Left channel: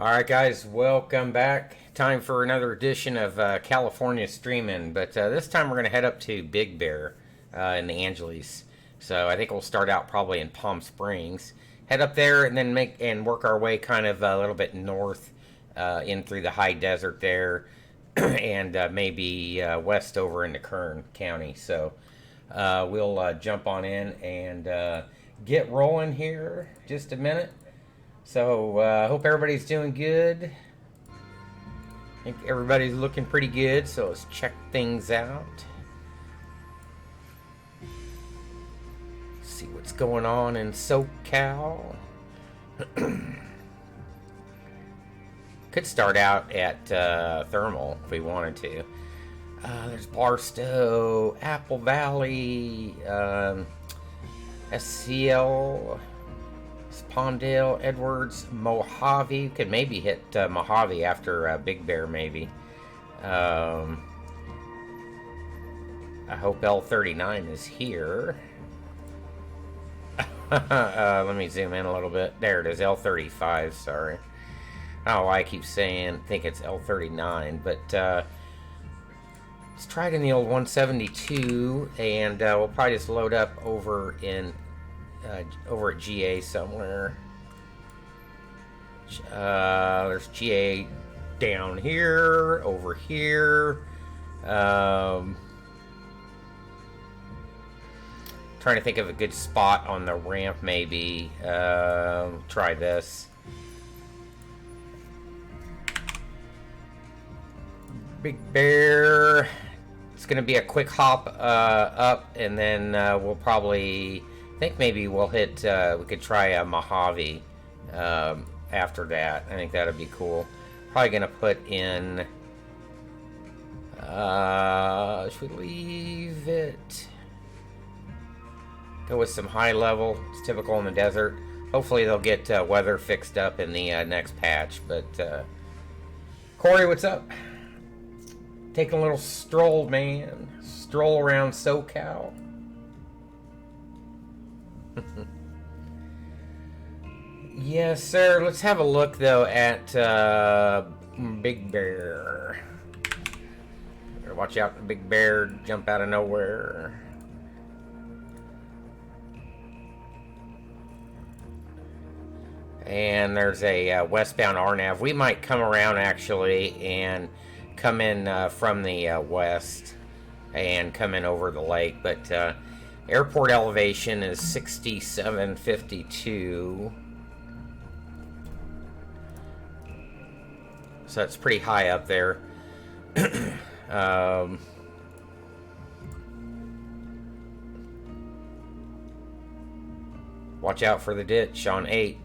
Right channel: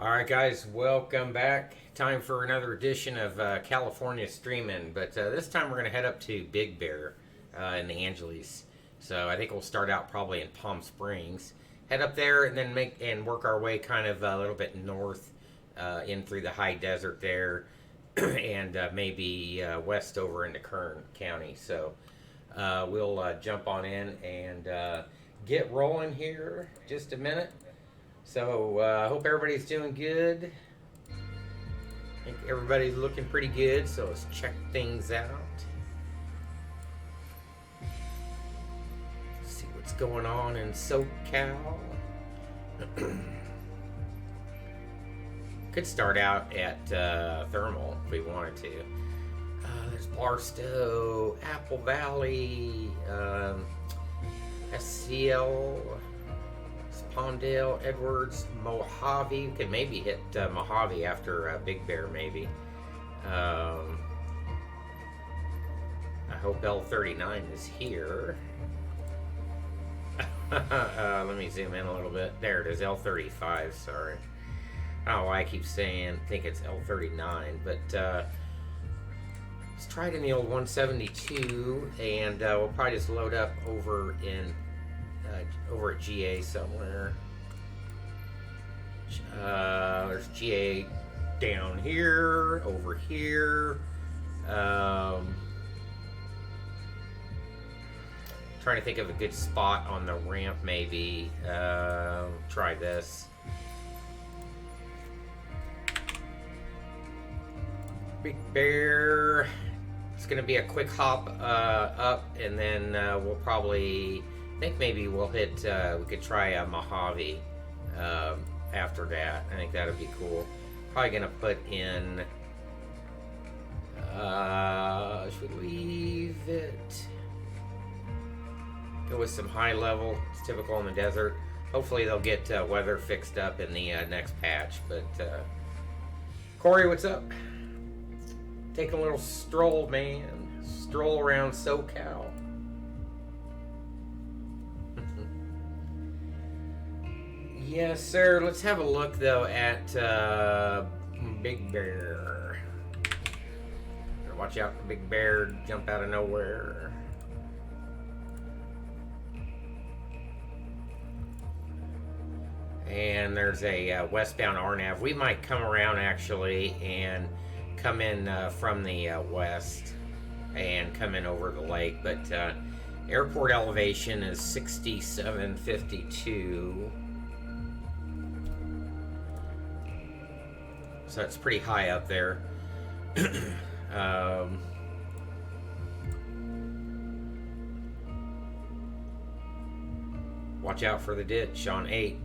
Alright guys, welcome back. Time for another edition of California Streaming, but this time we're going to head up to Big Bear in the Angeles. So I think we'll start out probably in Palm Springs. Head up there and then work our way kind of a little bit north in through the high desert there and maybe west over into Kern County. So we'll jump on in and get rolling here just a minute. So, I hope everybody's doing good. I think everybody's looking pretty good, so let's check things out. See what's going on in SoCal. Could start out at Thermal if we wanted to. There's Barstow, Apple Valley, SCL. Palmdale, Edwards, Mojave. Could maybe hit Mojave after Big Bear, maybe. I hope L39 is here. Let me zoom in a little bit. There it is, L35, sorry. I don't know why I keep think it's L39, but let's try it in the old 172, and we'll probably just load up over at GA somewhere. There's GA down here, over here. Trying to think of a good spot on the ramp, maybe. Try this. Big Bear. It's going to be a quick hop up, and then we'll probably... I think maybe we'll hit, we could try a Mojave after that. I think that would be cool. Probably going to put in, should we leave it? Go with some high level. It's typical in the desert. Hopefully they'll get weather fixed up in the next patch. But, Corey, what's up? Taking a little stroll, man. Stroll around SoCal. Yes, sir. Let's have a look, though, at Big Bear. Watch out for Big Bear jump out of nowhere. And there's a westbound RNAV. We might come around, actually, and come in from the west and come in over the lake. But airport elevation is 6752. So that's pretty high up there. Watch out for the ditch on 8.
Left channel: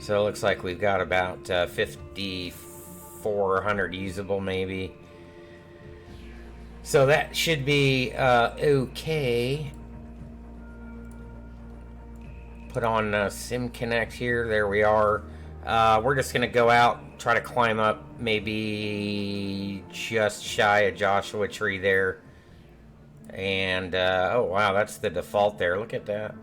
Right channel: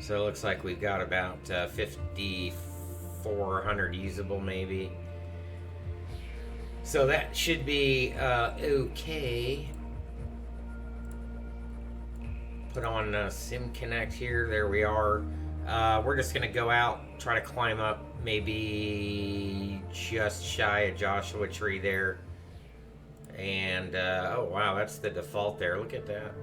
So it looks like we've got about 5,400 usable, maybe. So that should be okay. Put on Sim Connect here. There we are. We're just going to go out, try to climb up maybe just shy of Joshua Tree there. And, oh wow, that's the default there. Look at that.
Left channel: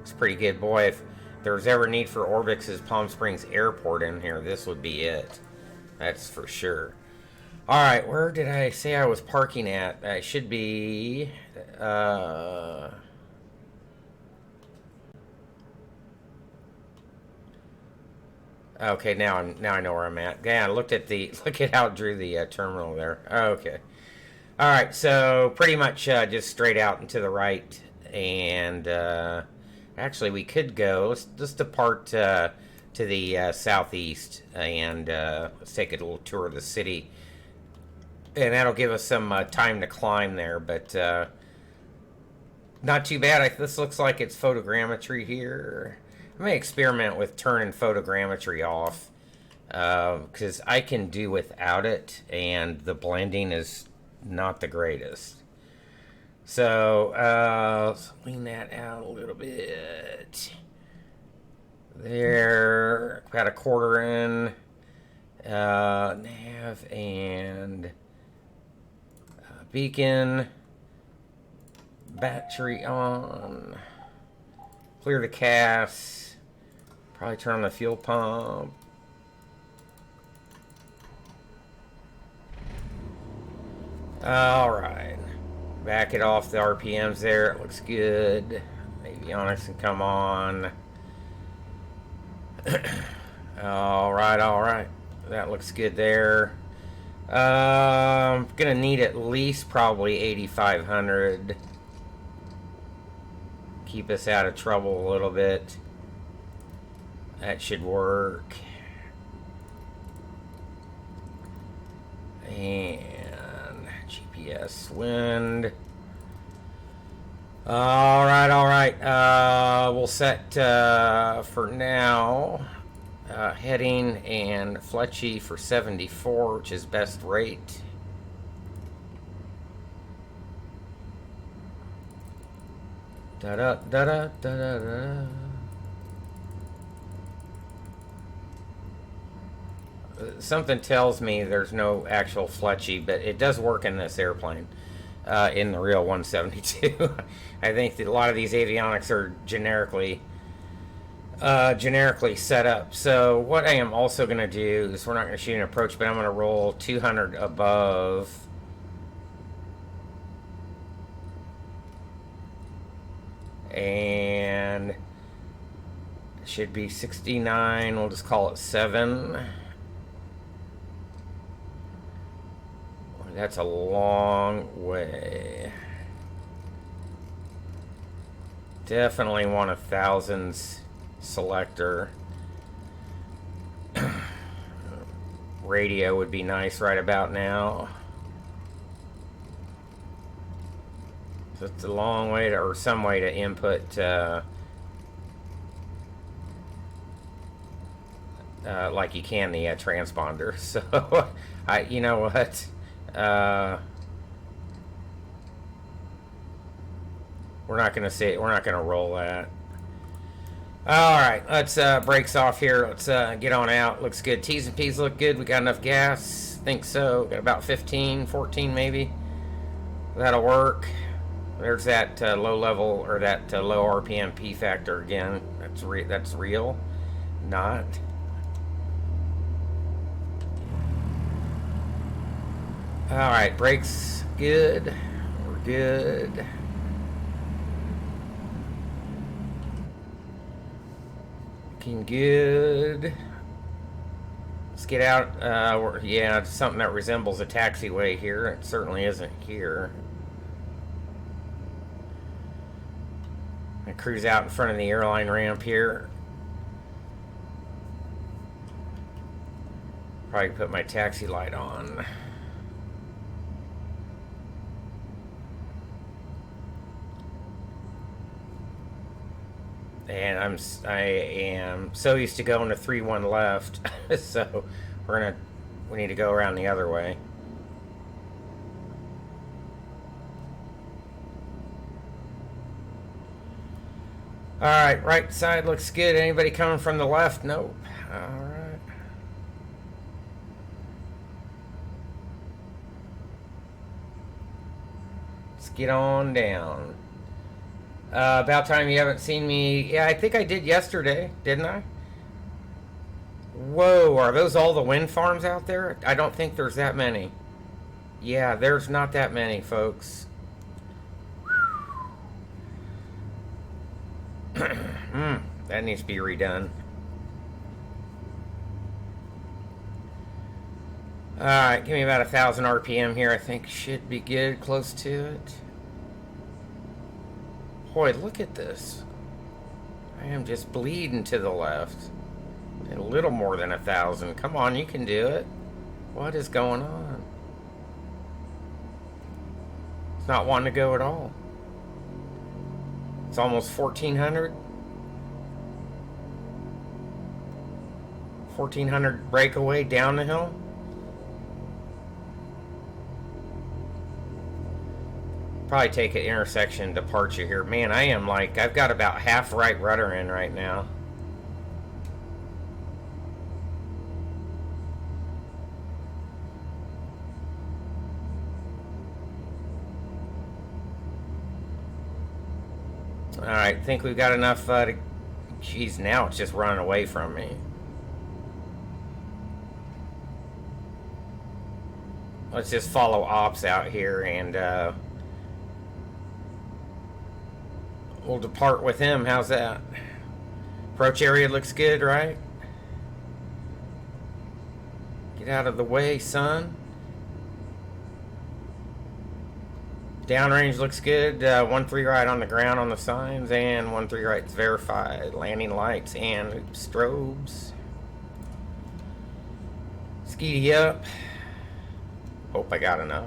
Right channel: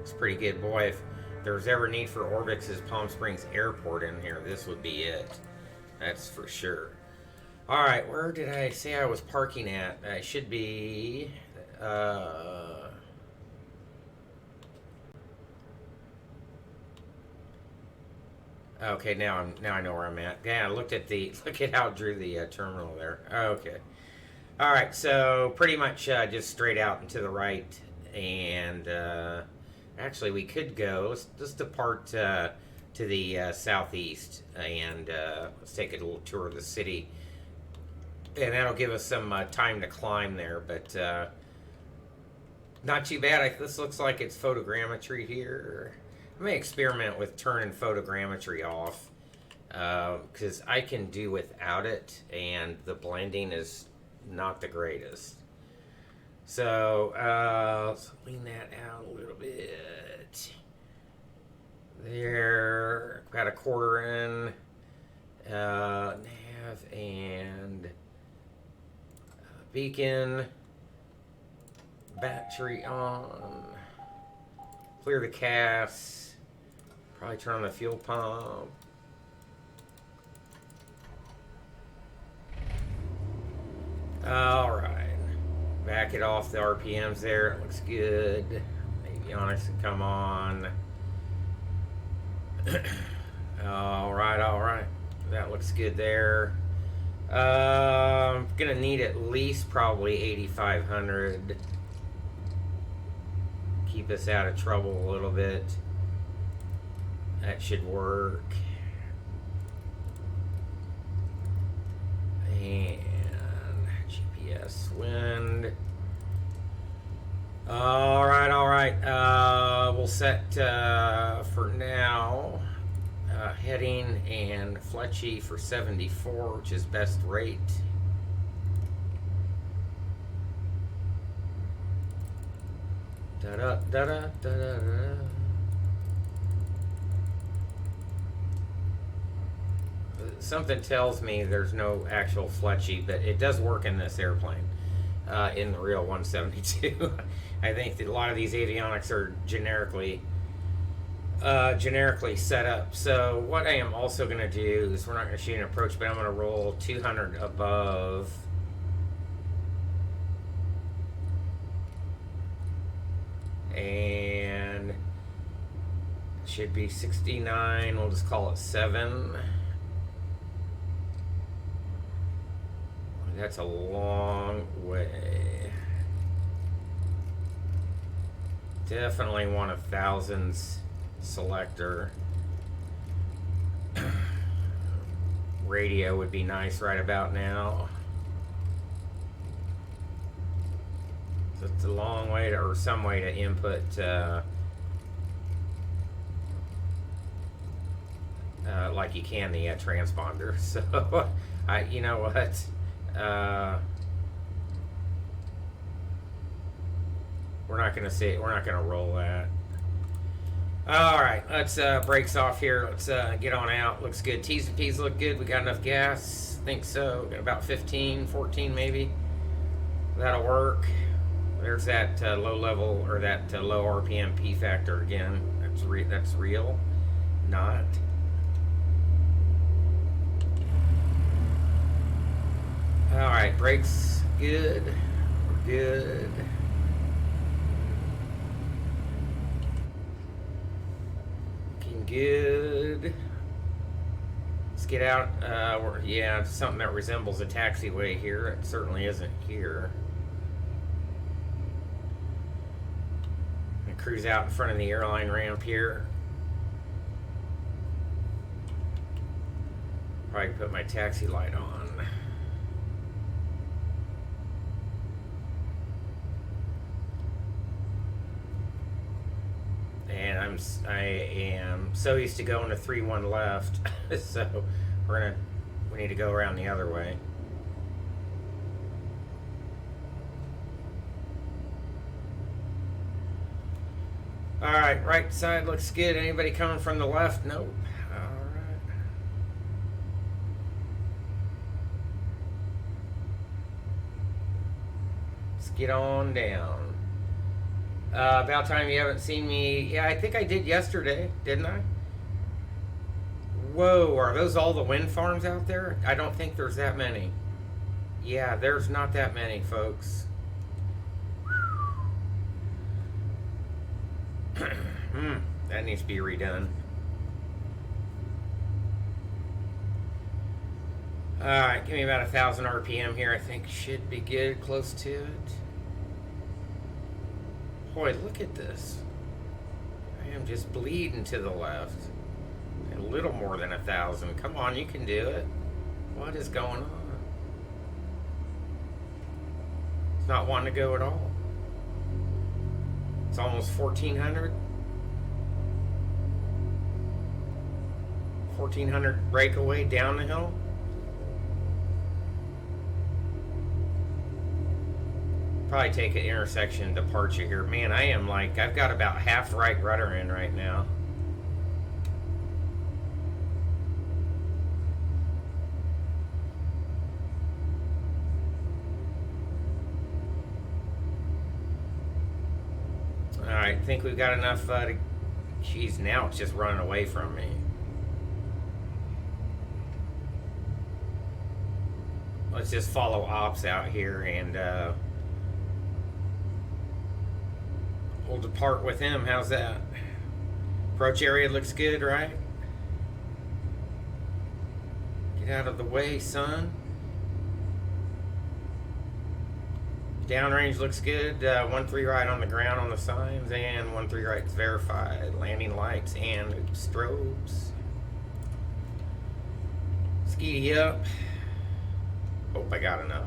It's pretty good. Boy, if there's ever need for Orbix's Palm Springs Airport in here, this would be it. That's for sure. Alright, where did I say I was parking at? I should be... Okay, now I know where I'm at. Yeah, look at how it drew the terminal there. Okay. All right, so pretty much just straight out and to the right, and actually we could go. Let's depart to the southeast, and let's take a little tour of the city, and that'll give us some time to climb there. But not too bad. This looks like it's photogrammetry here. I may experiment with turning photogrammetry off because I can do without it, and the blending is not the greatest. So let's lean that out a little bit. There, got a quarter in, nav and beacon, battery on, clear the cast. Probably turn on the fuel pump. All right. Back it off the RPMs there. It looks good. Avionics can come on. All right. That looks good there. Gonna need at least probably 8,500. Keep us out of trouble a little bit. That should work. And GPS wind. All right. We'll set for now heading and Fletchy for 74, which is best rate. Da da da da da da. Something tells me there's no actual Fletchy, but it does work in this airplane, in the real 172. I think that a lot of these avionics are generically set up. So what I am also going to do is, we're not going to shoot an approach, but I'm going to roll 200 above. And it should be 69. We'll just call it 7. That's a long way. Definitely want a thousands selector. Radio would be nice right about now. So it's a long way to, or some way to input like you can the transponder. So you know what? We're not gonna say it. We're not gonna roll that. All right, let's brakes off here. Let's get on out. Looks good. T's and P's look good. We got enough gas. Think so. Got about 15, 14 maybe. That'll work. There's that low level, or that low RPM P factor again. That's real. Not. All right, brakes good. We're good. Looking good. Let's get out. Yeah, it's something that resembles a taxiway here. It certainly isn't here. I cruise out in front of the airline ramp here. Probably put my taxi light on. And I am so used to going to 3-1 left, so we need to go around the other way. All right, right side looks good. Anybody coming from the left? Nope. All right. Let's get on down. About time you haven't seen me. Yeah, I think I did yesterday, didn't I? Whoa, are those all the wind farms out there? I don't think there's that many. Yeah, there's not that many, folks. That needs to be redone. Alright, give me about 1,000 RPM here. I think should be good, close to it. Boy, look at this. I am just bleeding to the left. A little more than 1,000. Come on, you can do it. What is going on? It's not wanting to go at all. It's almost 1,400. 1,400 breakaway down the hill. Probably take an intersection departure here. Man, I am like, I've got about half right rudder in right now. Alright, think we've got enough to Jeez, now it's just running away from me. Let's just follow ops out here and we'll depart with him. How's that? Approach area looks good, right? Get out of the way, son. Downrange looks good. 1-3 right on the ground on the signs, and 1-3 right's verified. Landing lights and strobes. Skeety up. Hope I got enough.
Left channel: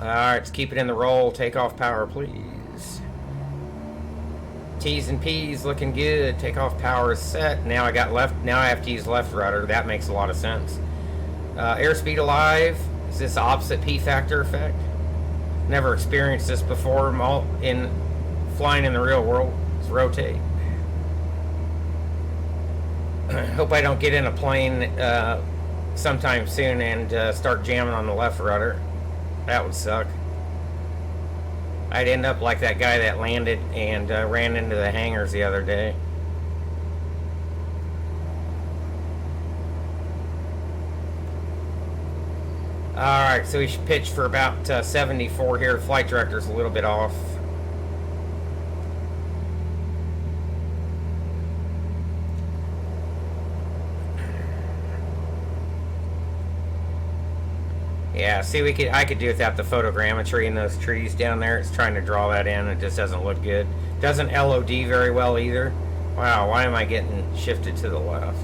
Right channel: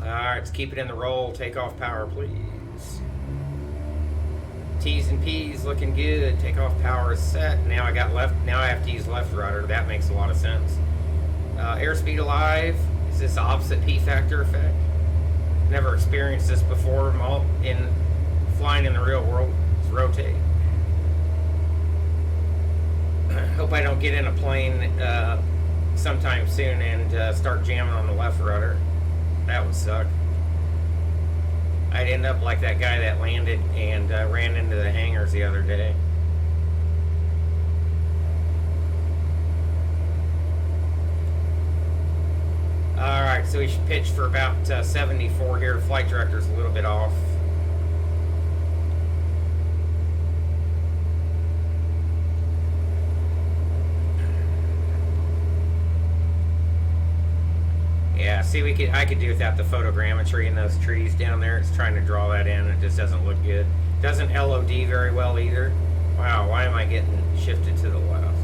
Alright, let's keep it in the roll. Take off power, please. T's and P's looking good. Takeoff power is set. Now I got left. Now I have to use left rudder. That makes a lot of sense. Airspeed alive. Is this opposite P factor effect? Never experienced this before. In flying in the real world. Let's rotate. Hope I don't get in a plane sometime soon and start jamming on the left rudder. That would suck. I'd end up like that guy that landed and ran into the hangars the other day. Alright, so we should pitch for about 74 here. Flight director's a little bit off. Yeah, see, I could do without the photogrammetry in those trees down there. It's trying to draw that in. It just doesn't look good. Doesn't LOD very well either. Wow, why am I getting shifted to the left?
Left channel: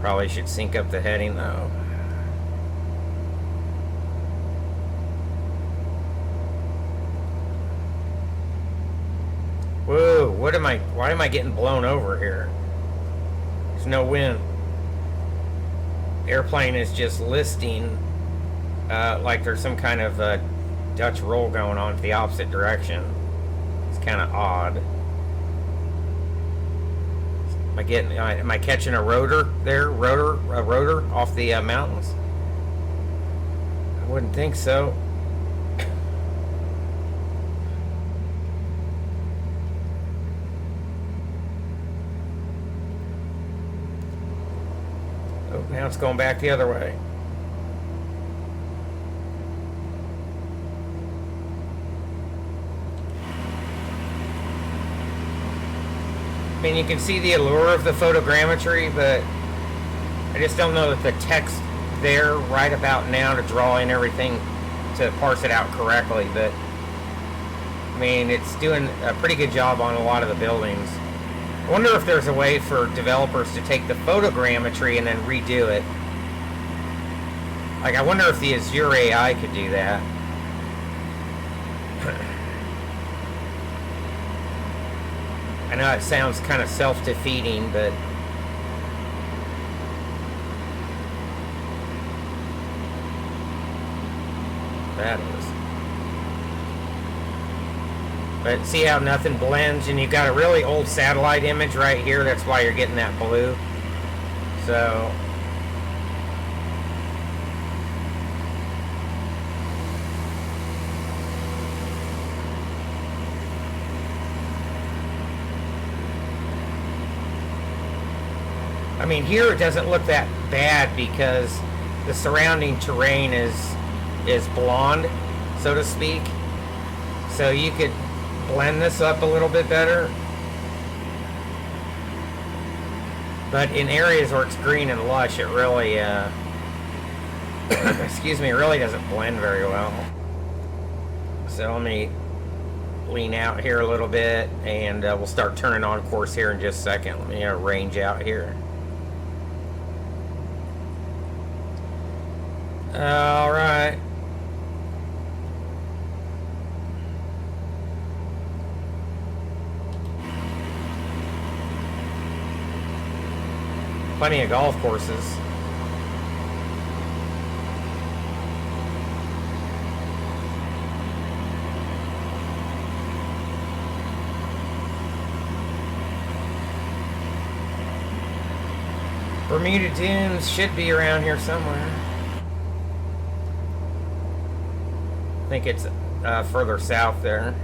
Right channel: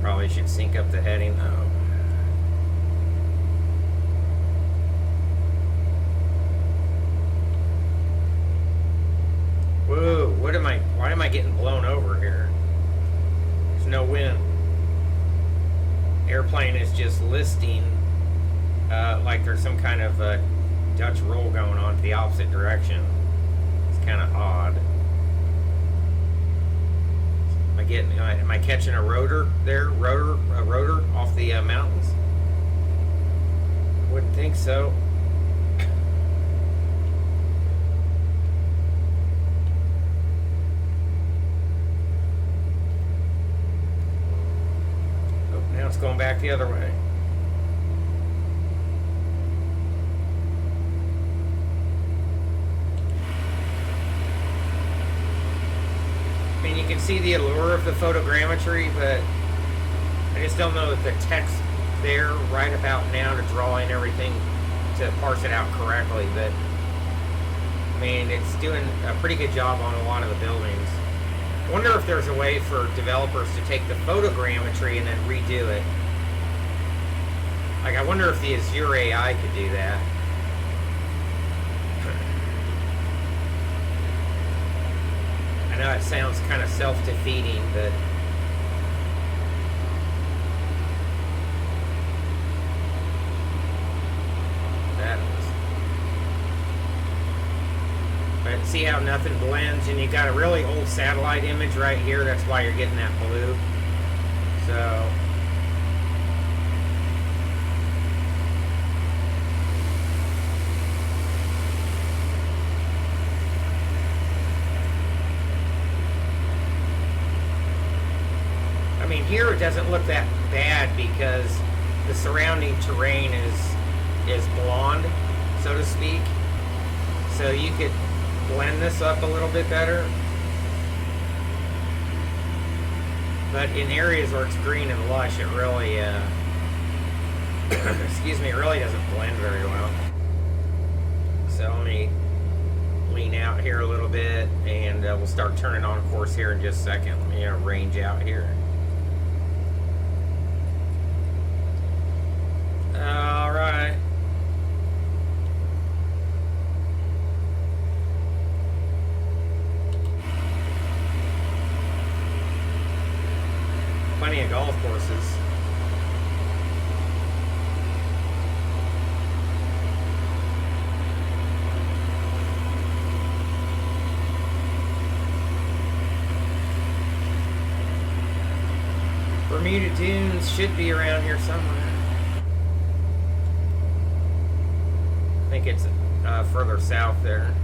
Probably should sync up the heading though. Whoa, why am I getting blown over here? There's no wind. Airplane is just listing like there's some kind of Dutch roll going on to the opposite direction. It's kind of odd. Am I catching a rotor there? A rotor off the mountains? I wouldn't think so. Now it's going back the other way. I mean, you can see the allure of the photogrammetry, but I just don't know that the text there right about now to draw in everything to parse it out correctly. But I mean, it's doing a pretty good job on a lot of the buildings. I wonder if there's a way for developers to take the photogrammetry and then redo it. Like, I wonder if the Azure AI could do that. I know it sounds kind of self-defeating, but that was. But see how nothing blends, and you've got a really old satellite image right here. That's why you're getting that blue. So I mean, here it doesn't look that bad because the surrounding terrain is blonde, so to speak. So you could blend this up a little bit better. But in areas where it's green and lush, it really, excuse me, it really doesn't blend very well. So let me lean out here a little bit, and we'll start turning on course here in just a second. Let me range out here. All right. Plenty of golf courses. Bermuda Dunes should be around here somewhere. I think it's further south there.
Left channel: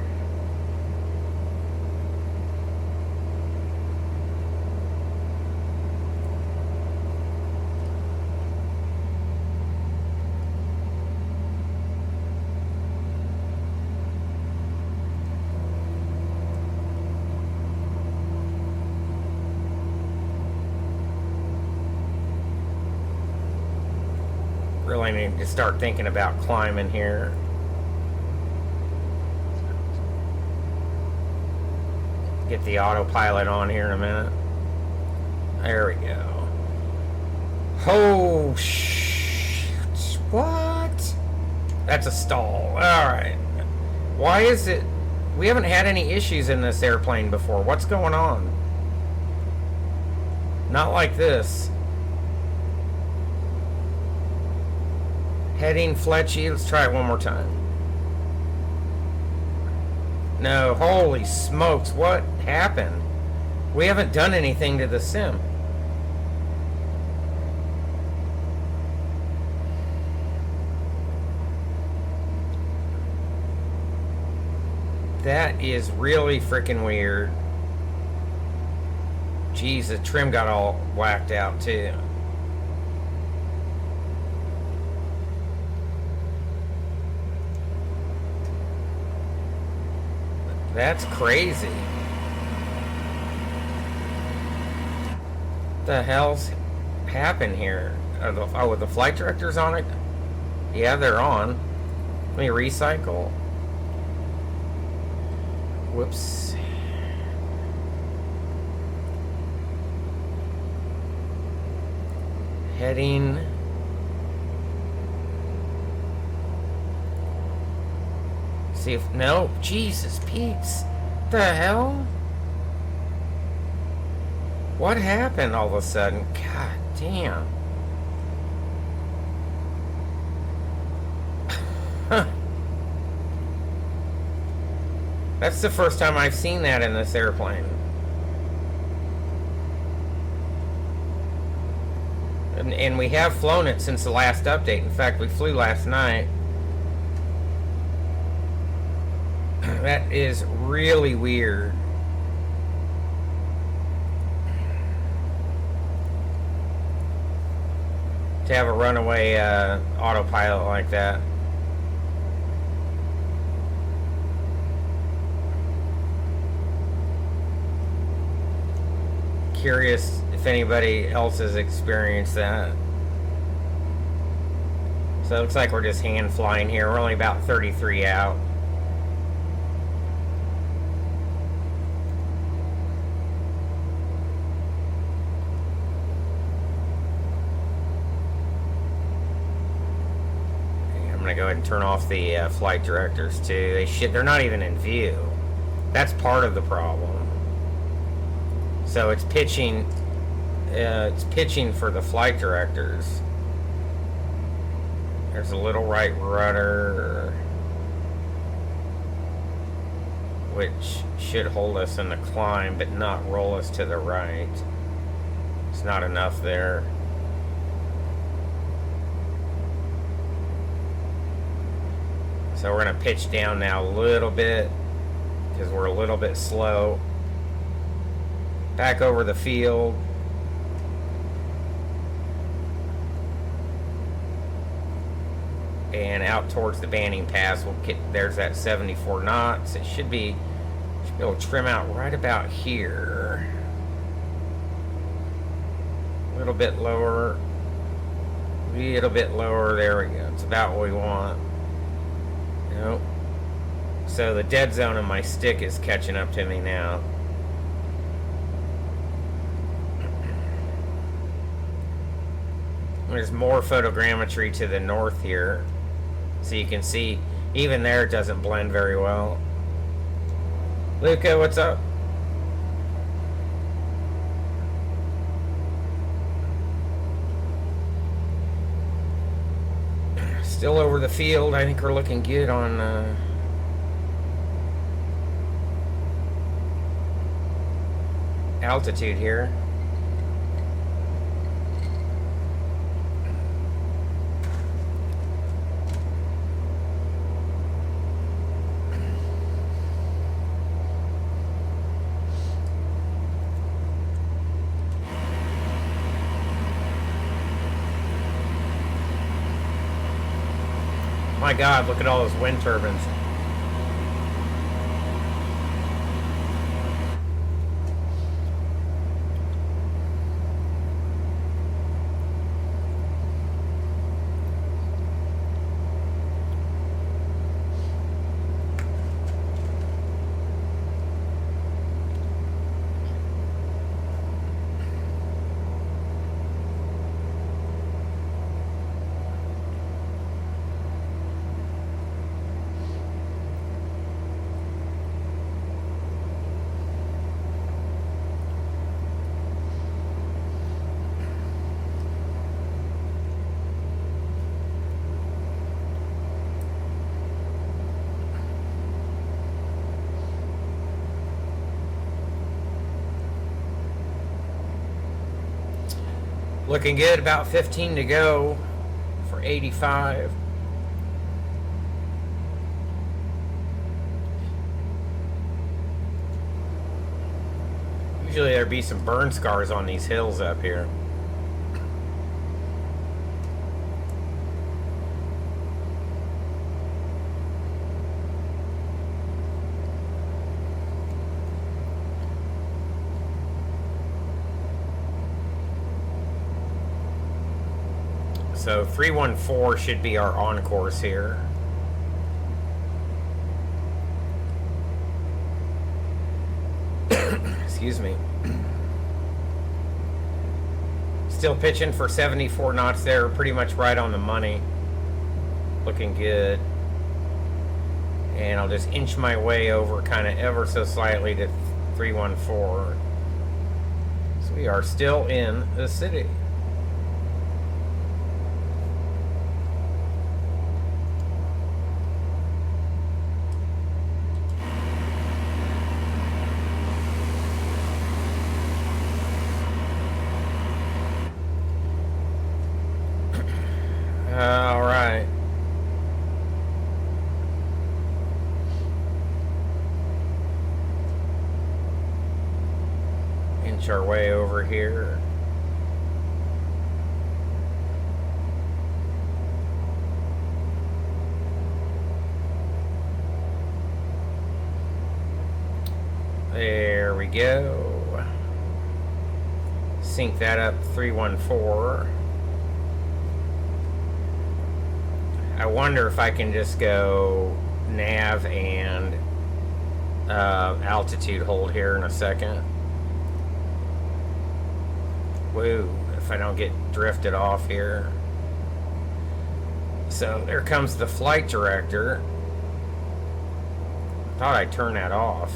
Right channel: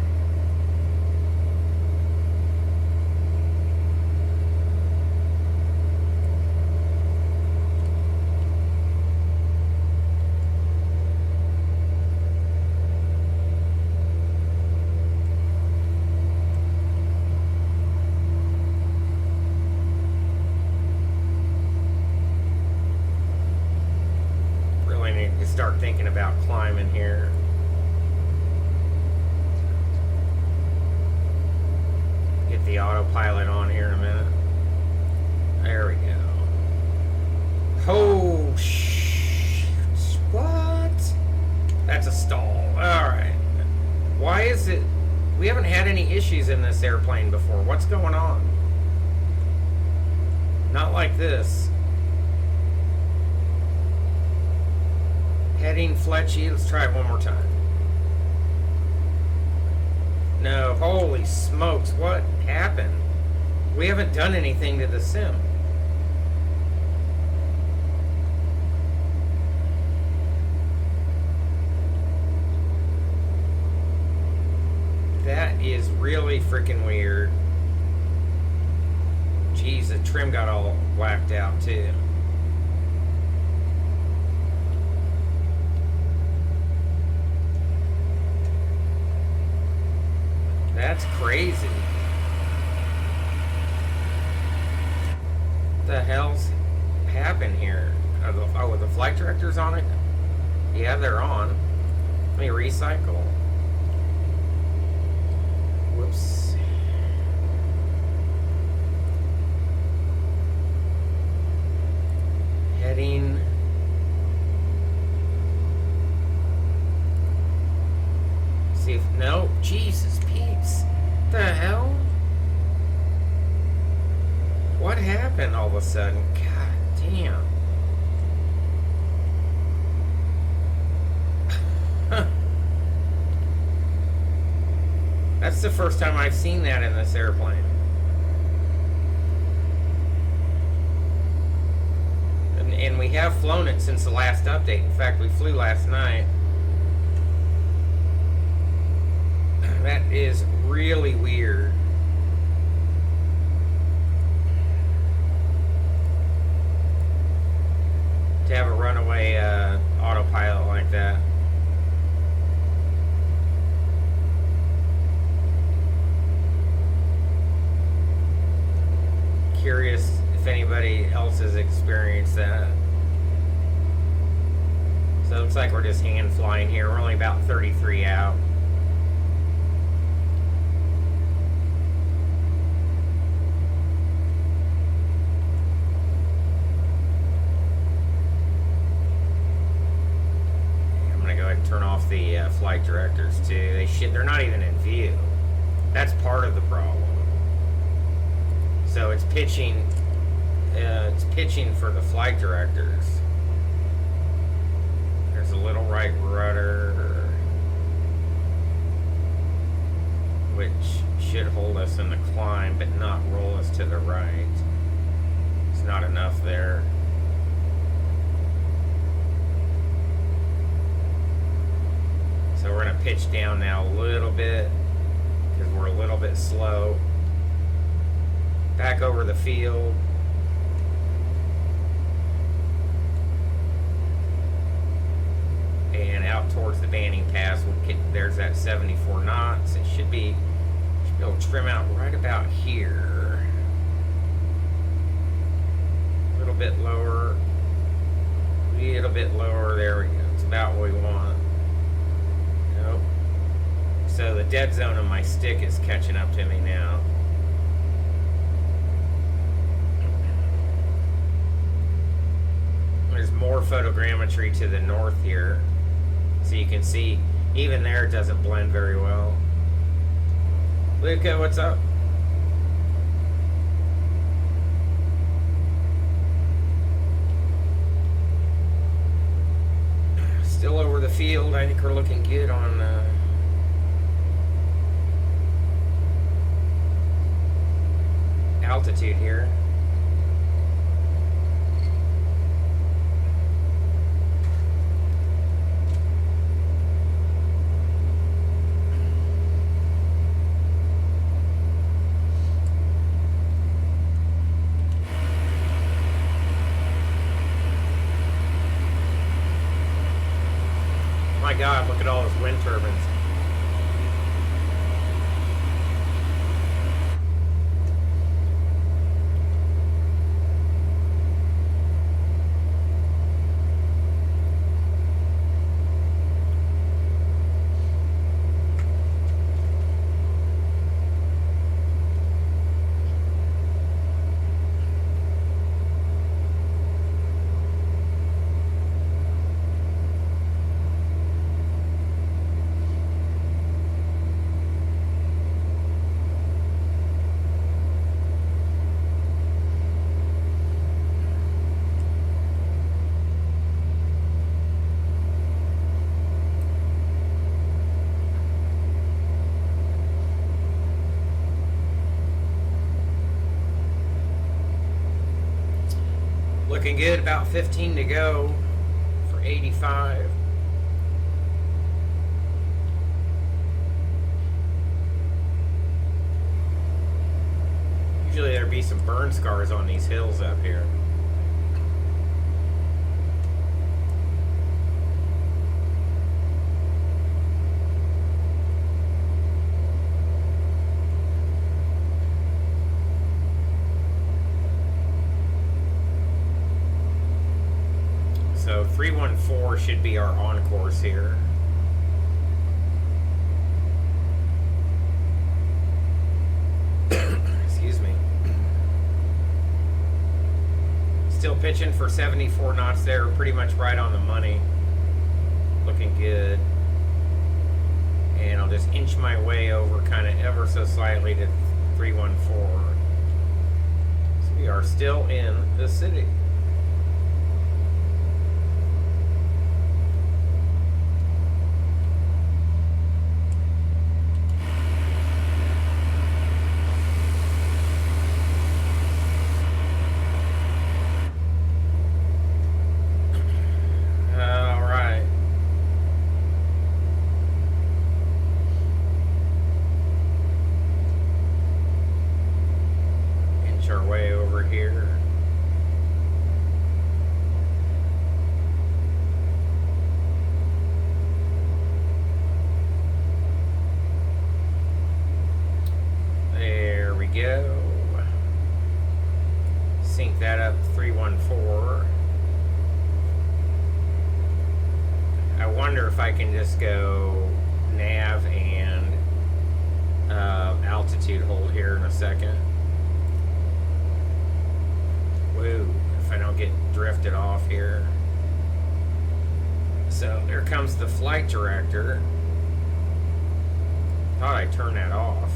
Really need to start thinking about climbing here. Get the autopilot on here in a minute. There we go. Oh, what? That's a stall. Alright. Why is it... We haven't had any issues in this airplane before. What's going on? Not like this. Heading Fletchy. Let's try it one more time. No, holy smokes, what happened? We haven't done anything to the sim. That is really freaking weird. Jeez, the trim got all whacked out too. That's crazy. What the hell's happened here? Are the flight directors on it? Yeah, they're on. Let me recycle. Whoops. Heading. See if no, Jesus Pete's. The hell? What happened all of a sudden? God damn. That's the first time I've seen that in this airplane. And we have flown it since the last update. In fact, we flew last night. That is really weird. To have a runaway autopilot like that. Curious if anybody else has experienced that. So it looks like we're just hand flying here. We're only about 33 out. Turn off the flight directors too. They're not even in view. That's part of the problem. So it's pitching for the flight directors. There's a little right rudder, which should hold us in the climb but not roll us to the right. It's not enough there. So we're going to pitch down now a little bit because we're a little bit slow. Back over the field. And out towards the Banning Pass. There's that 74 knots. It should be able to trim out right about here. A little bit lower. A little bit lower. There we go. It's about what we want. Nope. So the dead zone of my stick is catching up to me now. There's more photogrammetry to the north here. So you can see, even there it doesn't blend very well. Luca, what's up? Still over the field. I think we're looking good on altitude here. God, look at all those wind turbines. Looking good, about 15 to go for 85. Usually there'd be some burn scars on these hills up here. So 314 should be our on course here. Excuse me. Still pitching for 74 knots there, pretty much right on the money. Looking good. And I'll just inch my way over kind of ever so slightly to 314. So we are still in the city. Our way over here. There we go. Sync that up 314. I wonder if I can just go nav and altitude hold here in a second. Whoa, if I don't get drifted off here. So there comes the flight director. Thought I'd turn that off.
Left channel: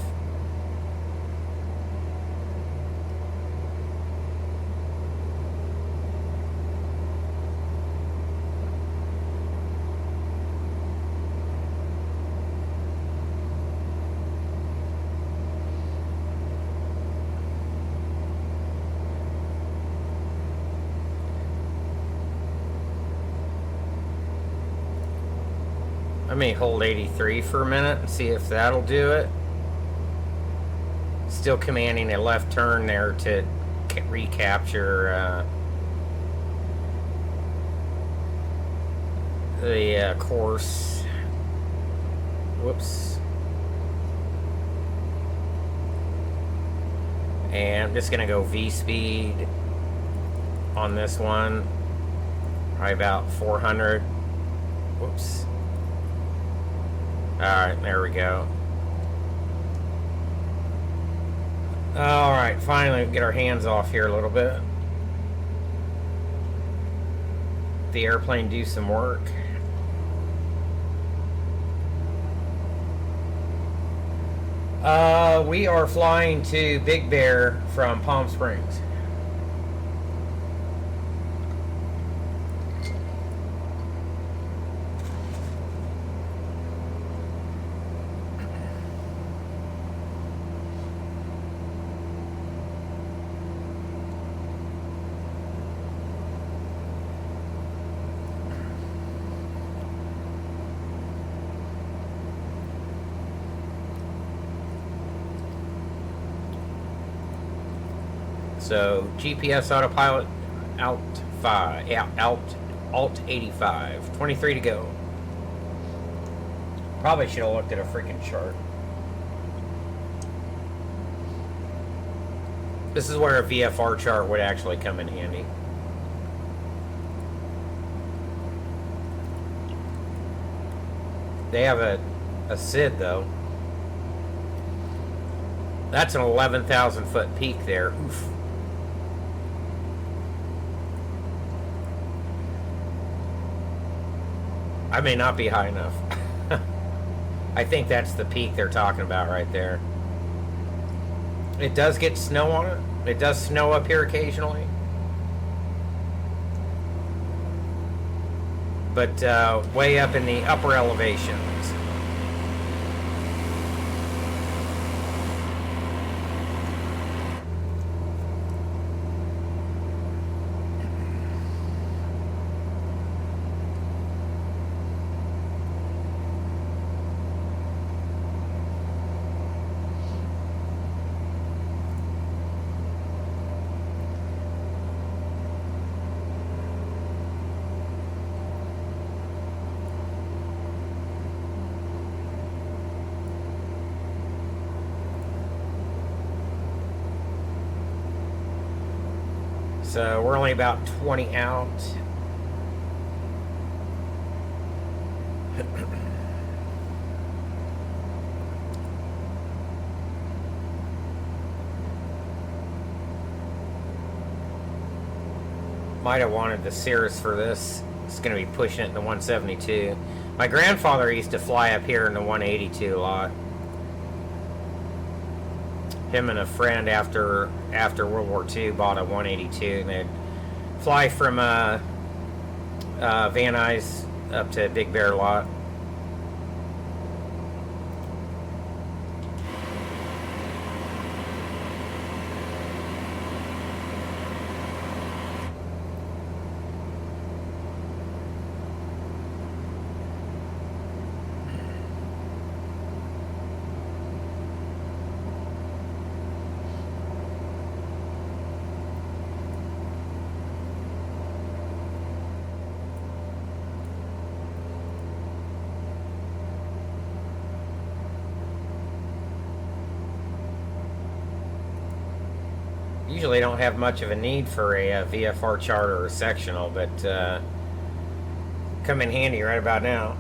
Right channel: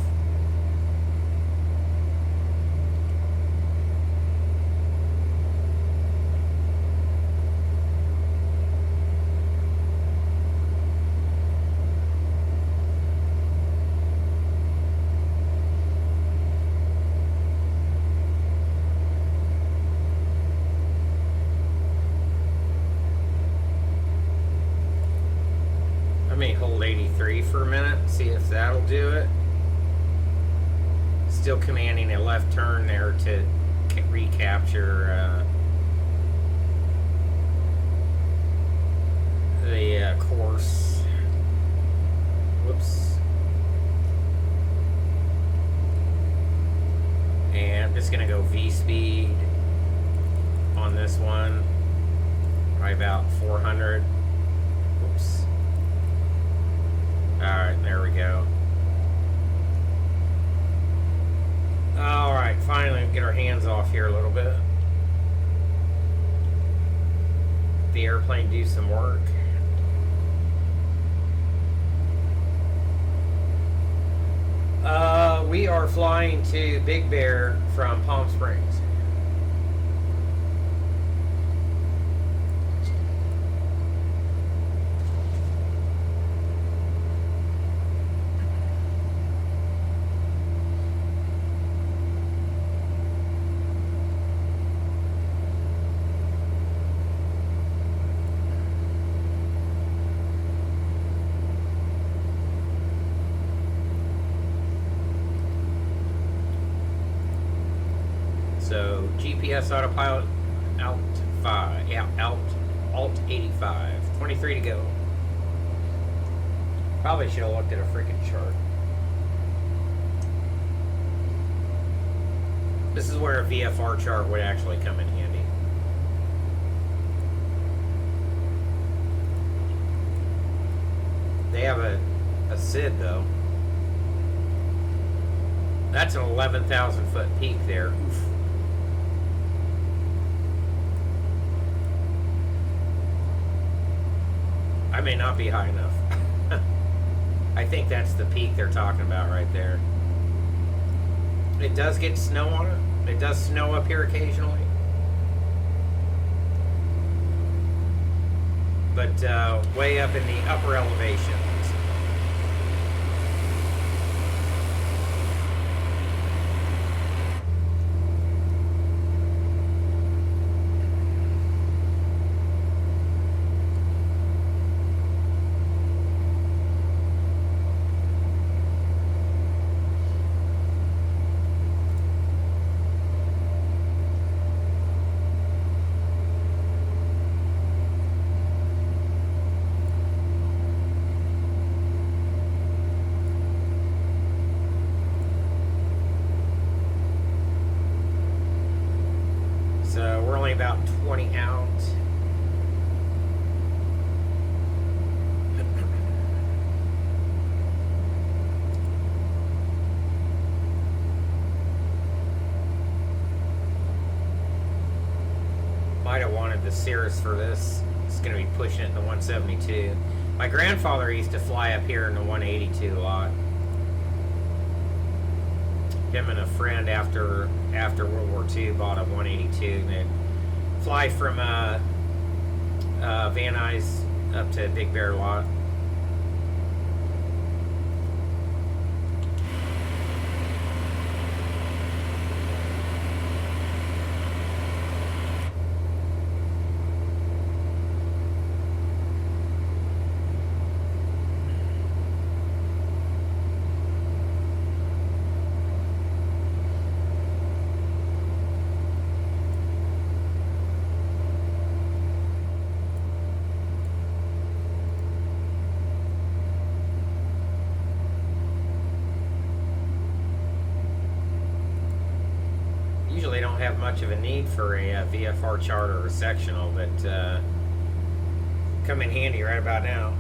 Hold 83 for a minute and see if that'll do it. Still commanding a left turn there to recapture the course. Whoops. And I'm just gonna go V speed on this one. Probably about 400. Whoops. Alright, there we go. Alright, finally we can get our hands off here a little bit. The airplane do some work. We are flying to Big Bear from Palm Springs. So GPS autopilot alt 5, yeah, alt 85, 23 to go. Probably should have looked at a freaking chart. This is where a VFR chart would actually come in handy. They have a SID though. That's an 11,000 foot peak there. Oof. I may not be high enough. I think that's the peak they're talking about right there. It does get snow on it. It does snow up here occasionally. But way up in the upper elevations. So we're only about 20 out. Might have wanted the Cirrus for this. It's going to be pushing it in the 172. My grandfather used to fly up here in the 182 a lot. Him and a friend after World War II bought a 182, and they'd fly from Van Nuys up to Big Bear Lot. Usually don't have much of a need for a VFR chart or a sectional, but come in handy right about now.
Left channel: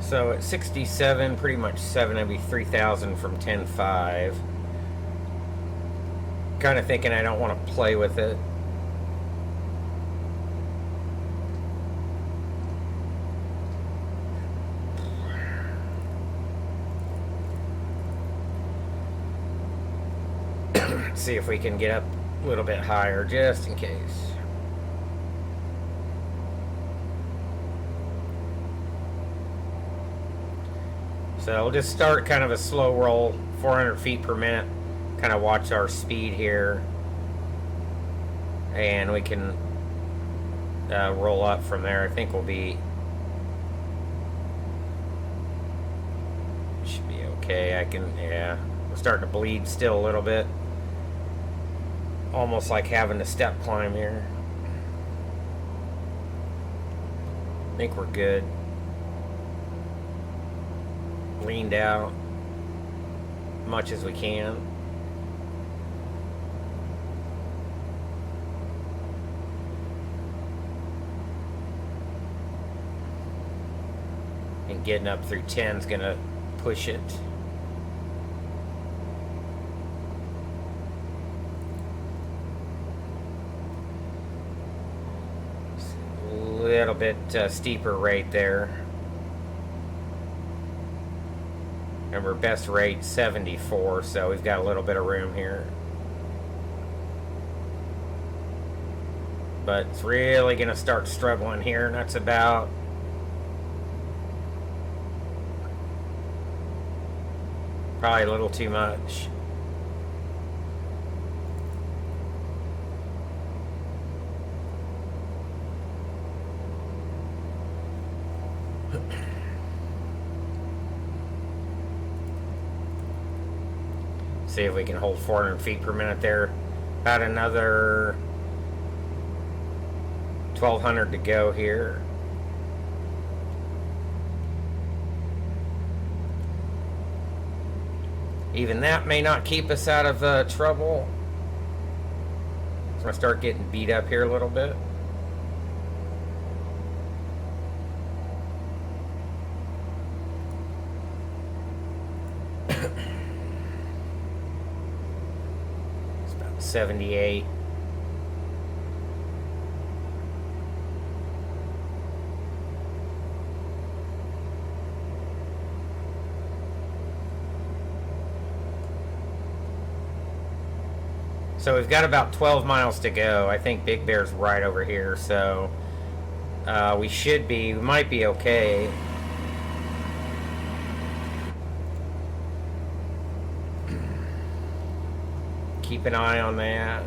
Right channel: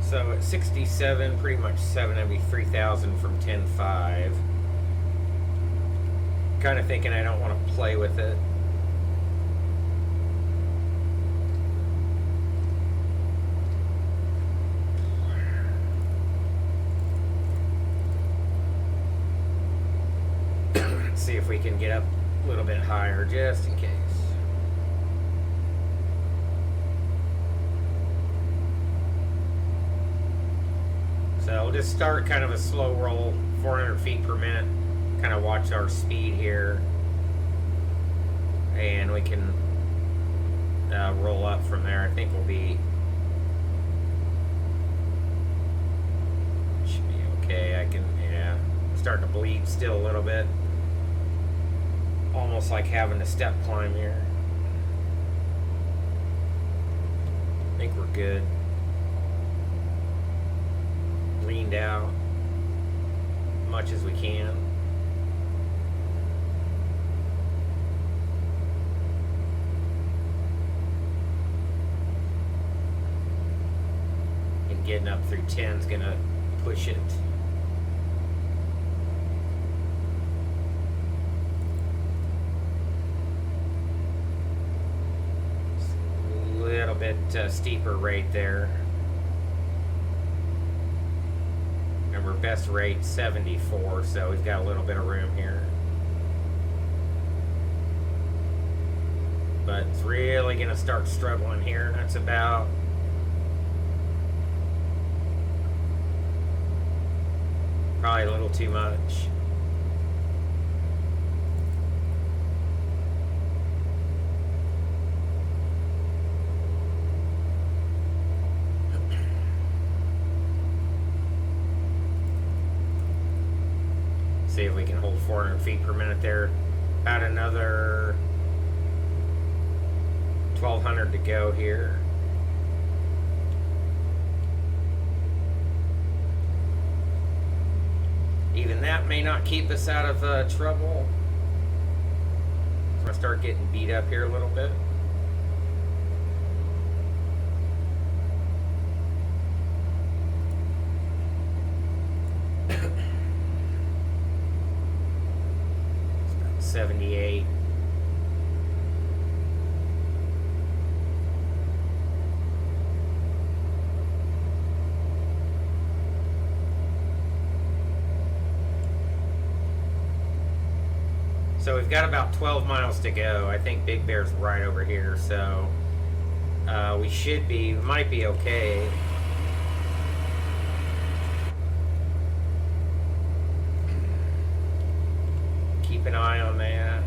So at 67, pretty much 7, that'd be 3,000 from 10.5. Kind of thinking I don't want to play with it. See if we can get up a little bit higher just in case. So we'll just start kind of a slow roll, 400 feet per minute. Kind of watch our speed here, and we can roll up from there. I think should be okay. Yeah, I'm starting to bleed still a little bit, almost like having to step climb here. I think we're good. Leaned out much as we can. Getting up through 10 is going to push it. It's a little bit steeper rate there. Remember, best rate 74, so we've got a little bit of room here. But it's really going to start struggling here, and that's about probably a little too much. See if we can hold 400 feet per minute there. About another 1,200 to go here. Even that may not keep us out of trouble. So I'm going to start getting beat up here a little bit. It's about 78. So we've got about 12 miles to go. I think Big Bear's right over here, so we might be okay. Keep an eye on that.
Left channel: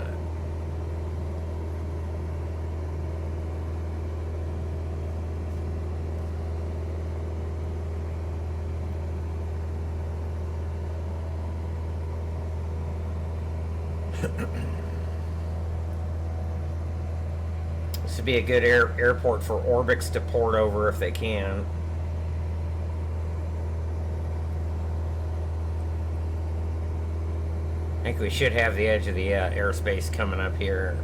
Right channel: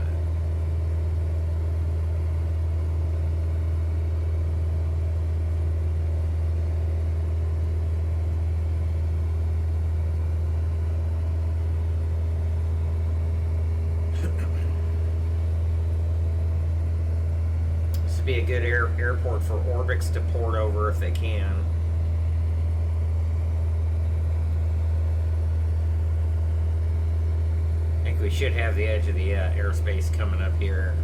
This would be a good airport for Orbix to port over if they can. I think we should have the edge of the airspace coming up here.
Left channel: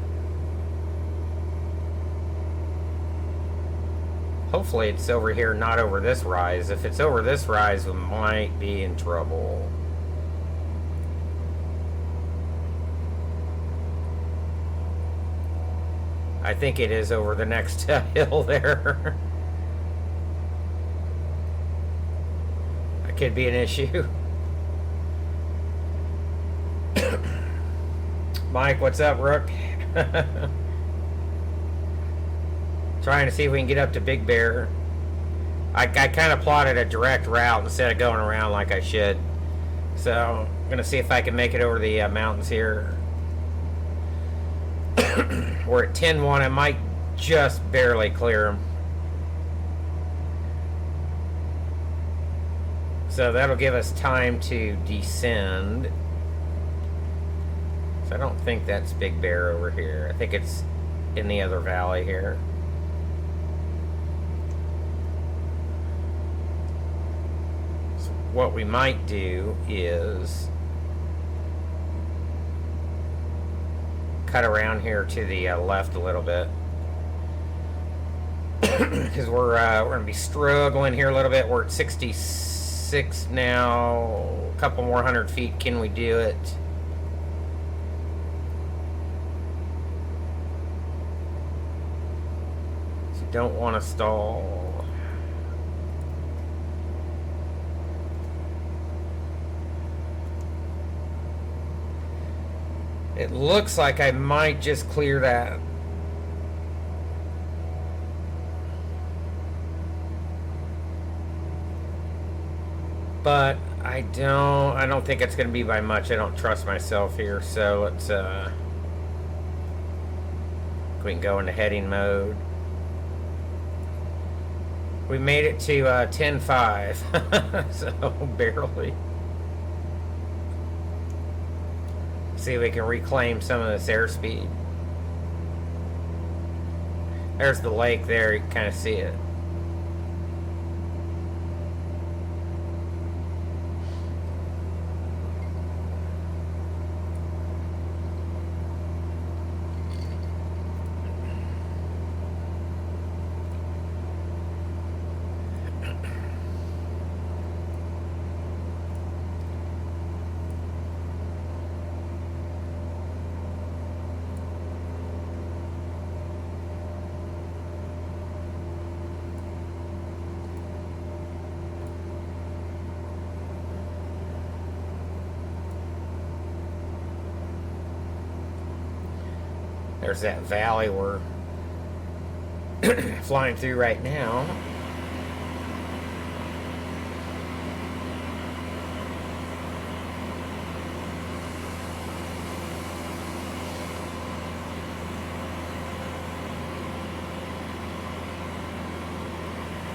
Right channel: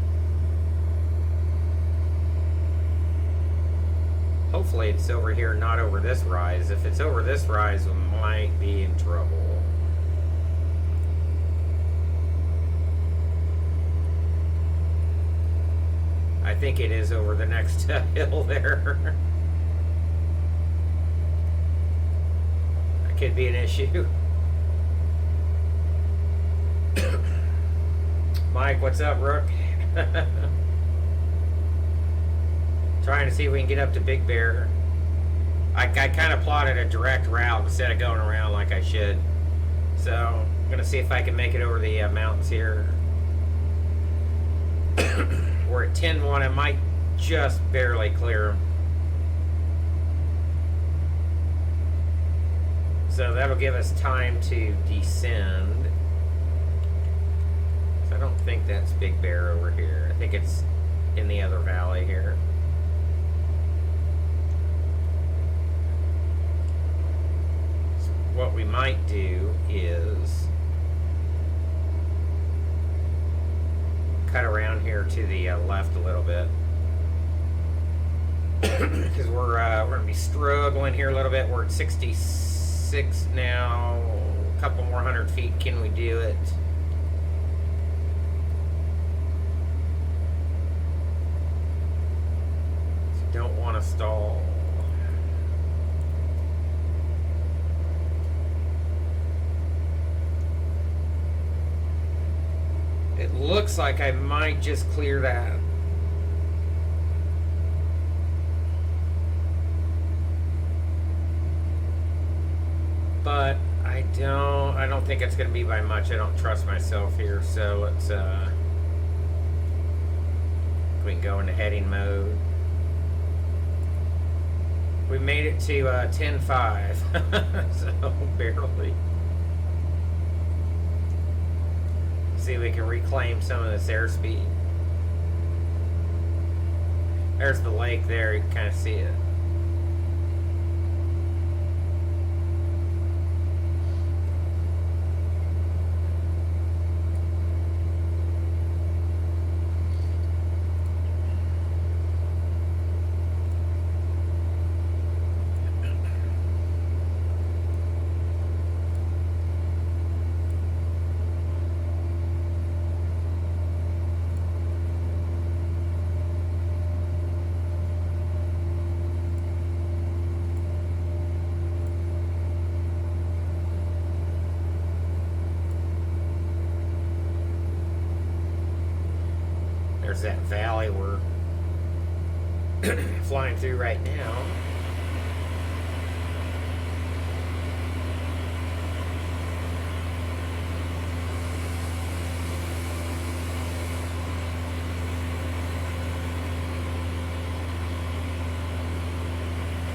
Hopefully it's over here, not over this rise. If it's over this rise, we might be in trouble. I think it is over the next hill there. That could be an issue. Mike, what's up, Rook? Trying to see if we can get up to Big Bear. I kind of plotted a direct route instead of going around like I should. So I'm going to see if I can make it over the mountains here. We're at 10-1. I might just barely clear them. So that'll give us time to descend. So I don't think that's Big Bear over here. I think it's in the other valley here. So what we might do is cut around here to the left a little bit. Because we're going to be struggling here a little bit. We're at 66 now. A couple more 100 feet. Can we do it? So don't want to stall. It looks like I might just clear that. But I don't think it's going to be by much. I don't trust myself here. So let's we can go into heading mode. We made it to 10.5. So barely. See if we can reclaim some of this airspeed. There's the lake there, you can kind of see it. There's that valley we're flying through right now.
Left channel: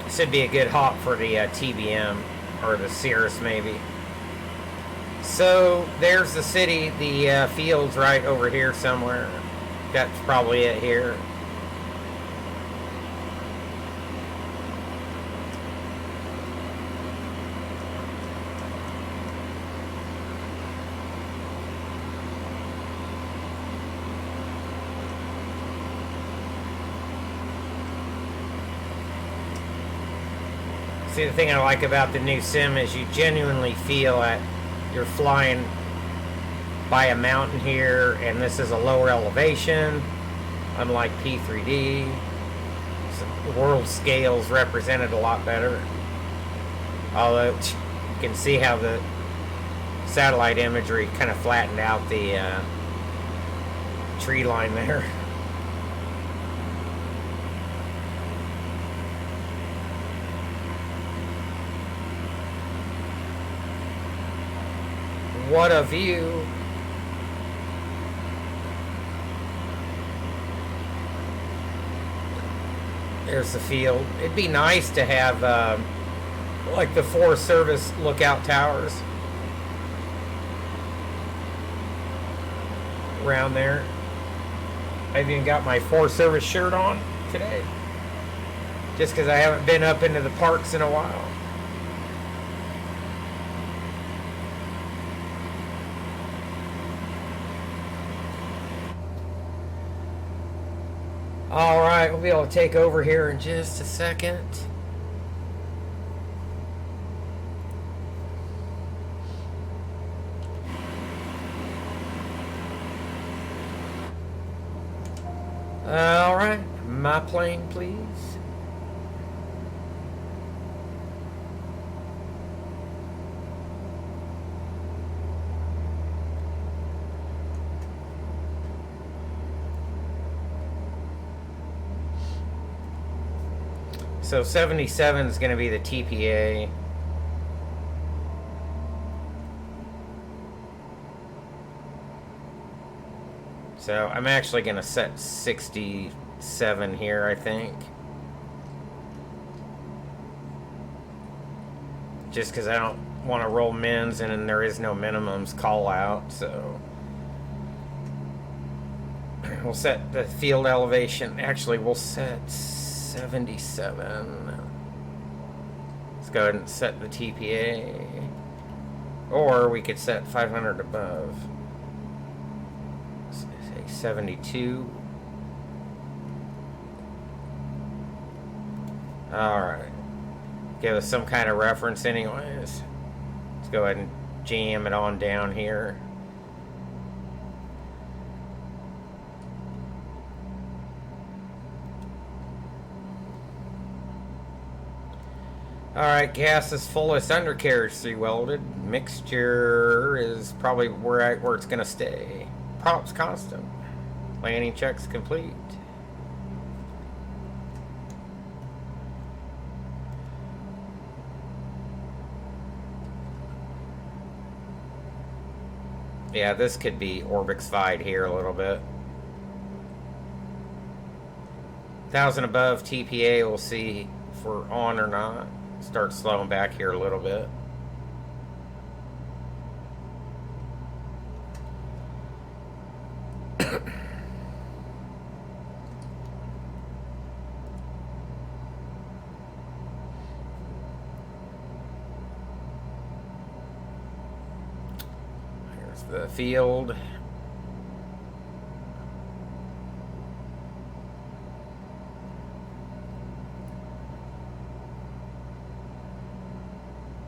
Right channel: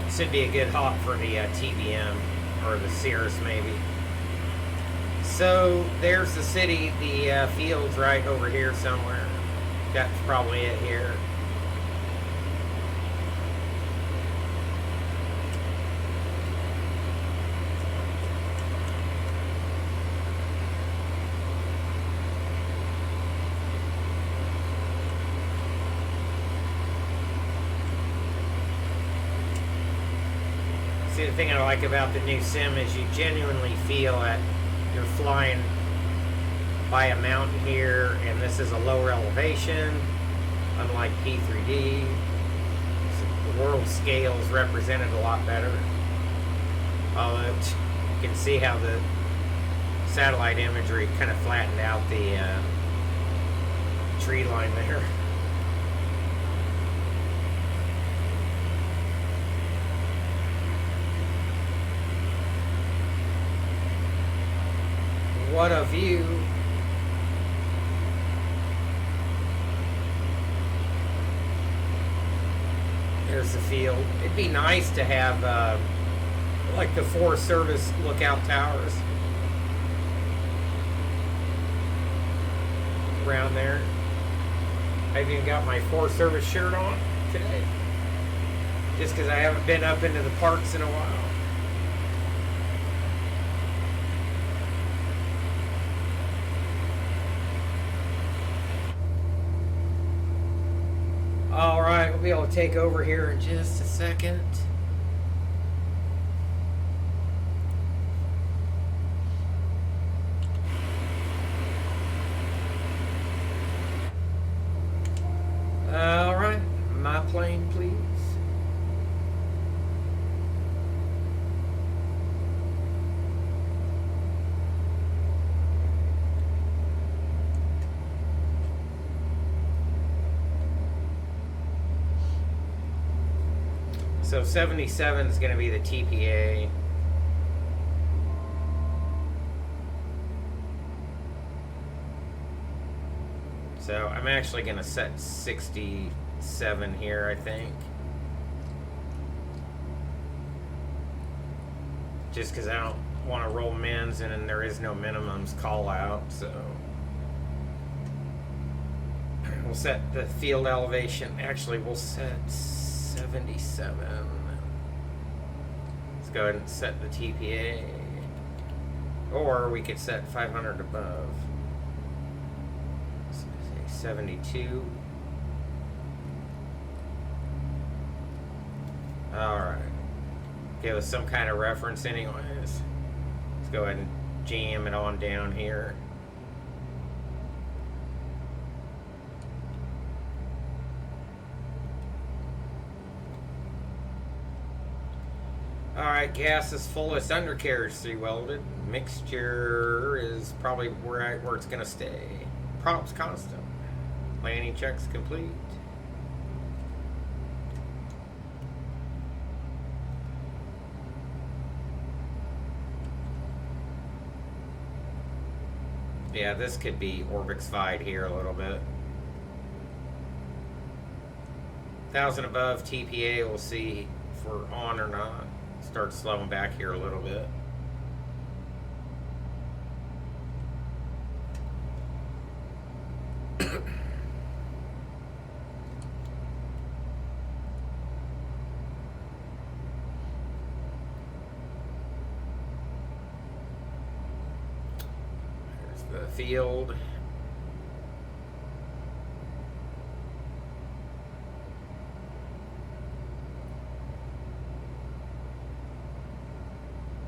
This would be a good hop for the TBM or the Cirrus maybe. So there's the city, the field's right over here somewhere. That's probably it here. See, the thing I like about the new sim is you genuinely feel that you're flying by a mountain here, and this is a lower elevation, unlike P3D. So the world scale is represented a lot better. Although you can see how the satellite imagery kind of flattened out the tree line there. What a view. There's the field. It'd be nice to have like the Forest Service lookout towers around there. I've even got my Forest Service shirt on today, just because I haven't been up into the parks in a while. Alright, we'll be able to take over here in just a second. Alright, my plane, please. So 77 is going to be the TPA. So I'm actually going to set 67 here, I think. Just because I don't want to roll mins, and then there is no minimums call out, so we'll set the field elevation. Actually, we'll set 77. Let's go ahead and set the TPA. Or we could set 500 above. Let's say 72. Alright. Give us some kind of reference anyways. Let's go ahead and jam it on down here. Alright, gas is fullest, undercarriage 3 welded. Mixture is probably where it's going to stay. Props constant. Landing checks complete. Yeah, this could be Orbix-fied here a little bit. 1,000 above TPA, we'll see if we're on or not. Start slowing back here a little bit. Here's the field.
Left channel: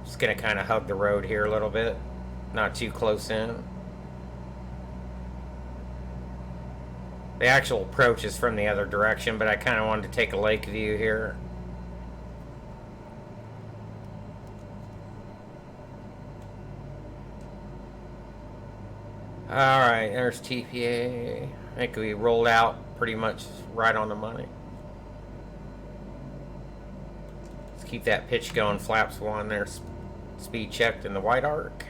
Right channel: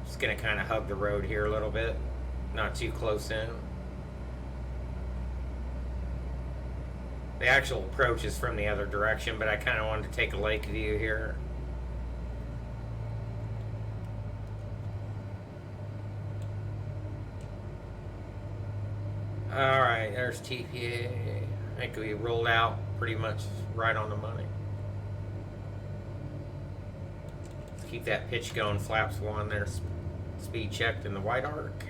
Just gonna kind of hug the road here a little bit, not too close in. The actual approach is from the other direction, but I kind of wanted to take a lake view here. Alright, there's TPA. I think we rolled out pretty much right on the money. Let's keep that pitch going. Flaps 1 there. Speed checked in the white arc.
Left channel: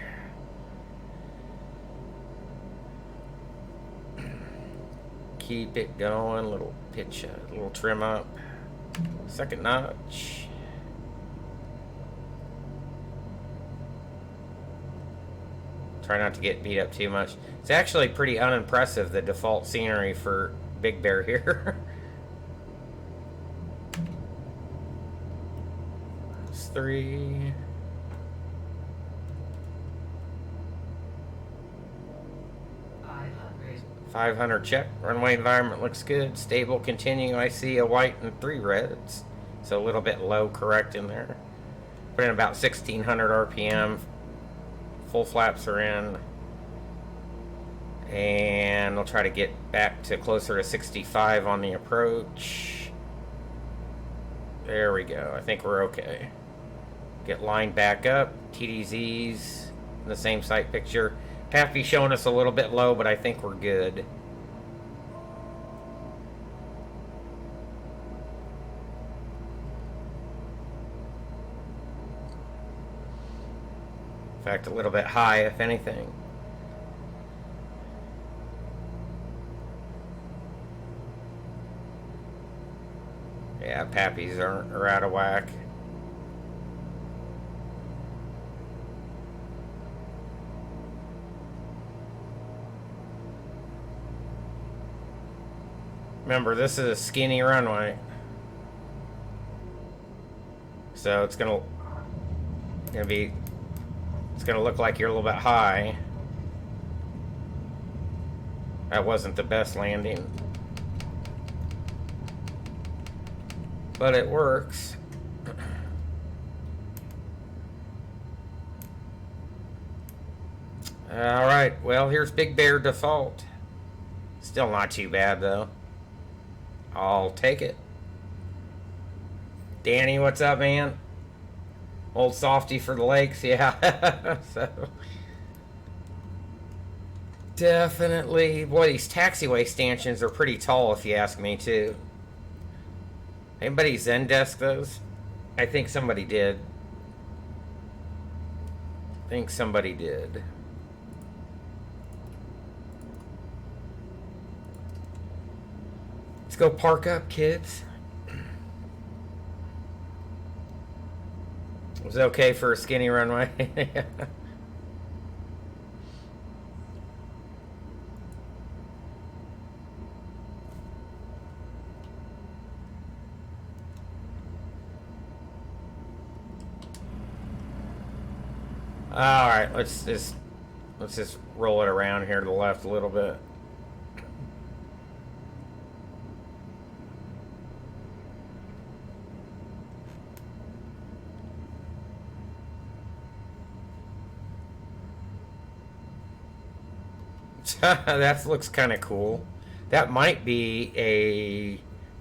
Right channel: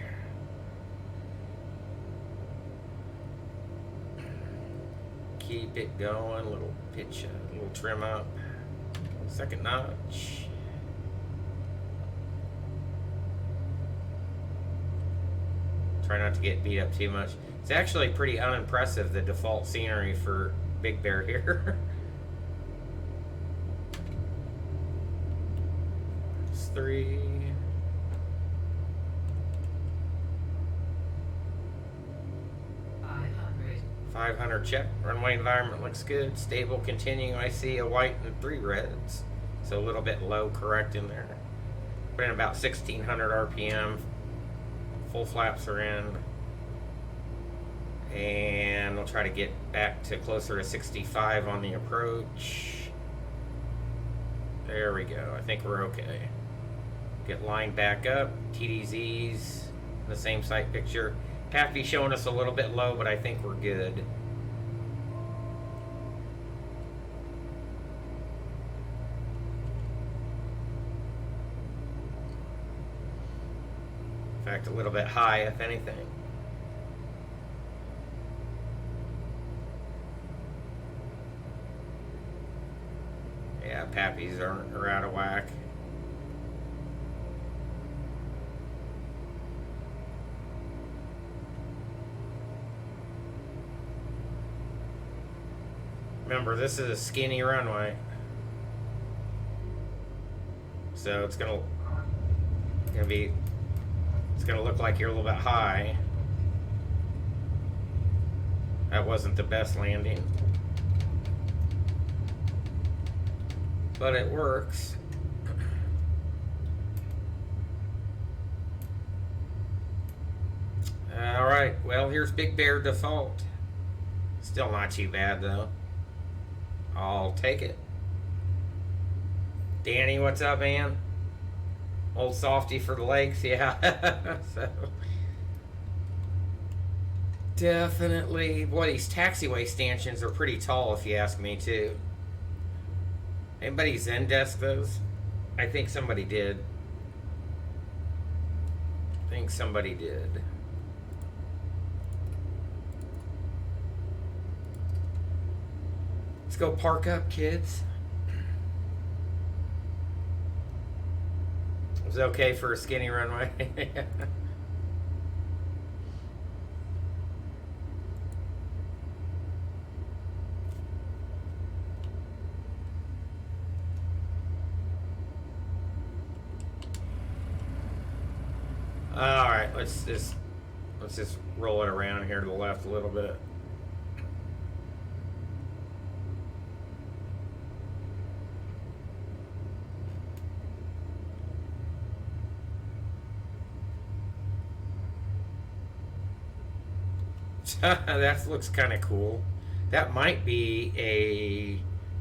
Keep it going. Little pitch, little trim up. Second notch. Try not to get beat up too much. It's actually pretty unimpressive, the default scenery for Big Bear here. It's 3. 500 check. Runway environment looks good. Stable continue. I see a white and 3 reds. So a little bit low correct in there. Put in about 1600 RPM. Full flaps are in. And we'll try to get back to closer to 65 on the approach. There we go. I think we're okay. Get lined back up. TDZs in the same sight picture. Pappy showing us a little bit low, but I think we're good. In fact, a little bit high, if anything. Yeah, Pappies are out of whack. Remember, this is a skinny runway, so it's gonna look like you're a little bit high. That wasn't the best landing, but it works. All right, well, here's Big Bear default. Still not too bad though. I'll take it. Danny, what's up, man? Old softy for the lakes, yeah. So definitely, boy, these taxiway stanchions are pretty tall, if you ask me, too. Anybody Zendesk those? I think somebody did. Let's go park up, kids. Was it okay for a skinny runway? All right, let's just roll it around here to the left a little bit. That looks kind of cool. That might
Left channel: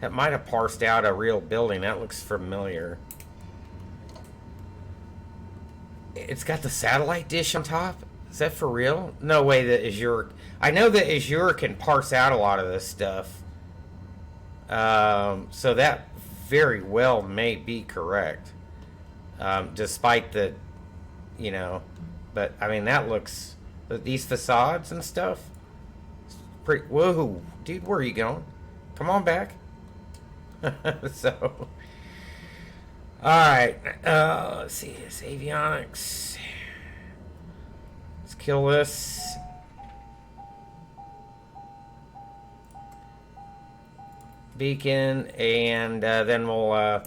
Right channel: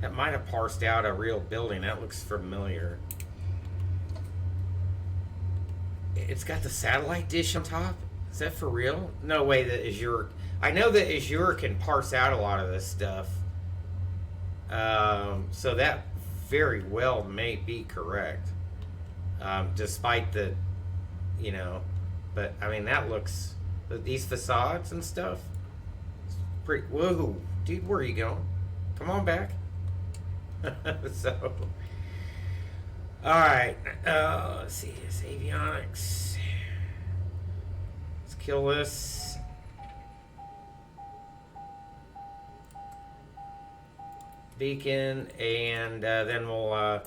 have parsed out a real building. That looks familiar. It's got the satellite dish on top. Is that for real? No way that Azure. I know that Azure can parse out a lot of this stuff. So that very well may be correct. Despite the, but I mean, that looks, these facades and stuff. Pretty, whoa, dude, where are you going? Come on back. So, all right, let's see, it's avionics. Let's kill this. Beacon, and then we'll, I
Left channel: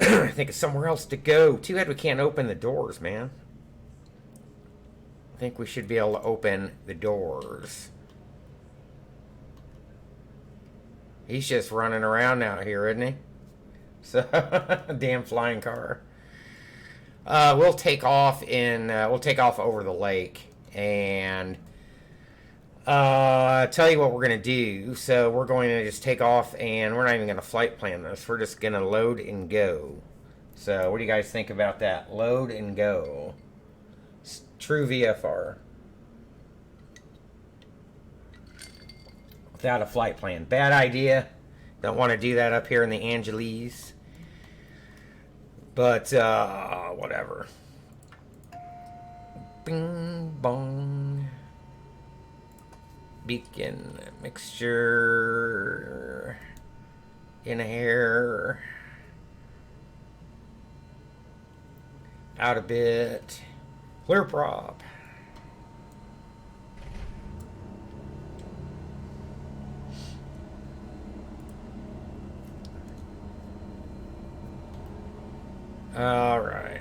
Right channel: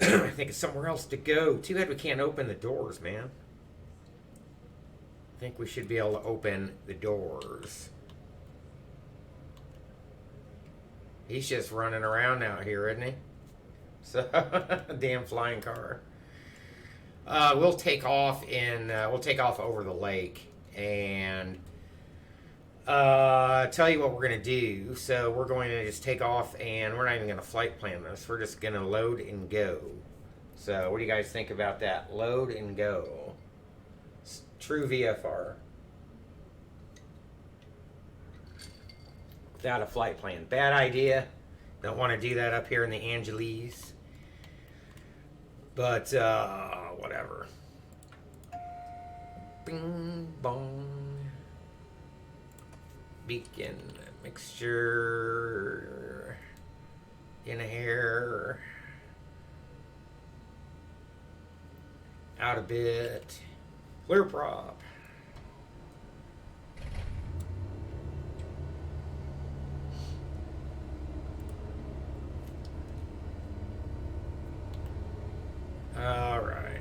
think it's somewhere else to go. Too bad we can't open the doors, man. I think we should be able to open the doors. He's just running around out here, isn't he? So, damn flying car. We'll take off over the lake, and tell you what we're gonna do. So we're going to just take off, and we're not even gonna flight plan this. We're just gonna load and go. So what do you guys think about that? Load and go. True VFR. Without a flight plan. Bad idea. Don't want to do that up here in the Angeles. But, whatever. Bing, bong. Beacon. Mixture. In air. Out a bit. Clear prop. All right.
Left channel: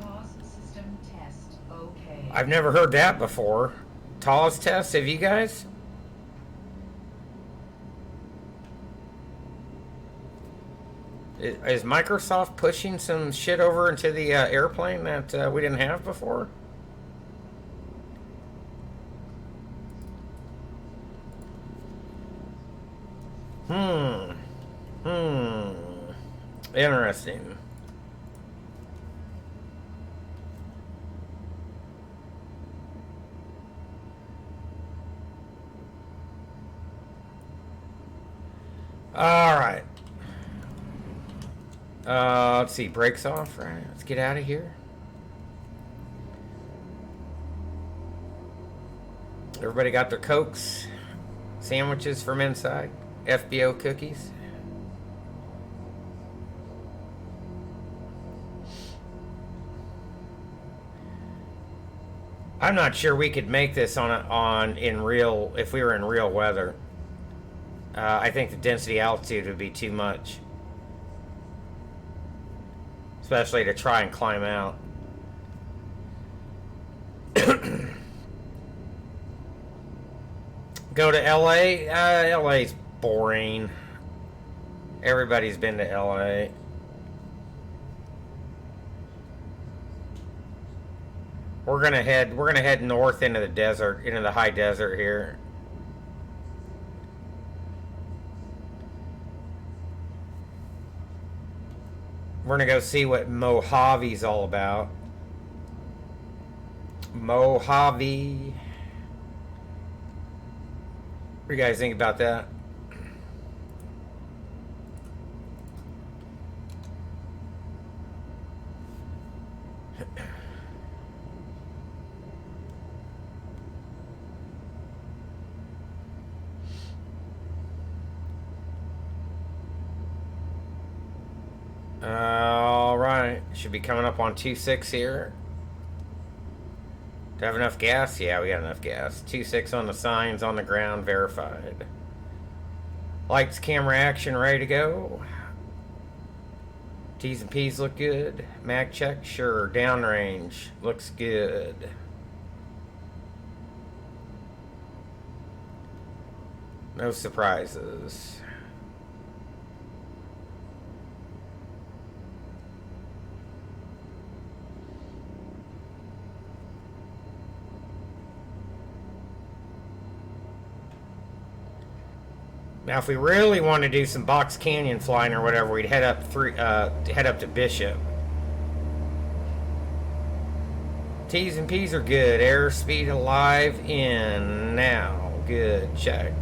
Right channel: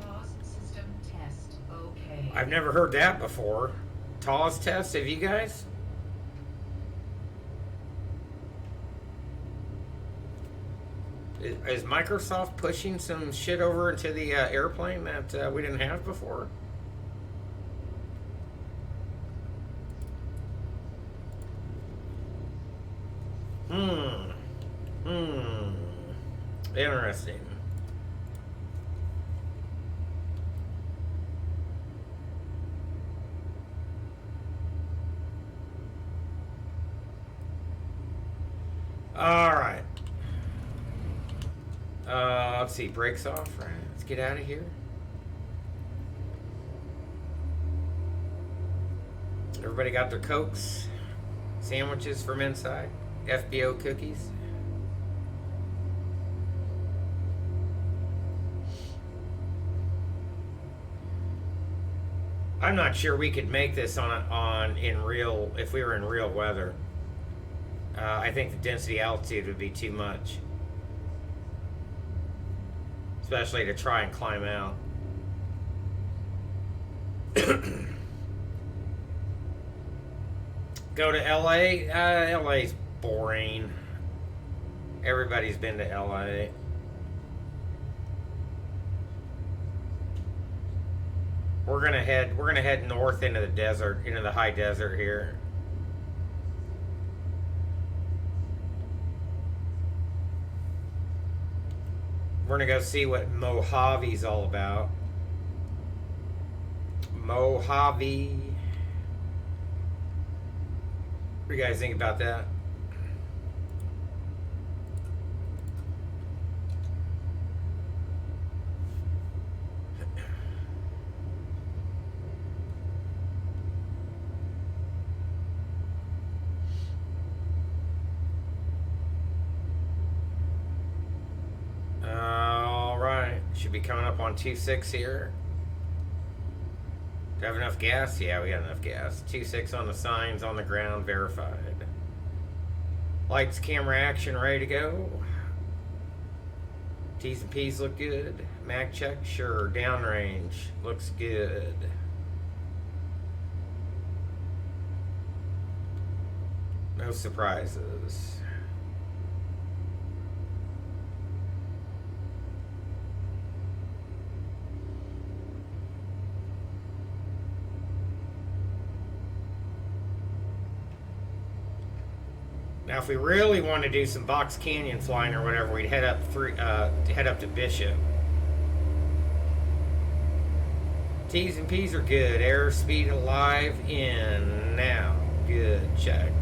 TOS system test. Okay. I've never heard that before. TOS test, have you guys? Is Microsoft pushing some shit over into the airplane that we didn't have before? Hmm. Hmm. Interesting. All right. Let's see. Brakes off. Right. Let's get out of here. Everybody got their Cokes, sandwiches from inside, FBO cookies. I'm not sure we could make this on in real if we were in real weather. I think the density altitude would be too much, especially to try and climb out. Go to LA. LA's boring. Everybody's been to LA. We're gonna head north into the desert, into the high desert here. We're gonna go see what Mojave's all about. Mojave. What do you guys think about that? All right, should be coming up on 2.6 here. Do I have enough gas? Yeah, we got enough gas. 2.6 on the signs, on the ground, verified. Lights, camera, action, ready to go. T's and P's look good. Mag check, sure. Downrange, looks good. No surprises. Now, if we really want to do some Box Canyon flying or whatever, we'd head up to Bishop. T's and P's are good. Airspeed alive in now. Good, checked.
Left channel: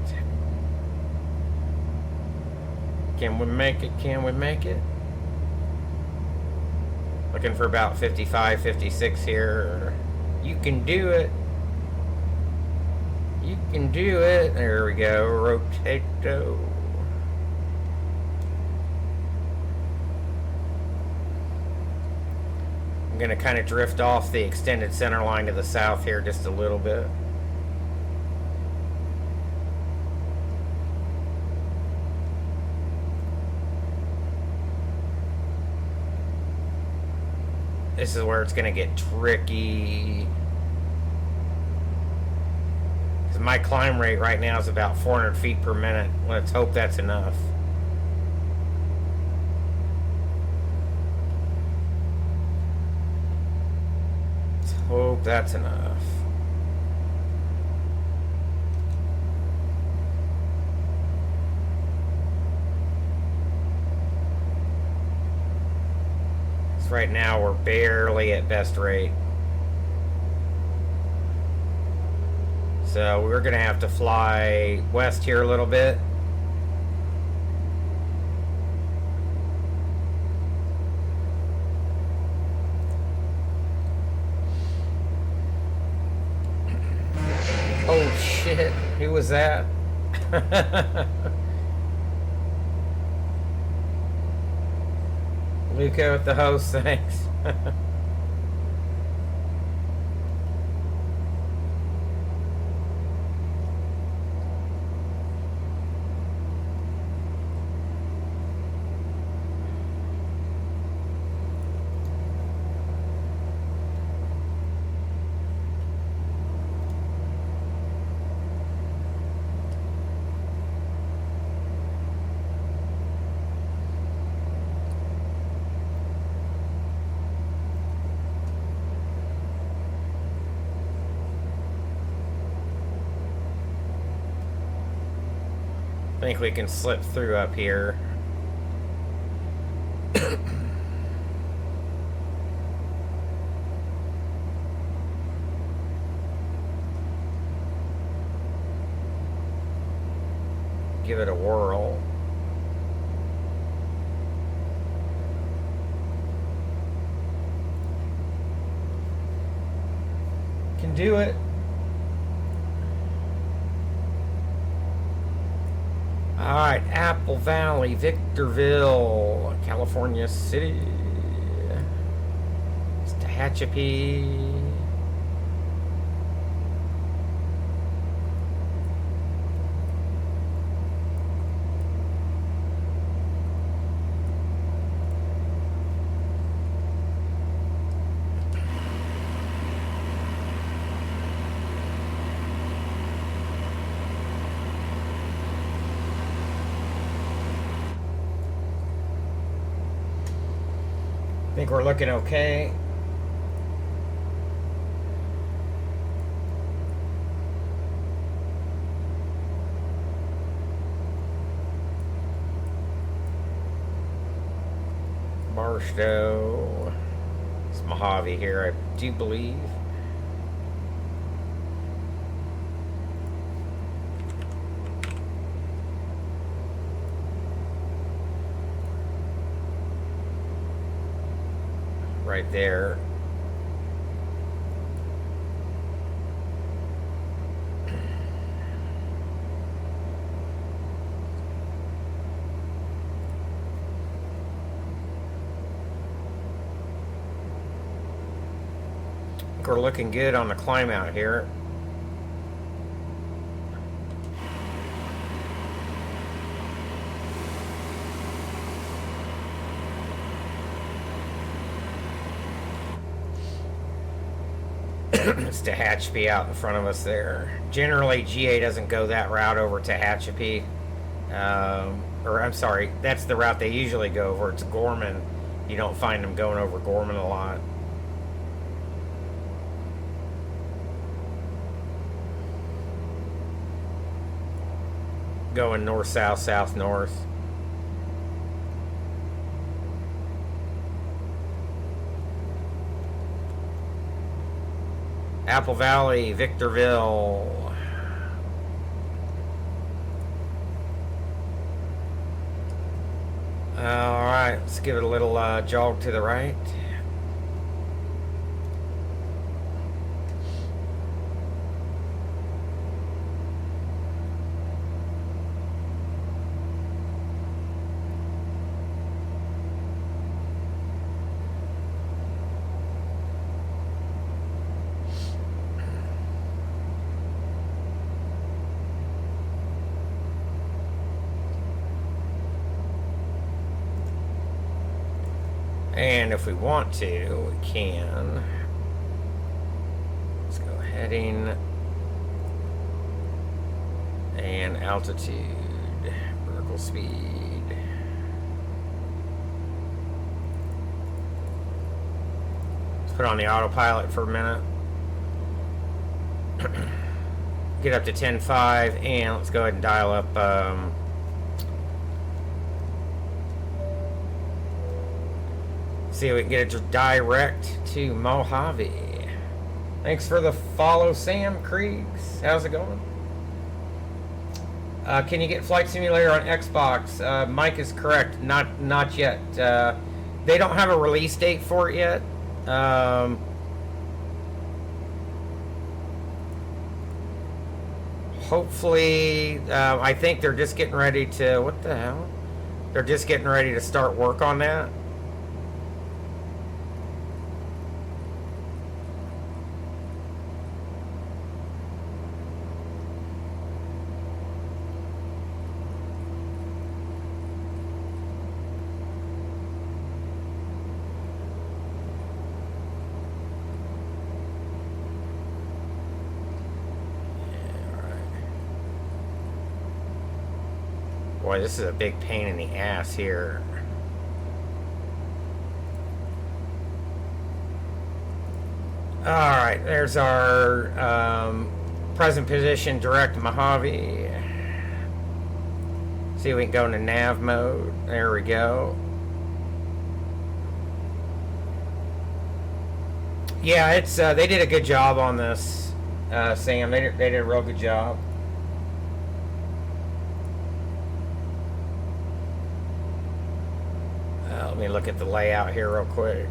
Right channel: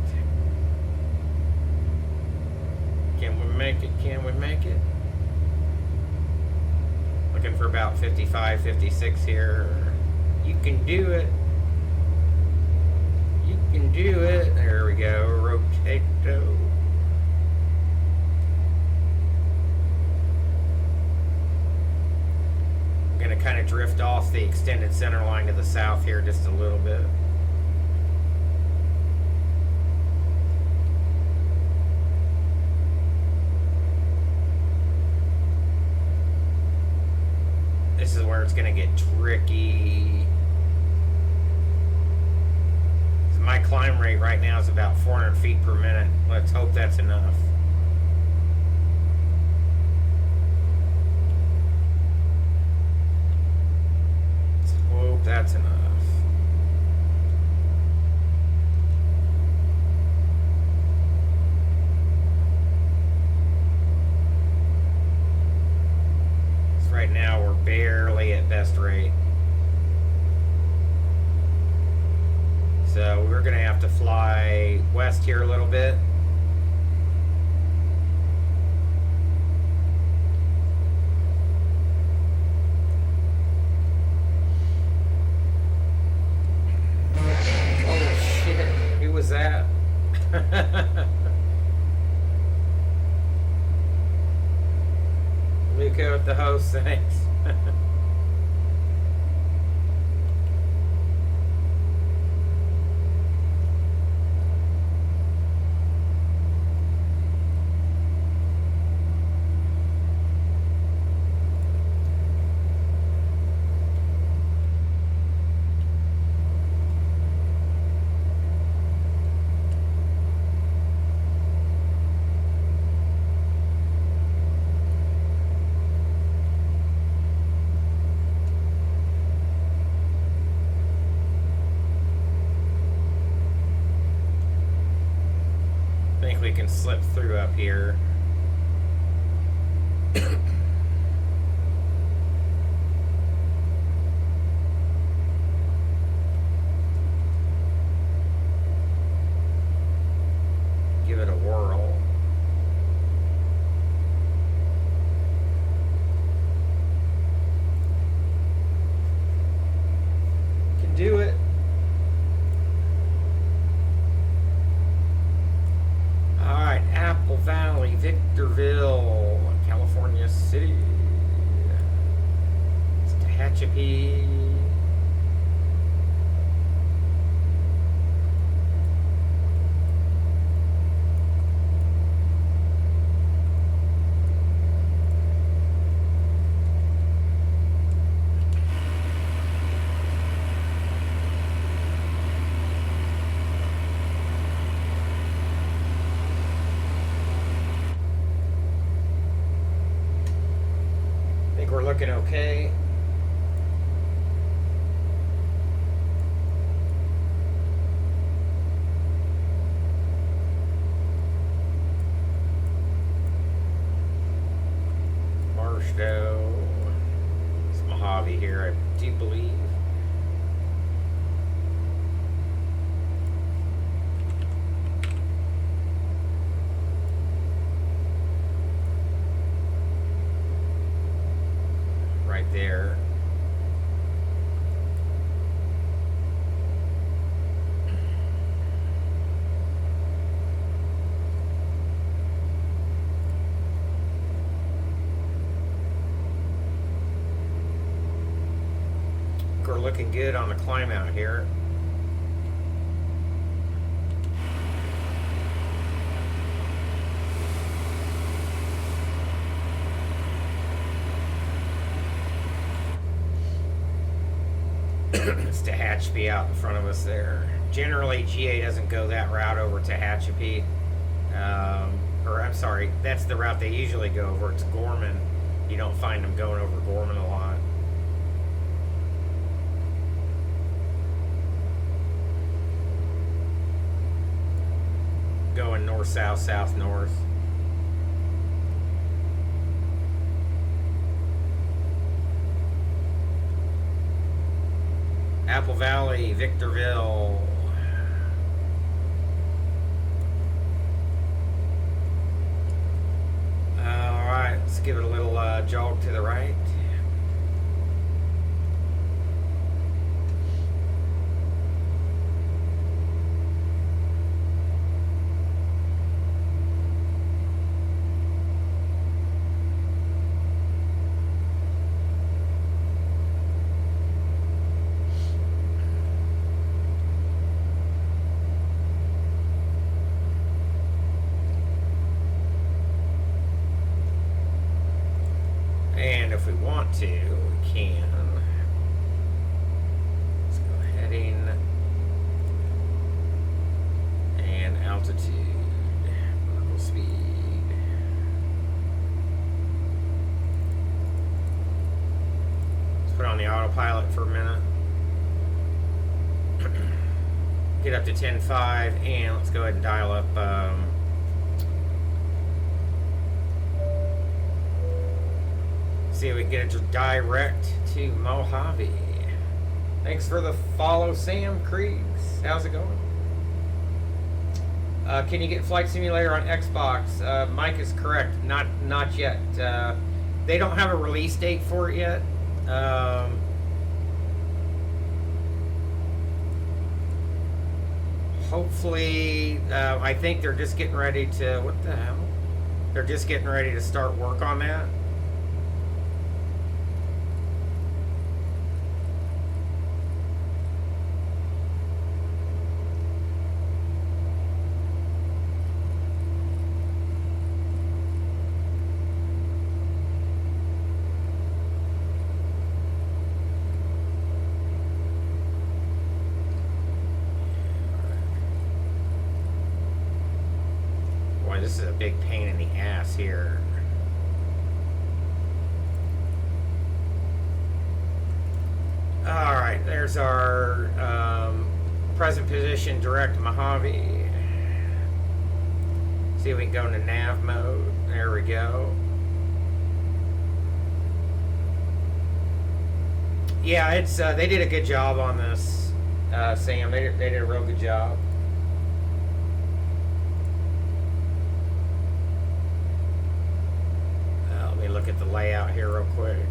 Can we make it? Can we make it? Looking for about 55, 56 here. You can do it. Can do it. There we go. Rotato. I'm going to kind of drift off the extended center line to the south here just a little bit. This is where it's going to get tricky. My climb rate right now is about 400 feet per minute. Let's hope that's enough. Let's hope that's enough. So right now we're barely at best rate. So we're going to have to fly west here a little bit. Oh shit, who was that? Luca with the host, thanks. think we can slip through up here. Give it a whirl. Can do it. Alright, Apple Valley, Victorville, California City. It's Tehachapi. I think we're looking okay. Barstow. It's Mojave here, I do believe. Right there. We're looking good on the climb out here. It's Tehachapi out in front of us there. Generally, GA doesn't go that route over Tehachapi. Or I'm sorry, that's the route they usually go over. It's Gorman. You don't find them going over Gorman a lot. Going north-south, south-north. Apple Valley, Victorville. Alright, let's give it a little jog to the right. And if we want to, we can. Let's go heading and altitude, vertical speed. Let's put on the autopilot for a minute. Get up to 10.5 and let's go ahead and dial up see if we can get it direct to Mojave. Thanks for the follow, Sam Kriegs. How's it going? Can you get Flight Simulator on Xbox? Mike is correct. Not yet. They don't have a release date for it yet. Hopefully, I think they're just getting ready to. What the hell? They're just getting ready to start work on that. Boy, this is a big pain in the ass here. Alright, there's our present position, direct Mojave. See if we can go into nav mode. There we go. Yeah, it's they did a good job on this, Sam. They did a real good job. Let me look at the layout here real quick.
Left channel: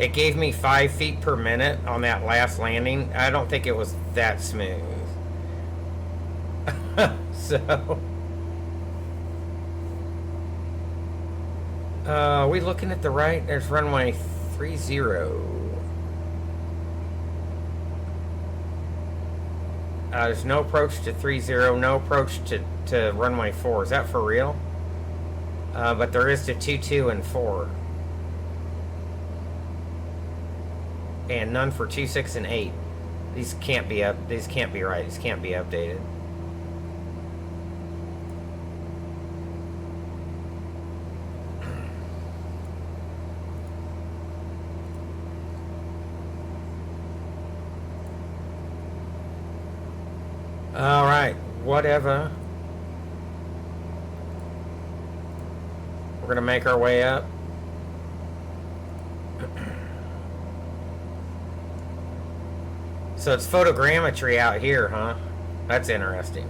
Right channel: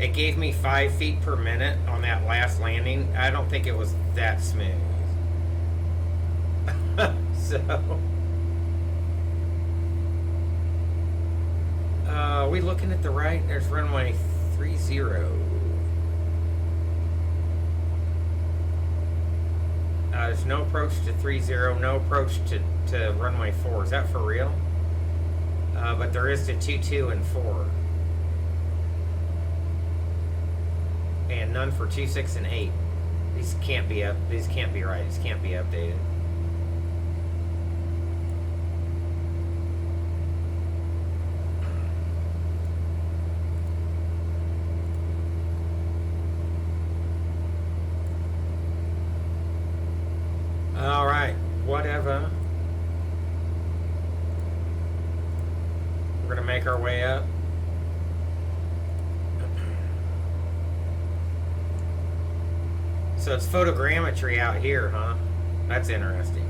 It gave me 5 feet per minute on that last landing. I don't think it was that smooth. So, are we looking at the right? There's runway 30. There's no approach to 30, no approach to runway 4. Is that for real? But there is to 22 and 4. And none for 26 and 8. These can't be up. These can't be right. These can't be updated. All right, whatever. We're gonna make our way up. So it's photogrammetry out here, huh? That's interesting.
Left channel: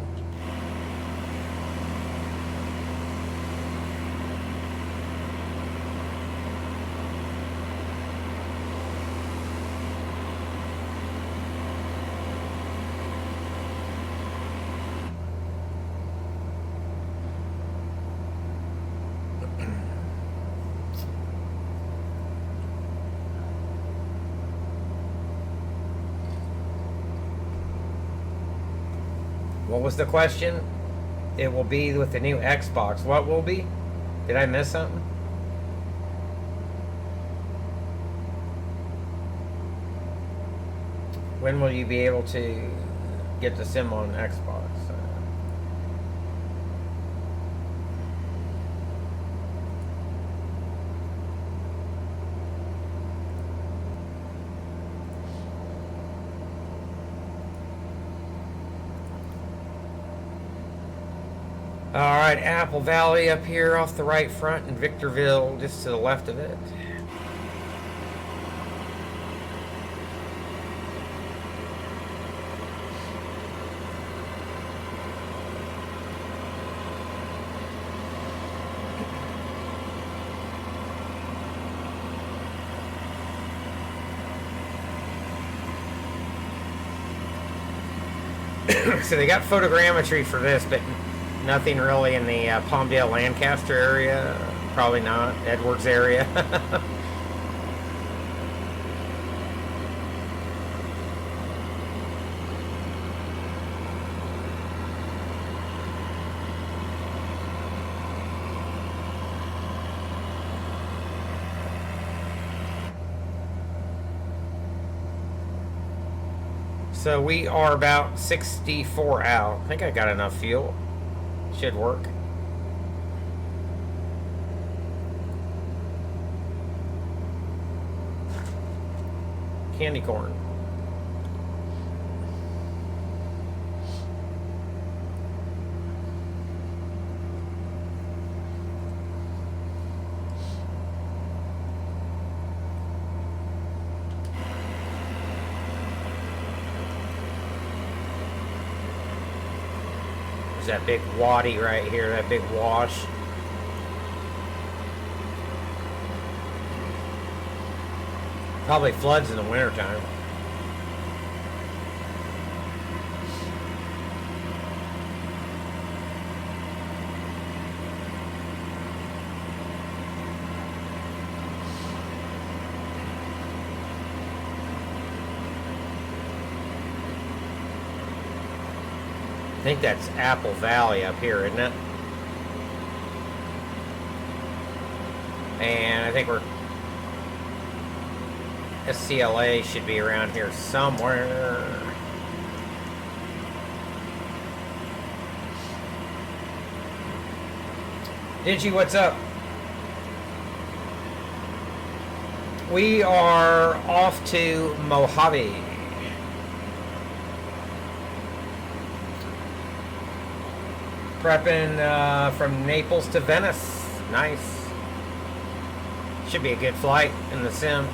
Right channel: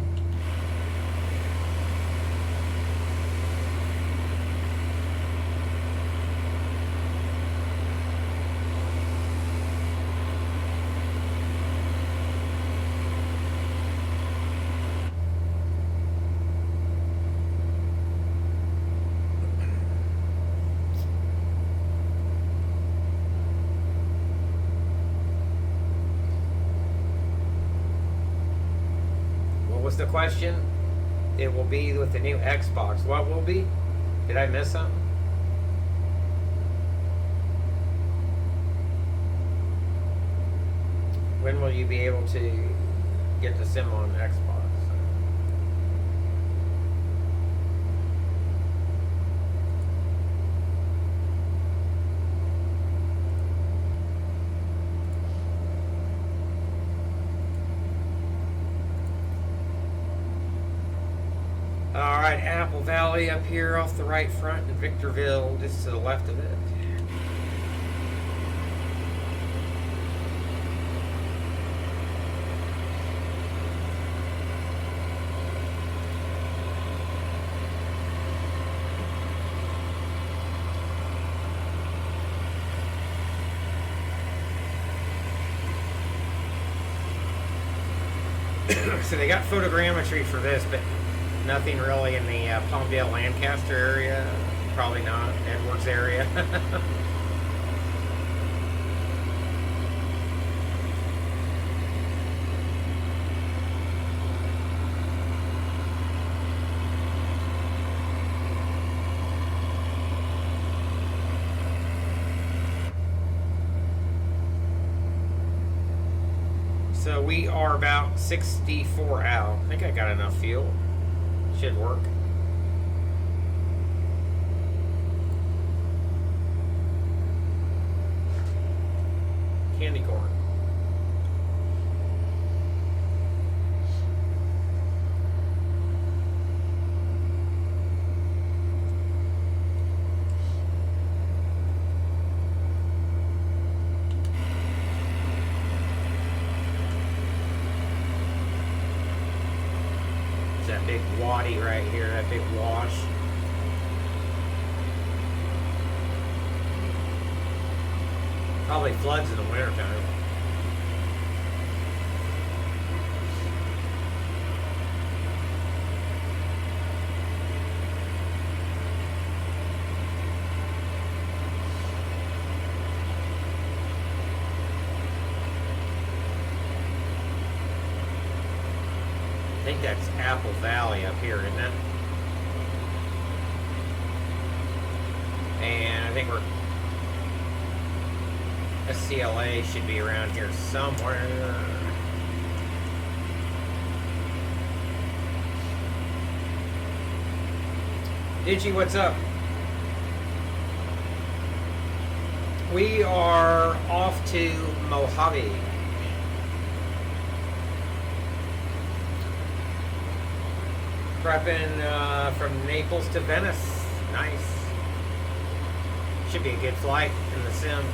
What was the question? It will be with the new Xbox. What will be? Did I miss something? When will you be able to get the sim on Xbox? Alright, Apple Valley up here off the right front, and Victorville just to the left of it. So they got photogrammetry for this, but nothing really in the Palmdale Lancaster area. Probably not. Edwards area. So we are about 64 out. I think I got enough fuel. Should work. Candy corn. That big waddy right here, that big wash. Probably floods in the wintertime. I think that's Apple Valley up here, isn't it? And I think we're SCLA should be around here somewhere. Digi, what's up? We are off to Mojave. Prepping from Naples to Venice. Nice. Should be a good flight in the sim.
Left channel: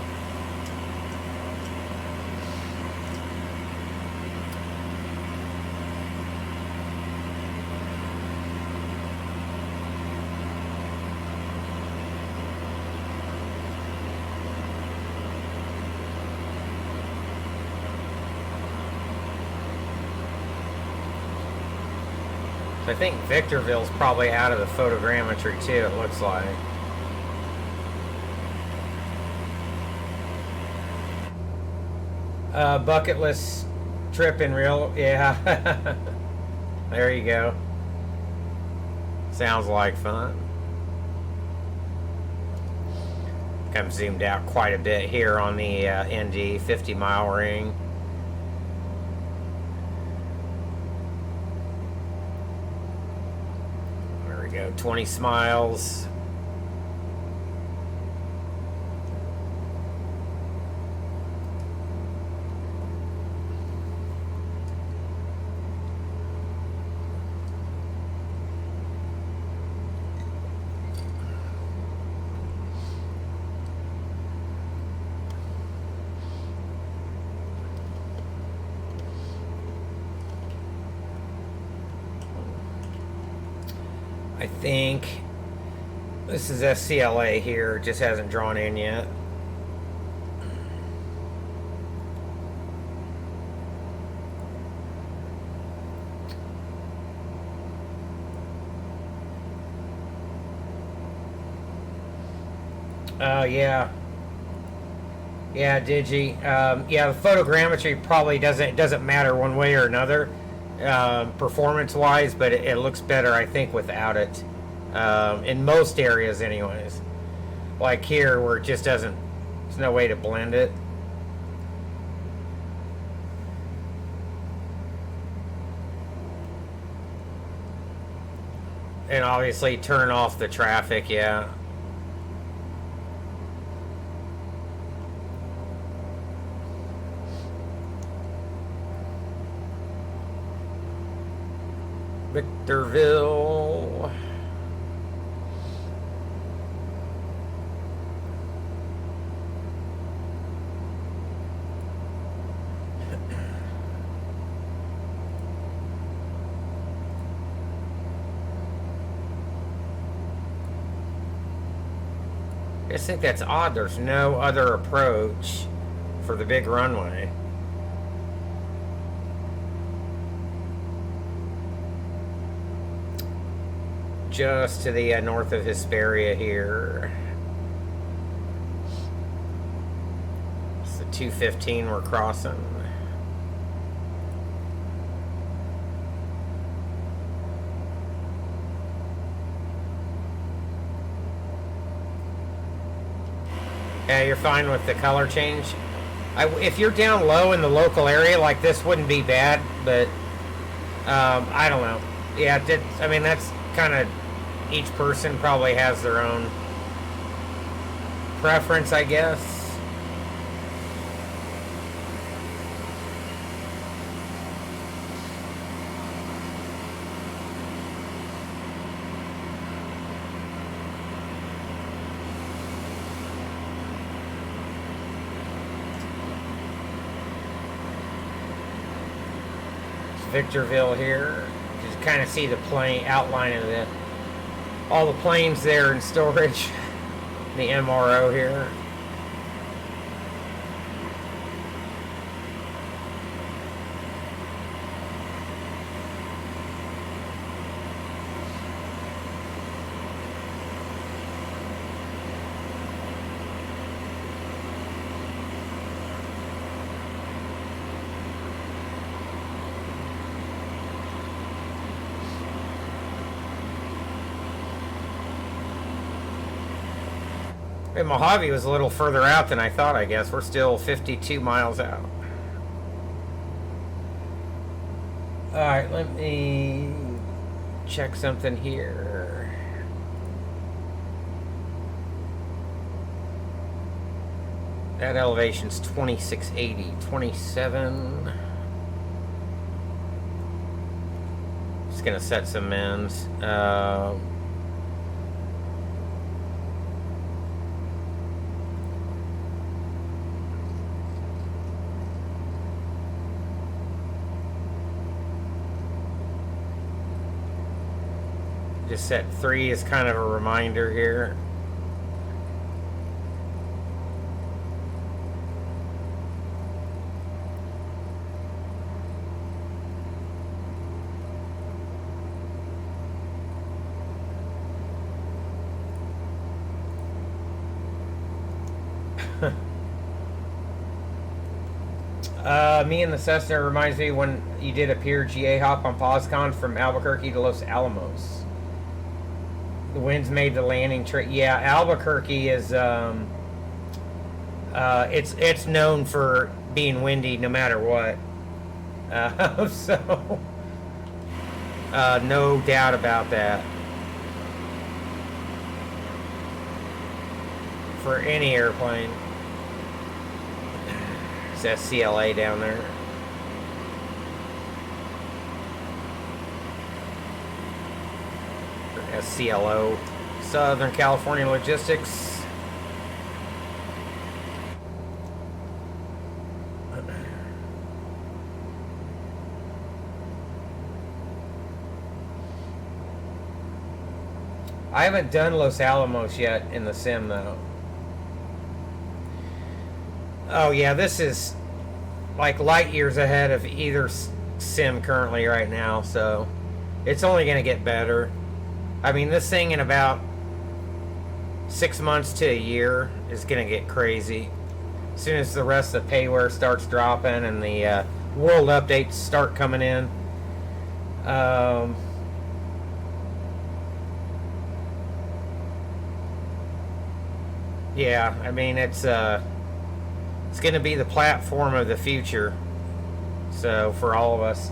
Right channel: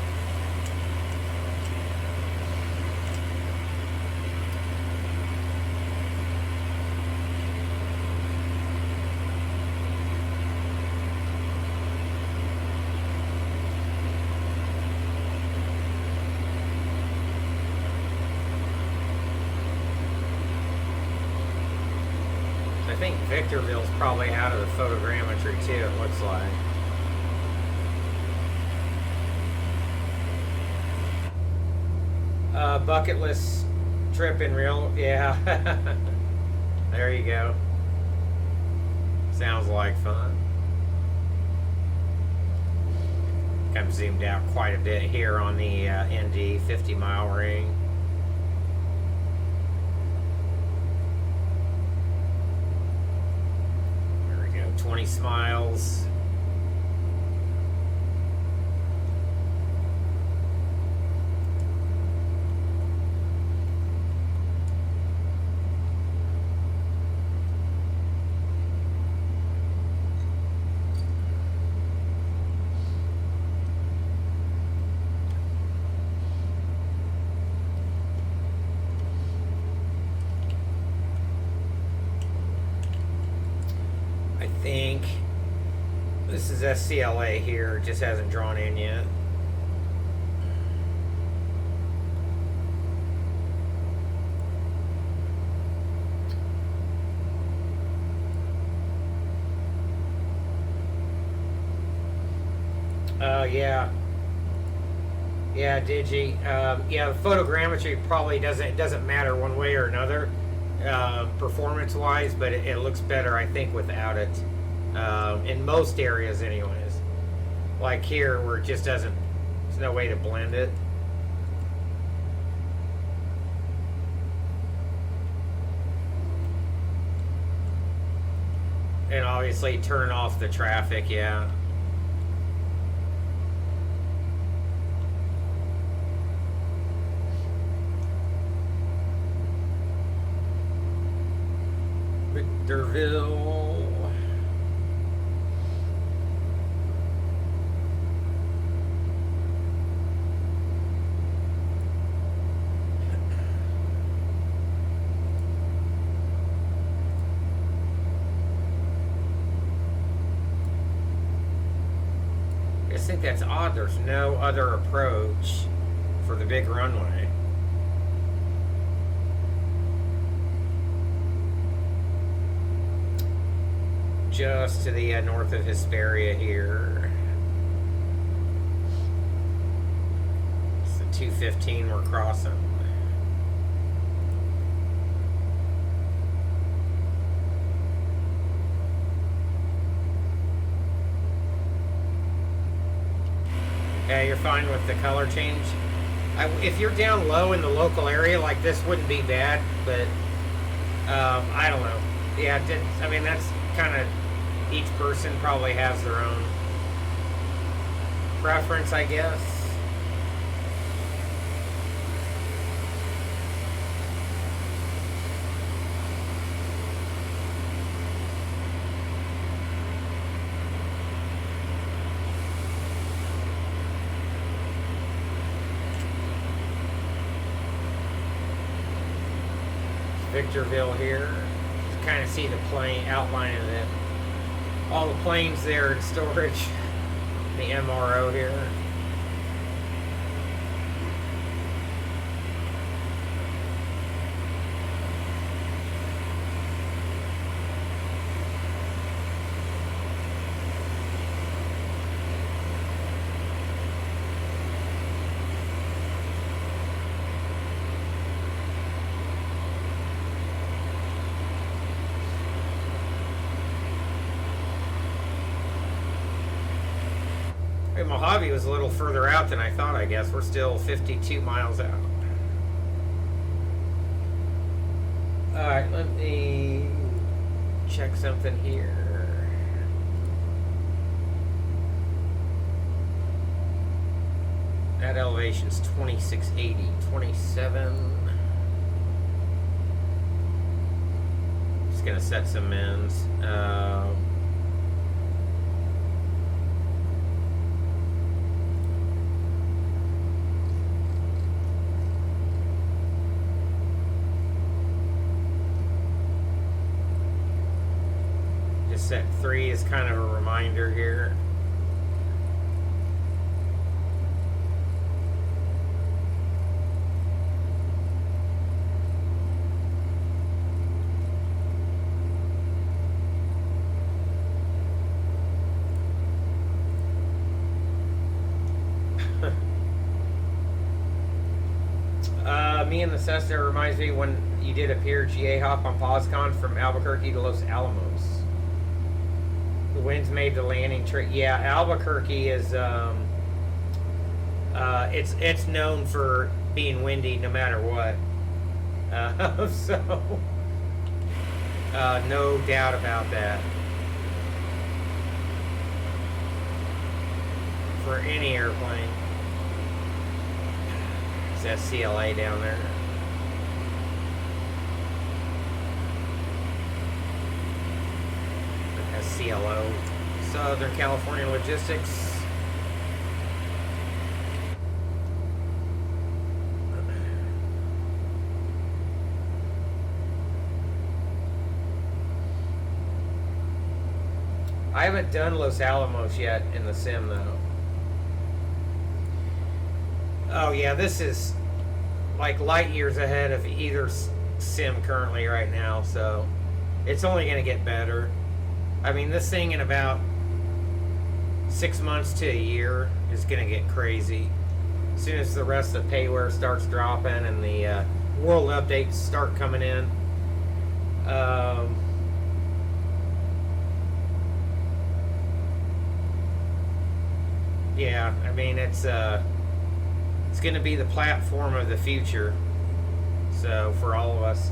I think Victorville's probably out of the photogrammetry too, it looks like. Bucket list trip in real, yeah. There you go. Sounds like fun. I've zoomed out quite a bit here on the ND 50-mile ring. There we go, 20 smiles. I think this is SCLA here, just hasn't drawn in yet. Yeah. Yeah, Digi. Yeah, the photogrammetry probably doesn't matter one way or another, performance-wise, but it looks better, I think, without it. In most areas, anyways. Like here, where it just doesn't. There's no way to blend it. And obviously, turn off the traffic. Yeah. Victorville. I just think that's odd. There's no other approach for the big runway. Just to the north of Hesperia here. It's the 215 we're crossing. Yeah, you're fine with the color change. If you're down low in the local area, like this wouldn't be bad, but I don't know. Yeah, I mean, that's kind of, each person probably has their own preference, I guess. Victorville here. Just kind of see the plane outline of it. All the planes there in storage. The MRO here. Mojave was a little further out than I thought, I guess. We're still 52 miles out. Alright, let me check something here. That elevation's 2680, 27. Just just gonna set some mins. Just set 3 as kind of a reminder here. Me and the Cessna reminds me when you did a pure GA hop on PosCon from Albuquerque to Los Alamos. The winds made the landing trip. Yeah, Albuquerque is it's known for being windy no matter what. So no doubt about that. For any airplane. It's SCLA down there. SCLO, Southern California Logistics. I haven't done Los Alamos yet in the sim though. Oh yeah, this is like light years ahead of either sim currently right now, so it's only going to get better. I mean, this thing in about 6 months to a year is going to get crazy. As soon as the rest of the payware starts dropping and the world updates start coming in. Yeah, I mean, it's going to be the platform of the future. So for all of us,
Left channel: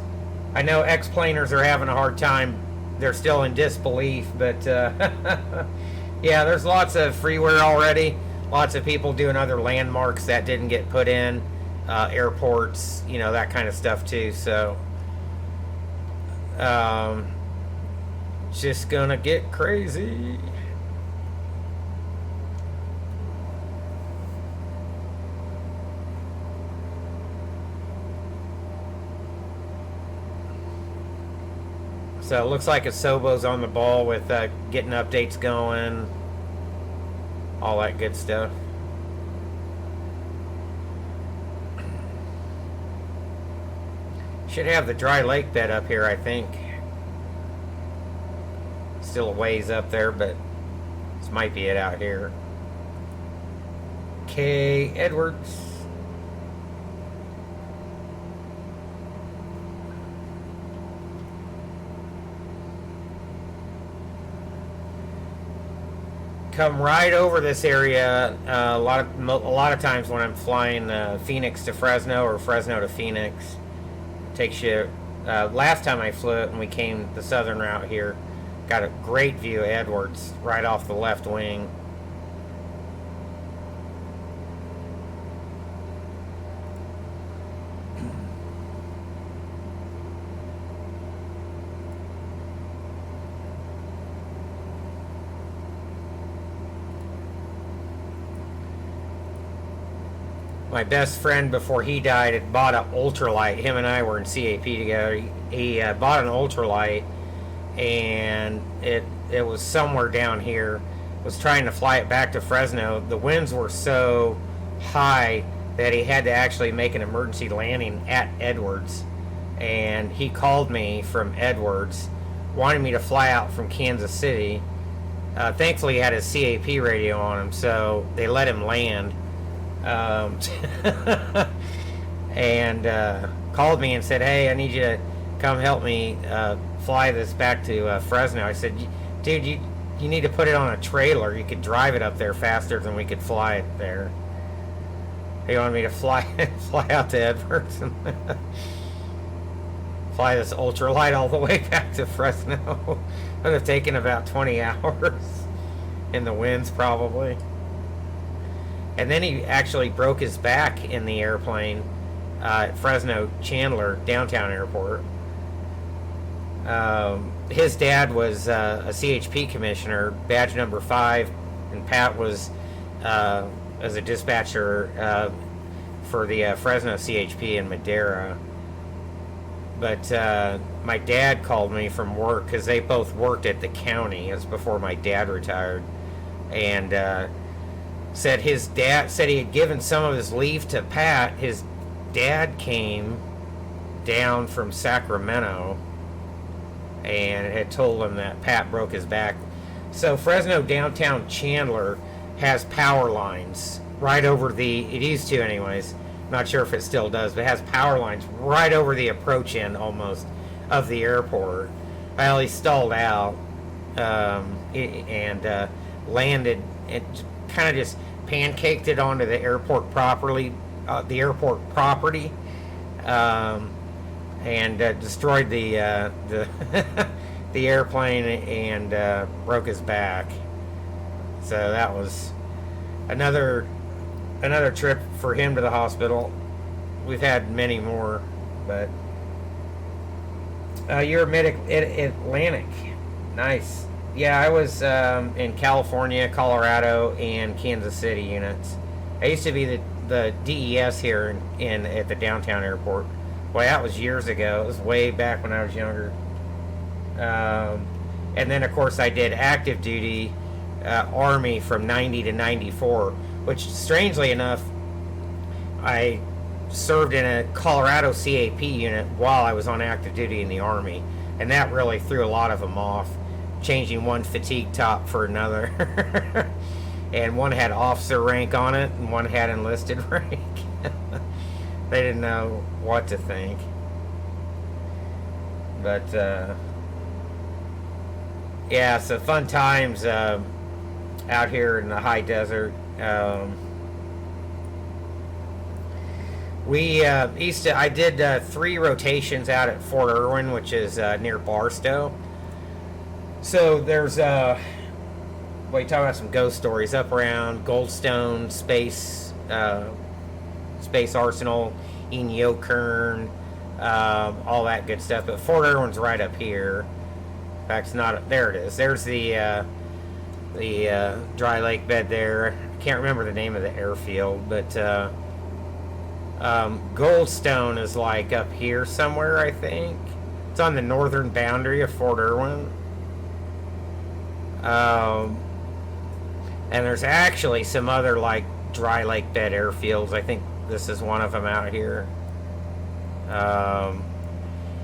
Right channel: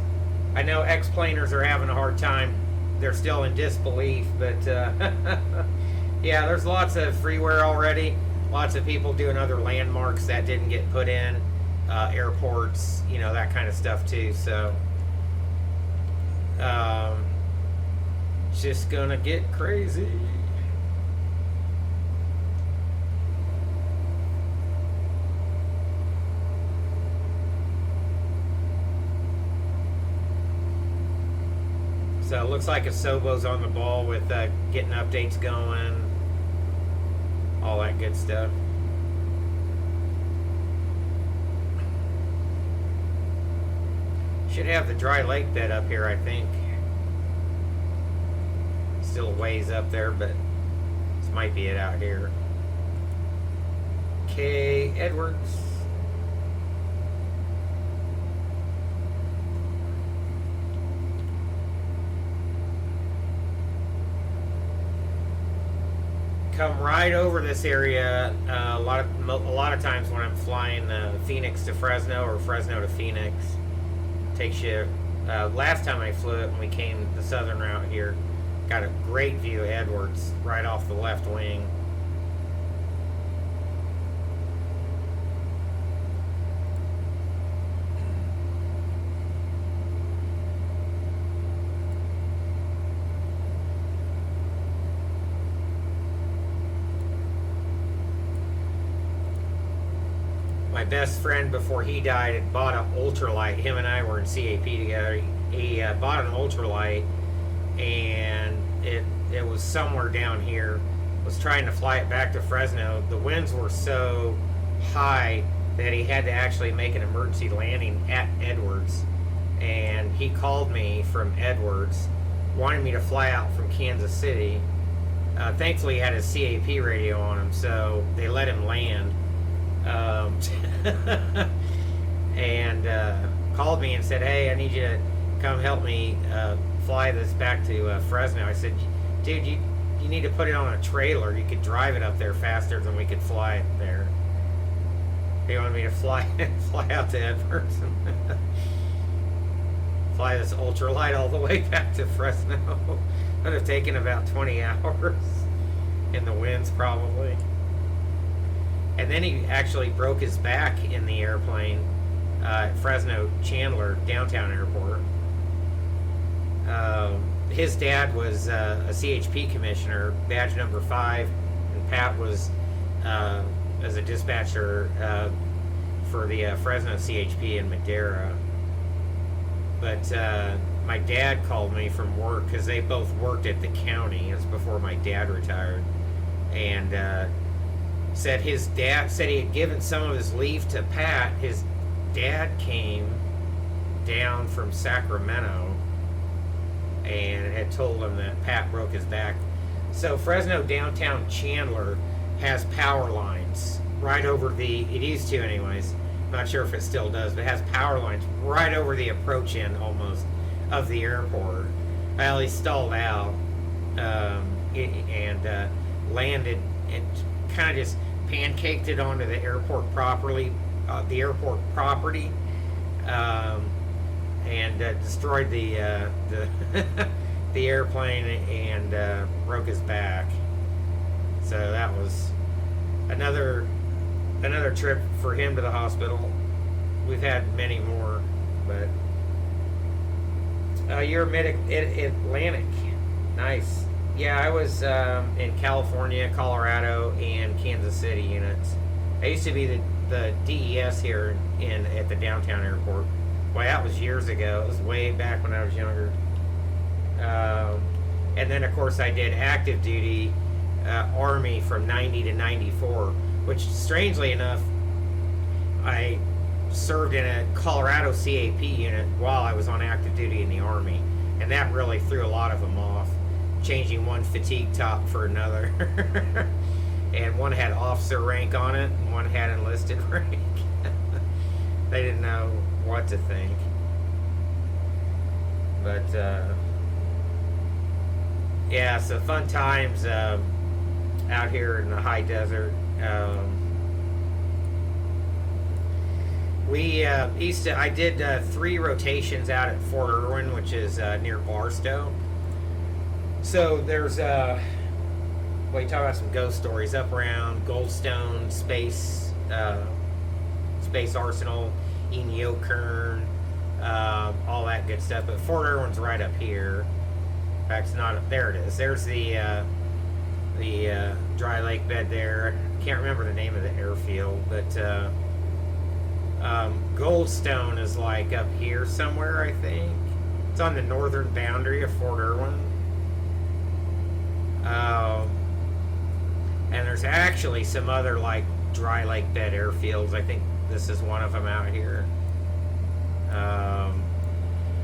I know X-planers are having a hard time. They're still in disbelief, but yeah, there's lots of freeware already. Lots of people doing other landmarks that didn't get put in, airports, you know, that kind of stuff too. So it's just gonna get crazy. So it looks like Asobo's on the ball with getting updates going, all that good stuff. Should have the dry lake bed up here, I think. Still a ways up there, but this might be it out here. K. Edwards. Come right over this area. A lot of times when I'm flying Phoenix to Fresno or Fresno to Phoenix, takes you. Last time I flew it when we came the southern route here, got a great view of Edwards right off the left wing. My best friend before he died had bought an ultralight. Him and I were in CAP together. He bought an ultralight, and it was somewhere down here. Was trying to fly it back to Fresno. The winds were so high that he had to actually make an emergency landing at Edwards. And he called me from Edwards, wanting me to fly out from Kansas City. Thankfully, he had his CAP radio on him, so they let him land. And called me and said, "Hey, I need you to come help me fly this back to Fresno." I said, "Dude, you need to put it on a trailer. You could drive it up there faster than we could fly it there." He wanted me to fly out to Edwards and fly this ultralight all the way back to Fresno. It would have taken about 20 hours in the winds probably. And then he actually broke his back in the airplane at Fresno Chandler downtown airport. His dad was a CHP commissioner, badge number 5, and Pat was as a dispatcher for the Fresno CHP in Madera. But my dad called me from work because they both worked at the county. It was before my dad retired, and said his dad said he had given some of his leave to Pat. His dad came down from Sacramento and had told him that Pat broke his back. So Fresno downtown Chandler has power lines right over it used to anyways, not sure if it still does, but it has power lines right over the approach end almost of the airport. Well, he stalled out and landed. It kind of just pancaked it onto the airport property, and destroyed the the airplane and broke his back. So that was another trip for him to the hospital. We've had many more, but you're mid-Atlantic. Nice. Yeah, I was in California, Colorado, and Kansas City units. I used to be the DES here at the downtown airport. Boy, that was years ago. It was way back when I was younger. And then, of course, I did active duty Army from 90 to 94, which, strangely enough, I served in a Colorado CAP unit while I was on active duty in the Army. And that really threw a lot of them off, changing one fatigue top for another. And one had officer rank on it, and one had enlisted rank. They didn't know what to think. But, yeah, so fun times out here in the high desert. I did 3 rotations out at Fort Irwin, which is near Barstow. So there's you talk about some ghost stories up around Goldstone, Space Arsenal, Inyokern, all that good stuff. But Fort Irwin's right up here. In fact, it's not. There it is. There's the dry lake bed there. Can't remember the name of the airfield, but Goldstone is like up here somewhere, I think. It's on the northern boundary of Fort Irwin. And there's actually some other like dry lake bed airfields. I think this is one of them out here.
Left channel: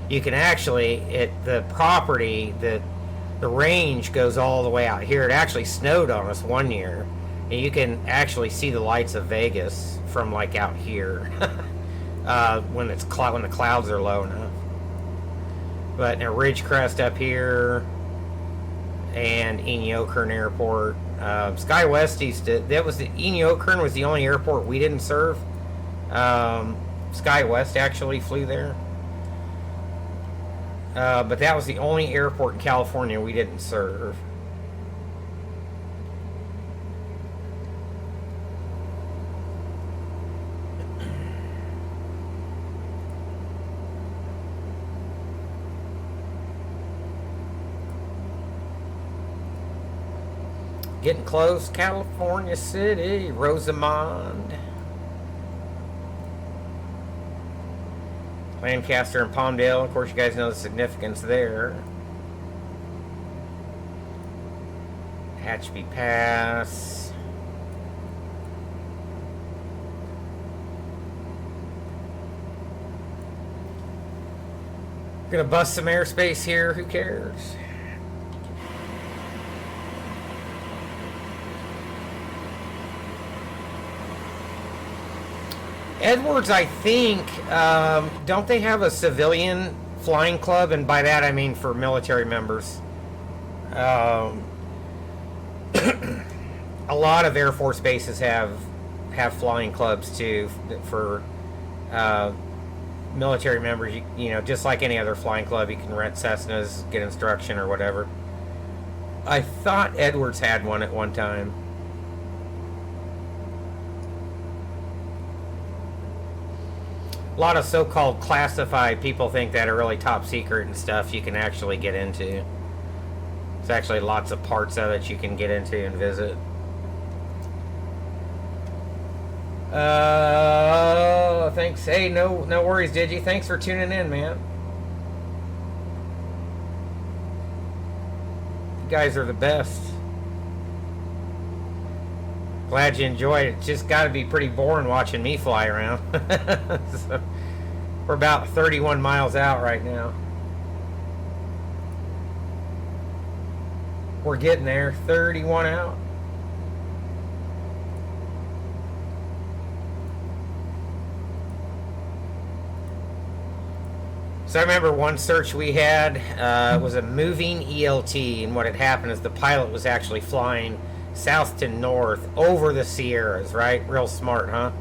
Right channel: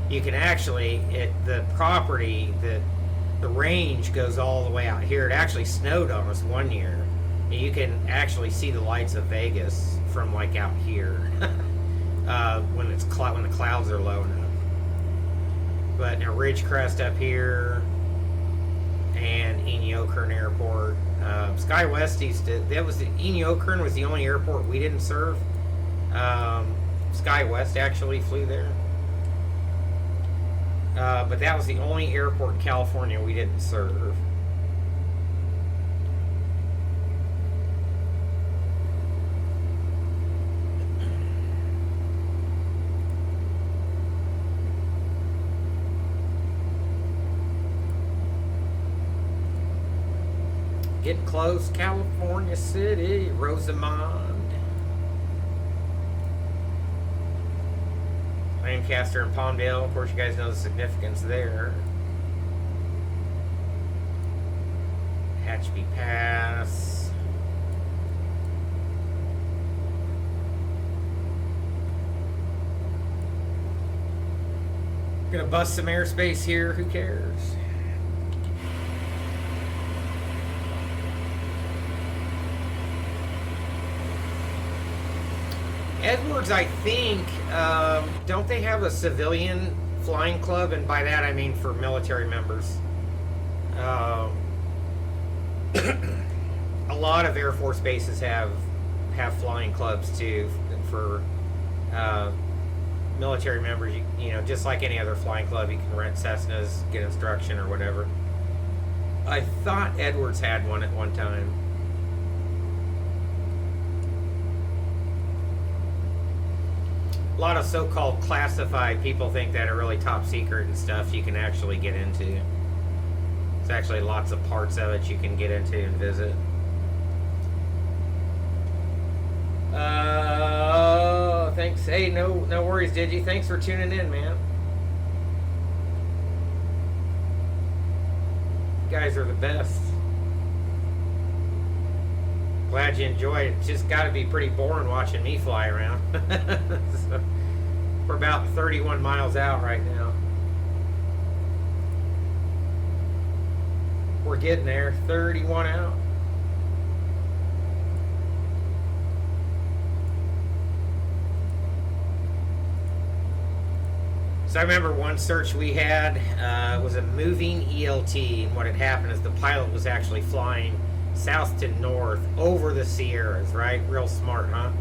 You can actually, the property, the range goes all the way out here. It actually snowed on us one year, and you can actually see the lights of Vegas from like out here when the clouds are low enough. But a Ridgecrest up here, and Inyokern Airport. SkyWest Inyokern was the only airport we didn't serve. SkyWest actually flew there. But that was the only airport in California we didn't serve. Getting close, California City, Rosamond, Lancaster, and Palmdale. Of course, you guys know the significance there. Hatchby Pass. Gonna bust some airspace here. Who cares? Edwards, I think, don't they have a civilian flying club? And by that I mean for military members. A lot of Air Force bases have flying clubs too for military members. You know, just like any other flying club, you can rent Cessnas, get instruction or whatever. I thought Edwards had one at one time. a lot of so-called classified people think that are really top secret and stuff you can actually get into. There's actually lots of parts of it you can get into and visit. Thanks. Hey, no worries, Digi. Thanks for tuning in, man. You guys are the best. Glad you enjoyed it. It's just got to be pretty boring watching me fly around. So, we're about 31 miles out right now. We're getting there. 31 out. So I remember one search we had was a moving ELT, and what had happened is the pilot was actually flying south to north over the Sierras, right? Real smart, huh?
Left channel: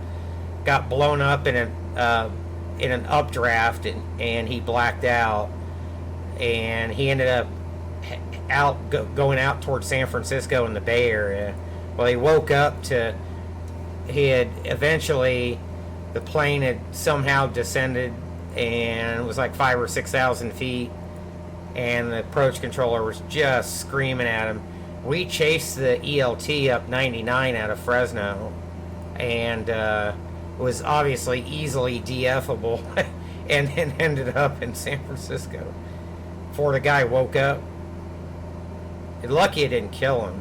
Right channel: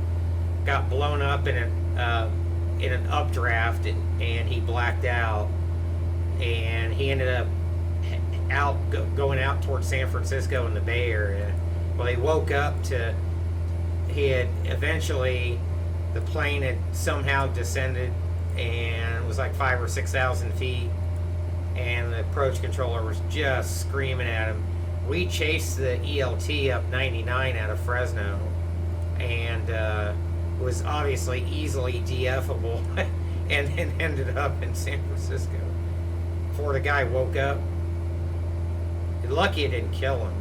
Got blown up in an updraft, and he blacked out, and he ended up going out towards San Francisco in the Bay Area. Well, he woke up to the plane had somehow descended, and it was like 5,000 or 6,000 feet, and the approach controller was just screaming at him. We chased the ELT up 99 out of Fresno, and was obviously easily DFable, and ended up in San Francisco before the guy woke up. Lucky it didn't kill him,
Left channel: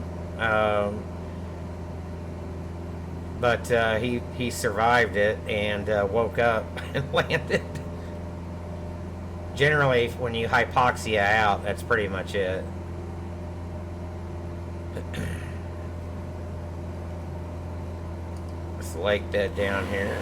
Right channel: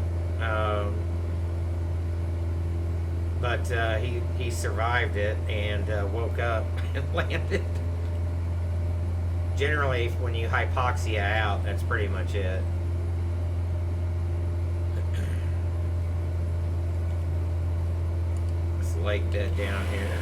but he survived it and woke up and landed. Generally, when you hypoxia out, that's pretty much it. This lake bed down here.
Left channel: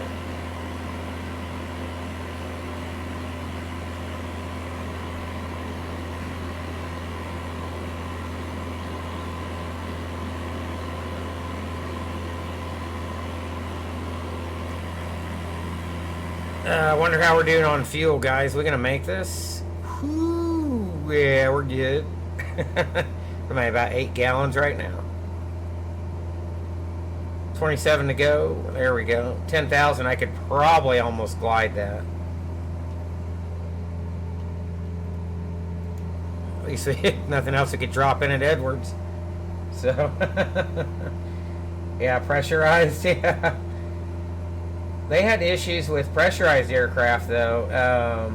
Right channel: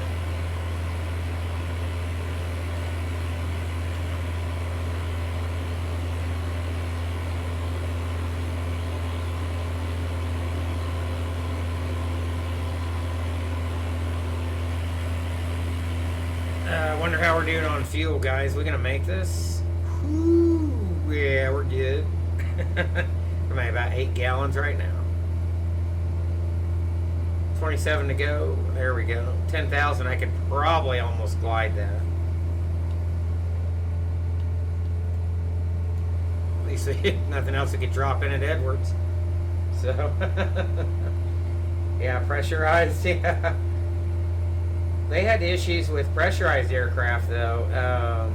I wonder how we're doing on fuel, guys. We gonna make this? Whew, yeah, we're good. We're at about 8 gallons right now. 27 to go. There we go. 10,000. I could probably almost glide that. At least we had nothing else we could drop in at Edwards. So, yeah, pressurized. Yeah. They had issues with pressurized aircraft, though.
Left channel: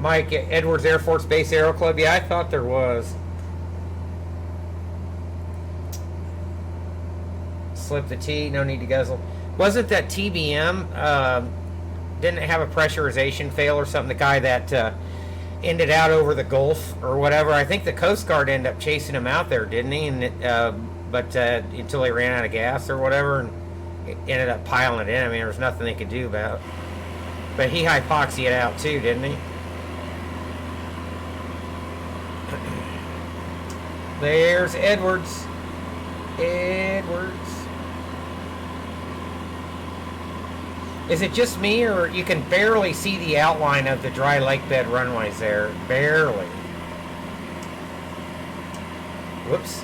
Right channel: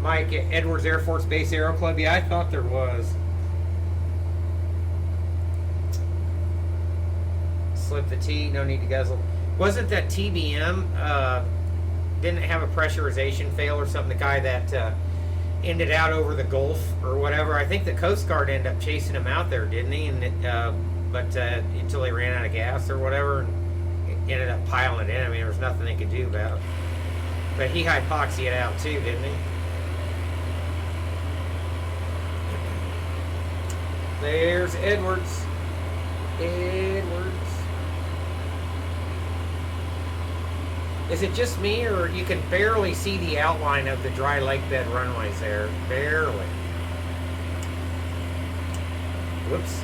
Mike, Edwards Air Force Base Aero Club. Yeah, I thought there was. Slip the T, no need to guzzle. Wasn't that TBM? Didn't it have a pressurization fail or something? The guy that ended out over the Gulf or whatever. I think the Coast Guard ended up chasing him out there, didn't he? And but until he ran out of gas or whatever, and ended up piling it in. I mean, there was nothing they could do about it. But he hypoxied out too, didn't he? There's Edwards. Edwards. Is it just me, or you can barely see the outline of the dry lake bed runways there? Barely. Whoops.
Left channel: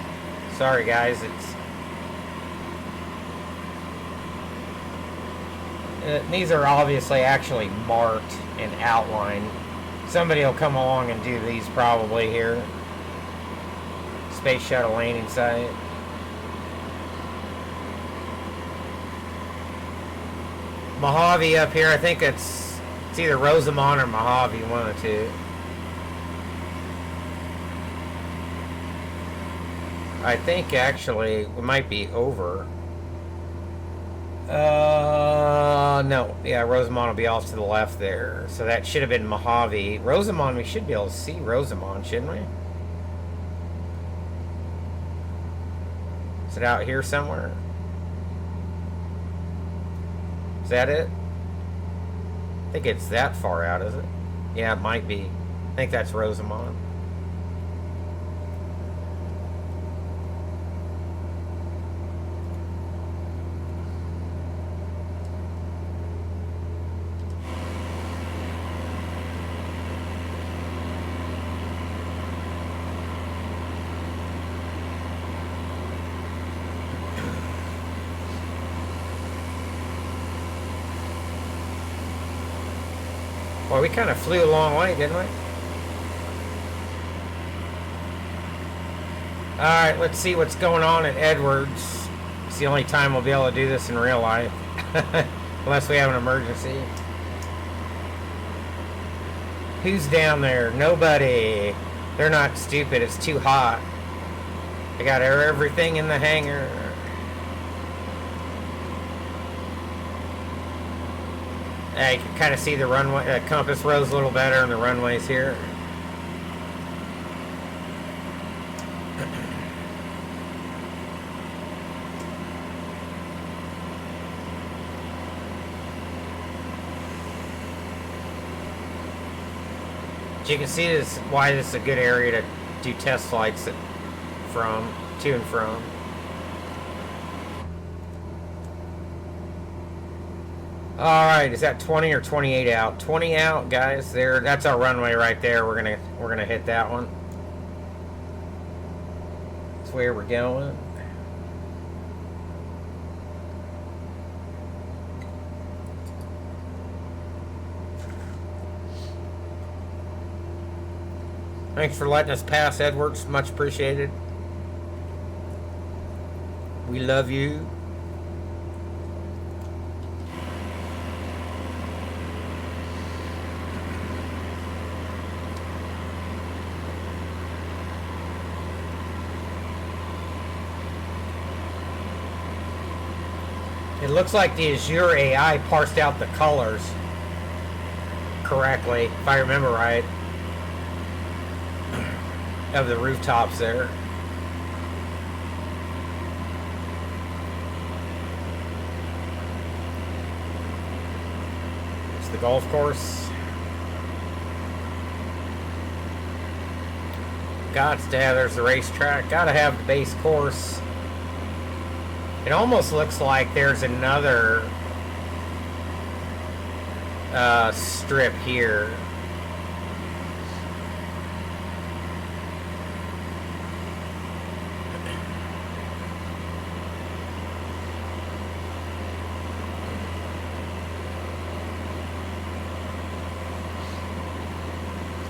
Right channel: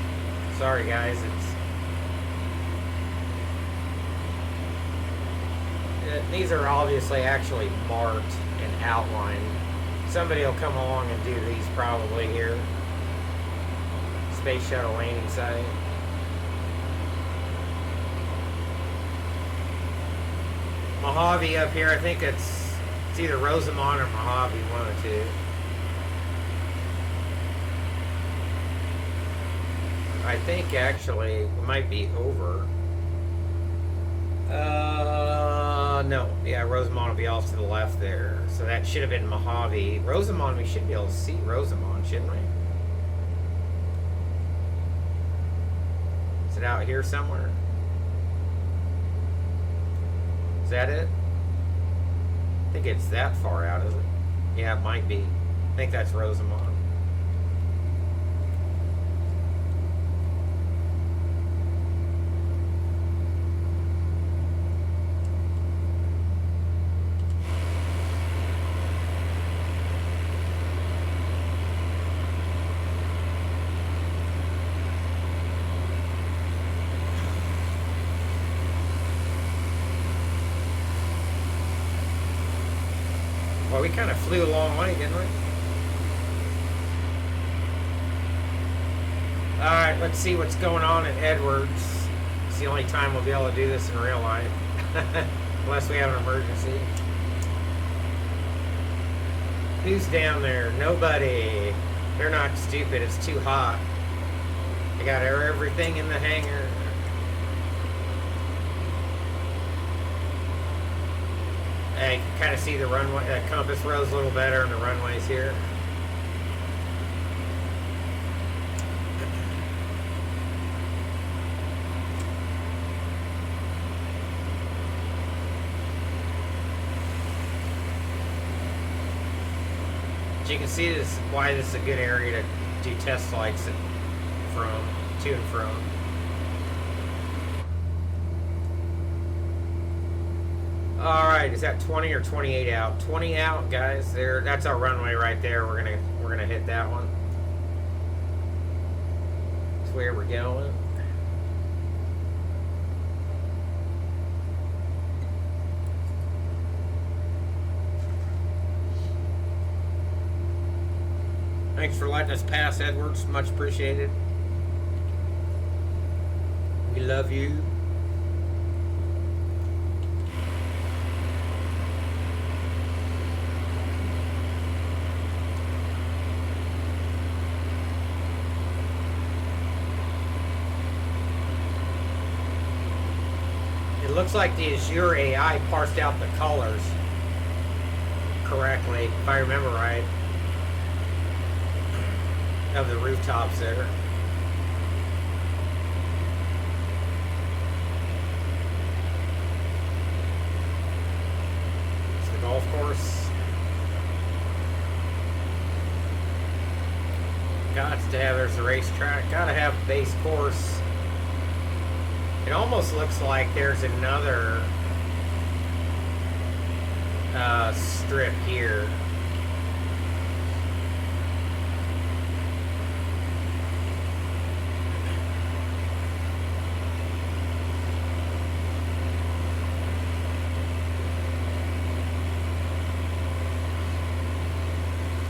Sorry, guys. These are obviously actually marked and outlined. Somebody will come along and do these probably here. Space Shuttle landing site. Mojave up here. I think it's either Rosamond or Mojave, one of the two. I think actually we might be over. No. Yeah, Rosamond will be off to the left there. So that should have been Mojave. Rosamond, we should be able to see Rosamond, shouldn't we? Is it out here somewhere? Is that it? I think it's that far out, is it? Yeah, it might be. I think that's Rosamond. Well, we kind of flew a long way, didn't we? Alright, let's see what's going on at Edwards. It's the only time we'll be able to do this in real life. Unless we have an emergency. Who's down there? Nobody. They're not stupid, it's too hot. They got everything in the hangar. I can kind of see the runway, the compass rose a little better and the runways here. You can see this why this is a good area to do test flights from, to and from. Alright, is that 20 or 28 out? 20 out, guys. There, that's our runway right there. We're gonna hit that one. That's where we're going. Thanks for letting us pass, Edwards. Much appreciated. We love you. It looks like the Azure AI parsed out the colors correctly, if I remember right, of the rooftops there. It's the golf course. There's the racetrack. Gotta have the base course. It almost looks like there's another strip here.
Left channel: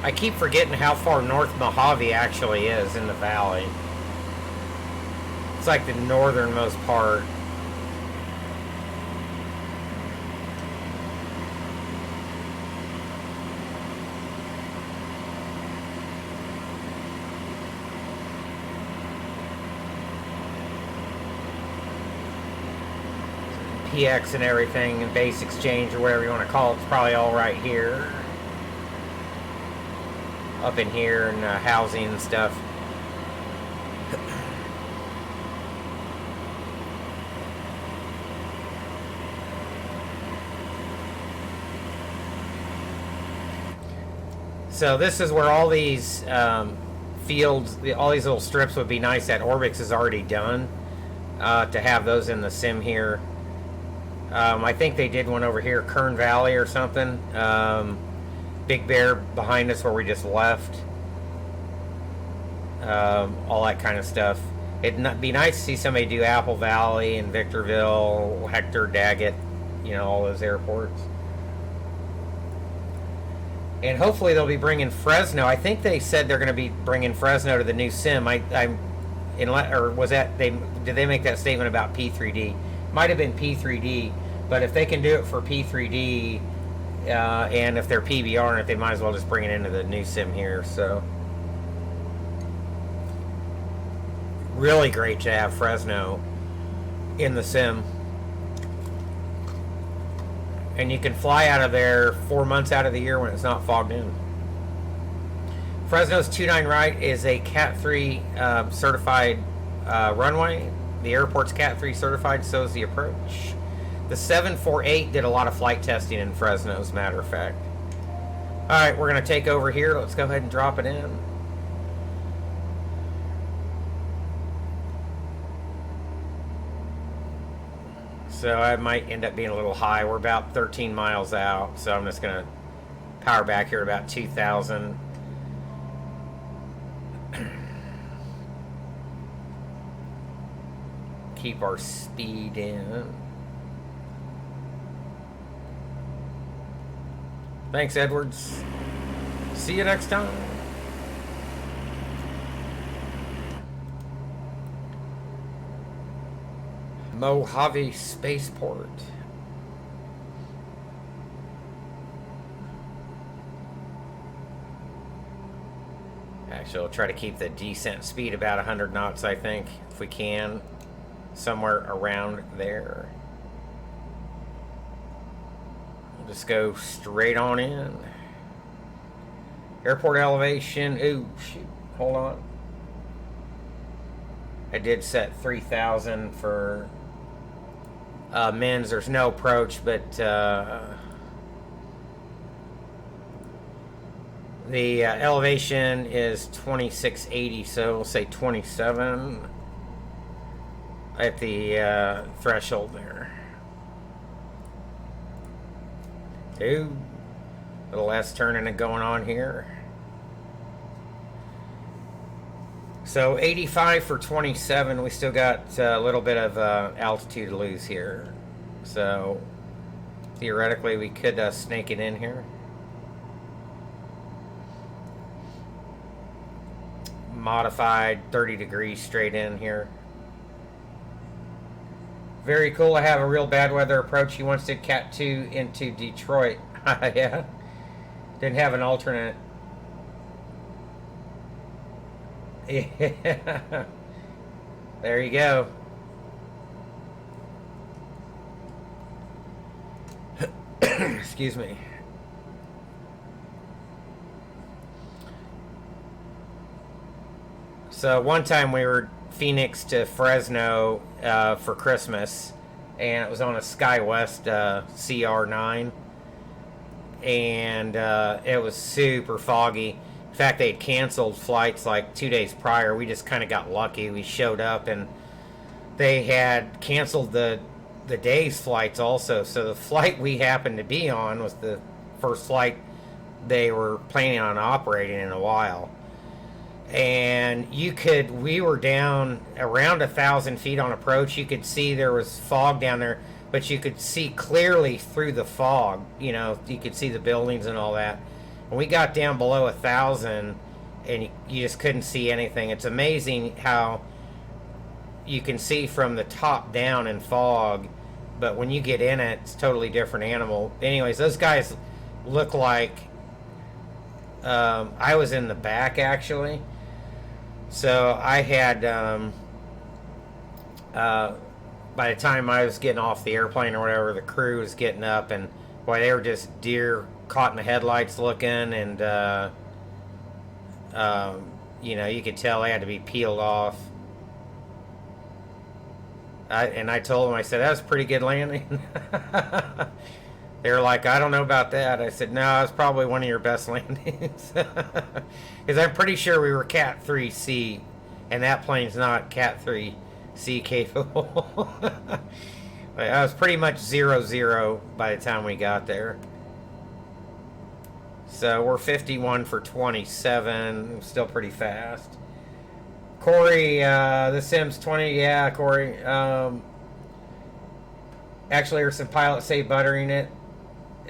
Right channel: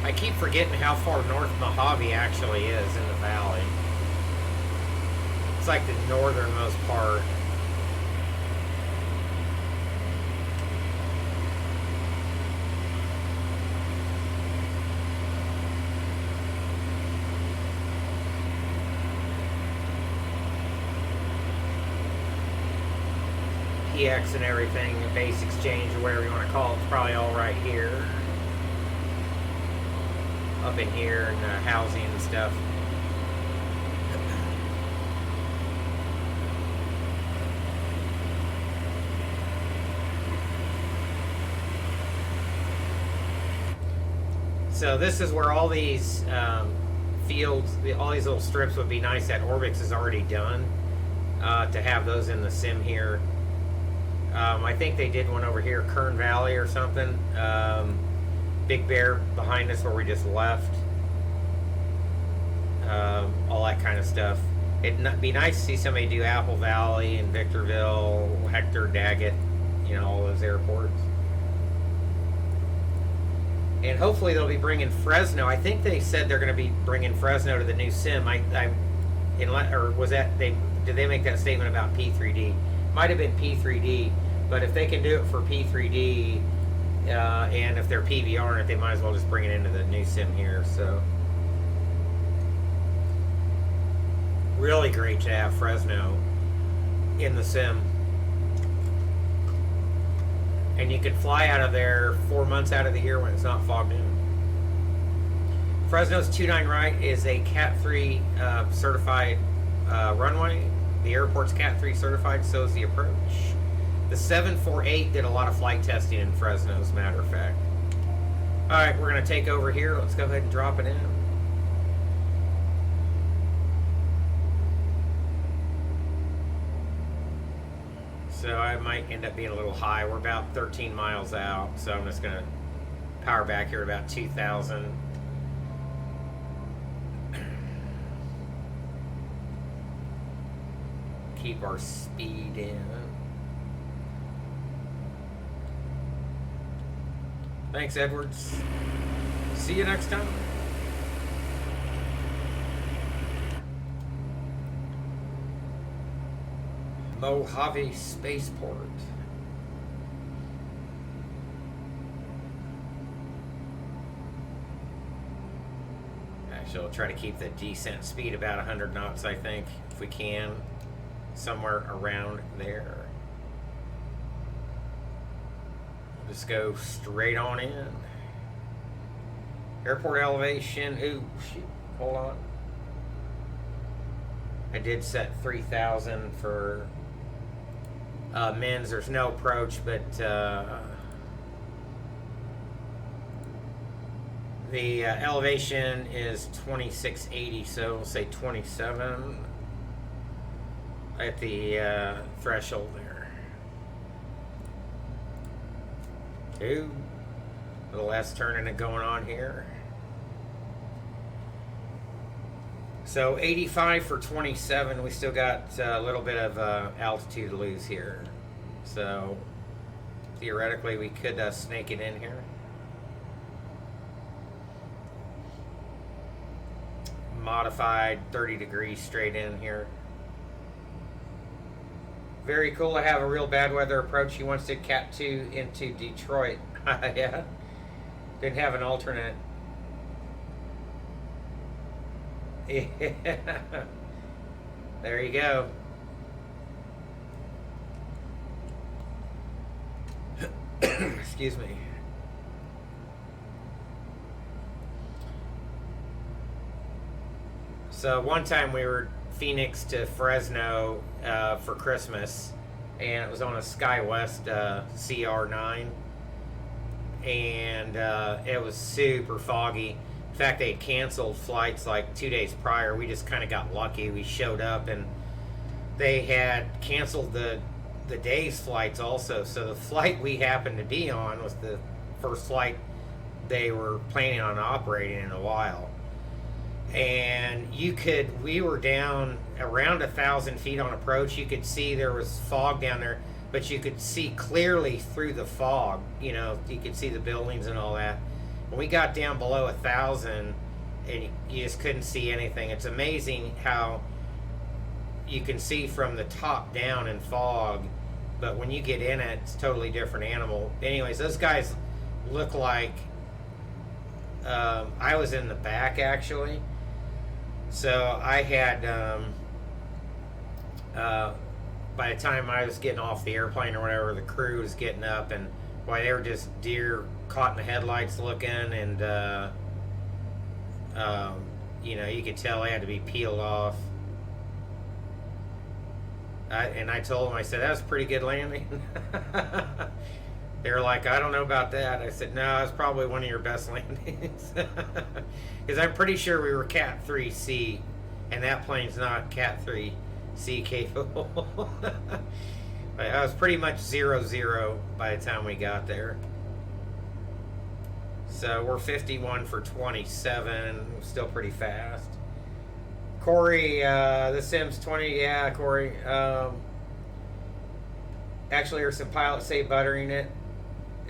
I keep forgetting how far north Mojave actually is in the valley. It's like the northernmost part. PX and everything, and base exchange or whatever you want to call it, it's probably all right here. Up in here and housing and stuff. So this is where all these fields, all these little strips would be nice that Orbix is already done, to have those in the sim here. I think they did one over here, Kern Valley or something. Big Bear behind us where we just left. All that kind of stuff. It'd be nice to see somebody do Apple Valley and Victorville, Hector, Daggett, you know, all those airports. And hopefully they'll be bringing Fresno. I think they said they're going to be bringing Fresno to the new sim. Or was that did they make that statement about P3D? Might have been P3D, but if they can do it for P3D, and if they're PBR, they might as well just bring it into the new sim here. So really great to have Fresno in the sim. And you can fly out of there 4 months out of the year when it's not fogged in. Fresno's 29 right is a Cat 3 certified runway. The airport's Cat 3 certified, so is the approach. The 748 did a lot of flight testing in Fresno, as a matter of fact. Alright, we're going to take over here. Let's go ahead and drop it in. So I might end up being a little high. We're about 13 miles out, so I'm just going to power back here about 2,000. Keep our speed in. Thanks, Edwards. See you next time. Mojave Spaceport. Actually, I'll try to keep the descent speed about 100 knots, I think, if we can. Somewhere around there. We'll just go straight on in. Airport elevation. Ooh, shoot. Hold on. I did set 3,000 for men's. There's no approach, but the elevation is 2680, so we'll say 27 at the threshold there. Two. A little less turning it going on here. So 85 for 27. We still got a little bit of altitude to lose here. So theoretically we could snake it in here. Modified 30 degrees straight in here. Very cool to have a real bad weather approach. He wants to Cat 2 into Detroit. Yeah. Didn't have an alternate. Yeah. There you go. Excuse me. So one time we were Phoenix to Fresno for Christmas, and it was on a SkyWest CR9, and it was super foggy. In fact, they had canceled flights like 2 days prior. We just kind of got lucky. We showed up, and they had canceled the day's flights also. So the flight we happened to be on was the first flight they were planning on operating in a while. And we were down around 1,000 feet on approach. You could see there was fog down there, but you could see clearly through the fog. You know, you could see the buildings and all that. And we got down below 1,000, and you just couldn't see anything. It's amazing how you can see from the top down in fog, but when you get in it, it's a totally different animal. Anyways, those guys look like I was in the back actually. So I had by the time I was getting off the airplane or whatever, the crew was getting up, and boy, they were just deer caught in the headlights looking, and you know, you could tell they had to be peeled off. I told them, I said, that was a pretty good landing. They were like, I don't know about that. I said, no, it's probably one of your best landings. Because I'm pretty sure we were Cat 3C, and that plane's not Cat 3C capable. But I was pretty much 0-0 by the time we got there. So we're 51 for 27, still pretty fast. Corey, the Sims 20, yeah, Corey. Actually, there's some pilots say buttering it.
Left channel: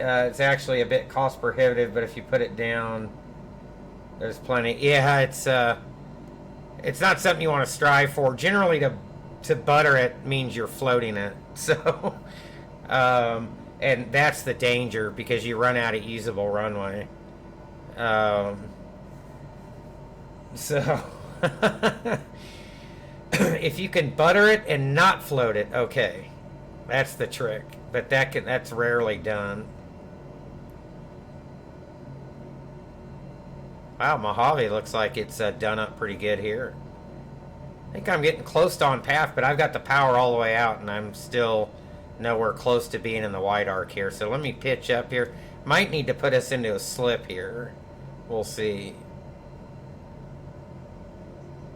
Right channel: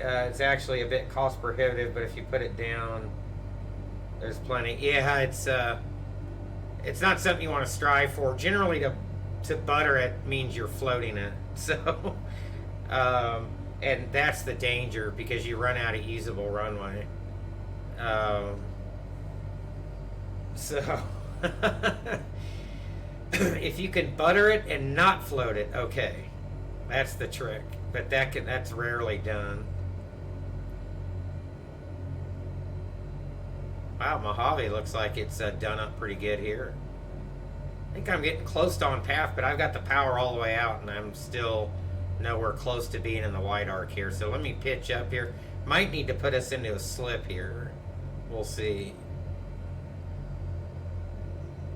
It's actually a bit cost prohibitive, but if you put it down, there's plenty. Yeah, it's not something you want to strive for. Generally, to butter it means you're floating it. So, and that's the danger, because you run out of usable runway. So, if you can butter it and not float it, okay, that's the trick. But that's rarely done. Wow, Mojave looks like it's done up pretty good here. I think I'm getting close to on path, but I've got the power all the way out, and I'm still nowhere close to being in the wide arc here. So let me pitch up here. Might need to put us into a slip here. We'll see.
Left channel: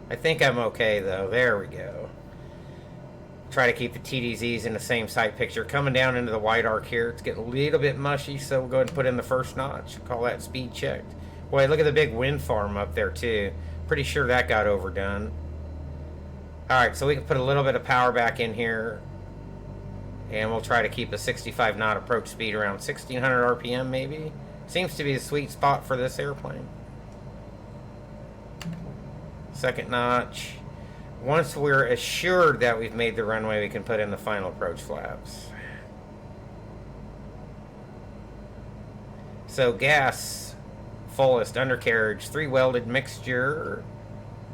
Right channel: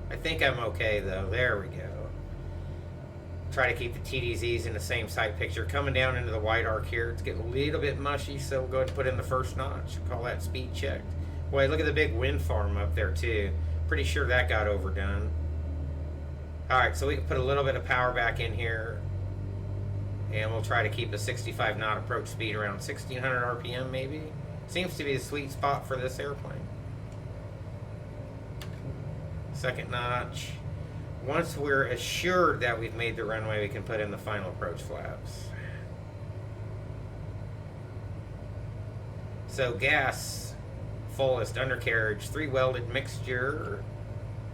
I think I'm okay, though. There we go. Try to keep the TDZs in the same side picture. Coming down into the wide arc here. It's getting a little bit mushy, so we'll go ahead and put in the first notch. Call that speed checked. Boy, look at the big wind farm up there, too. Pretty sure that got overdone. Alright, so we can put a little bit of power back in here. And we'll try to keep a 65 knot approach speed around 1600 RPM, maybe. Seems to be the sweet spot for this airplane. Second notch. Once we're assured that we've made the runway, we can put in the final approach flaps. So gas, fullest, undercarriage, 3 welded mixture,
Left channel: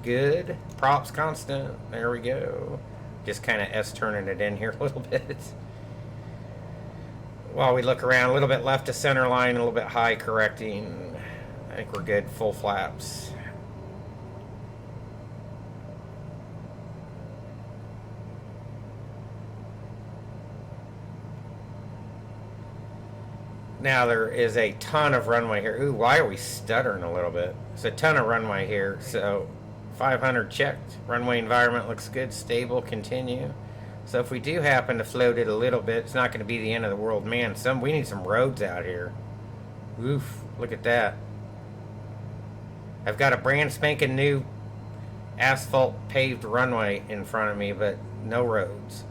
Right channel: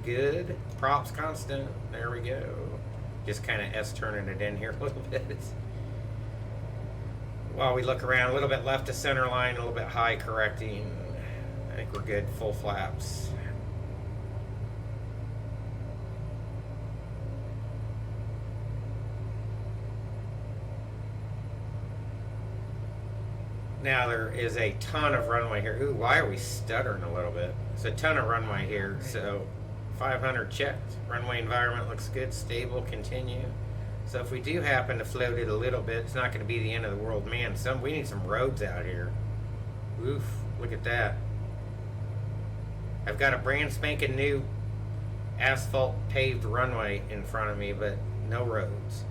good. Props constant, there we go. Just kind of S-turning it in here a little bit. While we look around, a little bit left to center line, a little bit high correcting. I think we're good, full flaps. Now there is a ton of runway here. Ooh, why are we stuttering a little bit? It's a ton of runway here. So 500 checked. Runway environment looks good, stable, continue. So if we do happen to float it a little bit, it's not going to be the end of the world. Man, we need some roads out here. Oof, look at that. I've got a brand spanking new asphalt paved runway in front of me, but no roads.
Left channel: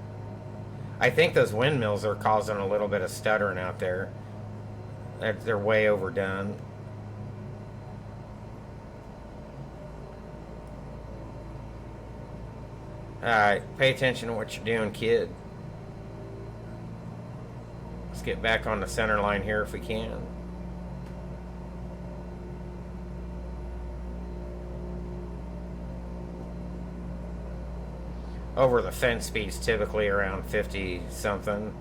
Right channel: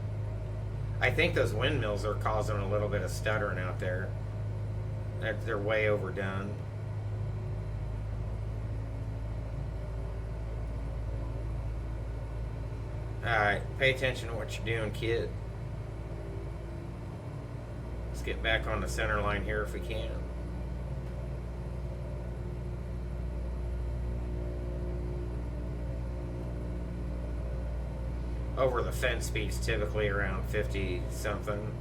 I think those windmills are causing a little bit of stuttering out there. They're way overdone. Alright, pay attention to what you're doing, kid. Let's get back on the center line here if we can. Over the fence speed's typically around 50 something.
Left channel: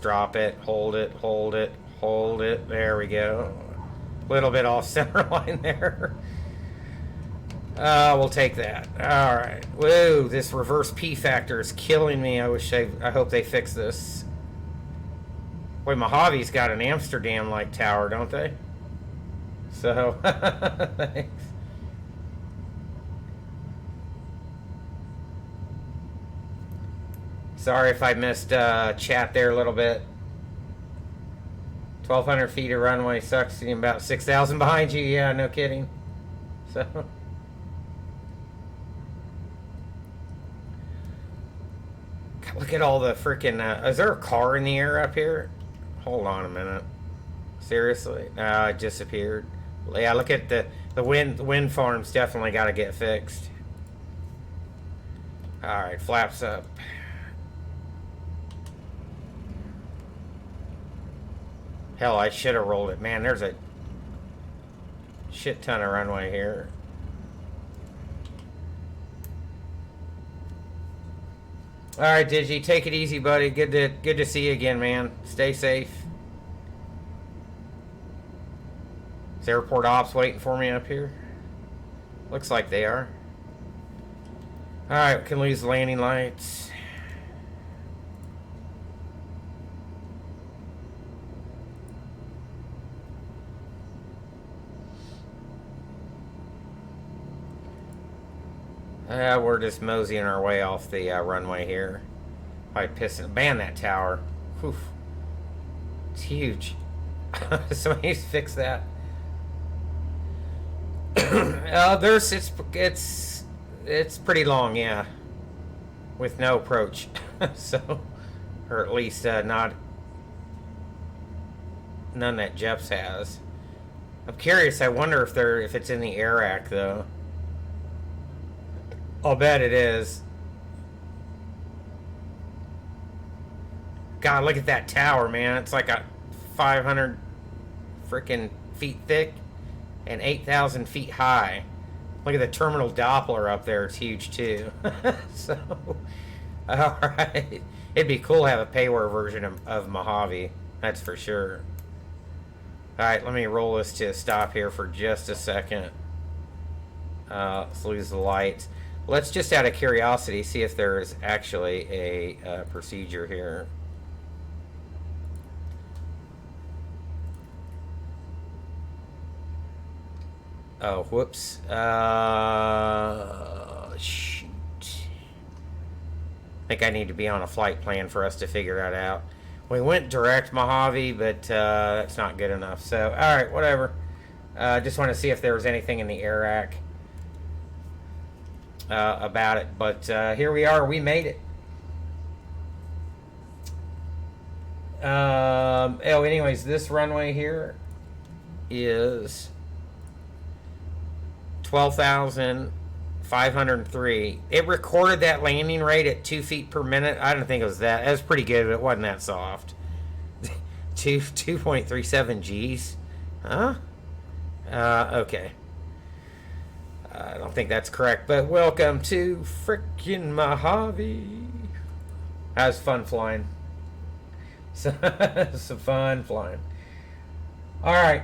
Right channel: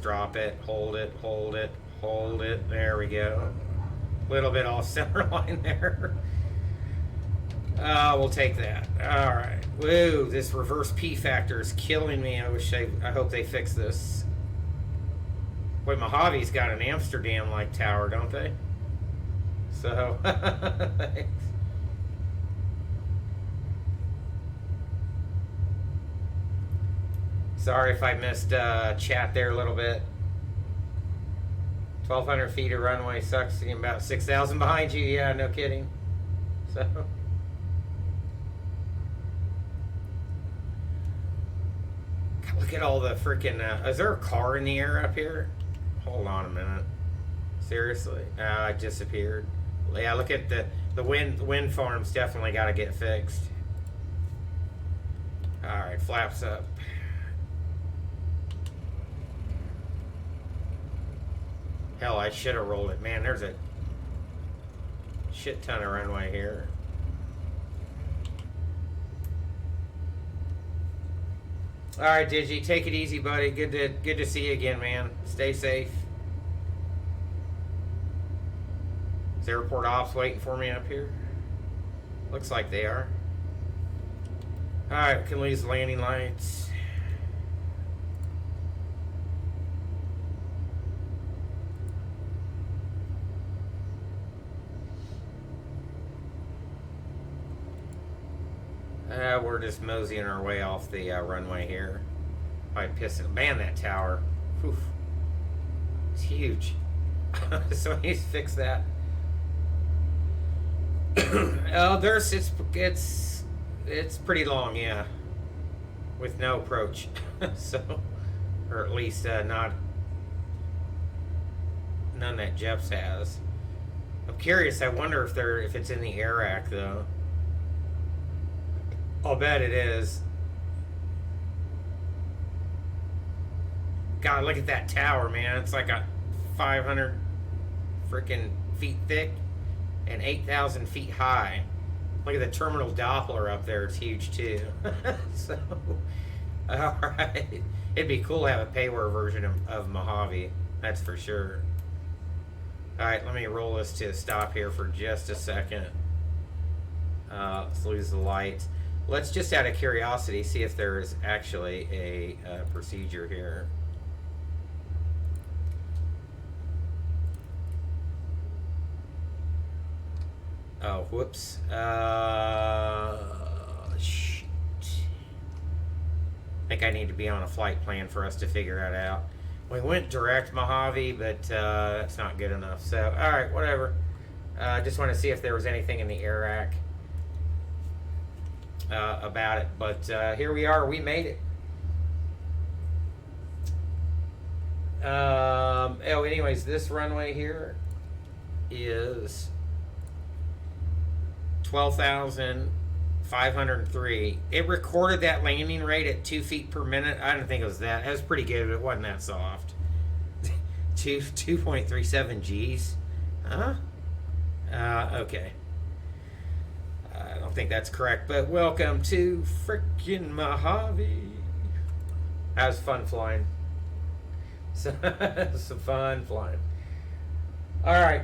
Drop it, hold it, hold it, hold it. There we go. A little bit off center line there. We'll take that. All right. Whoa, this reverse P factor is killing me. I hope they fix this. Boy, Mojave's got an Amsterdam-like tower, don't they? So, thanks. Sorry if I missed chat there a little bit. 1,200 feet of runway sucks. Seeing about 6,000 behind you. Yeah, no kidding. So, look at all the freaking. Is there a car in the air up here? Hold on a minute. Seriously? It disappeared. Yeah, look at the wind farms. Definitely got to get fixed. All right, flaps up. Hell, I should have rolled it. Man, there's a shit ton of runway here. All right, Digi, take it easy, buddy. Good to see you again, man. Stay safe. Is airport ops waiting for me up here? Looks like they are. All right, we can lose landing lights. We're just moseying our way off the runway here. Probably pissing. Man, that tower. Whew. It's huge. Somebody needs to fix that. It's pretty long, yeah. With no approach. So, or at least none that Jeff's has. I'm curious. I wonder if it's in the air rack though. I'll bet it is. God, look at that tower, man. It's like a 500 freaking feet thick and 8,000 feet high. Look at the terminal Doppler up there. It's huge, too. So, all right. It'd be cool to have a payware version of Mojave. That's for sure. All right, let me roll this to a stop here for just a second. Let's lose the lights. Let's just out of curiosity see if there is actually a procedure here. Oh, whoops. Shoot. I think I need to be on a flight plan for us to figure that out. We went direct Mojave, but that's not good enough. So, all right, whatever. Just want to see if there was anything in the air rack about it. But here we are. We made it. Anyways, this runway here is 12,503. It recorded that landing rate at 2 feet per minute. I don't think it was that. That was pretty good. It wasn't that soft. 2.37 G's. Huh? Okay. I don't think that's correct, but welcome to frickin' Mojave. That was fun flying. So, some fun flying. All right.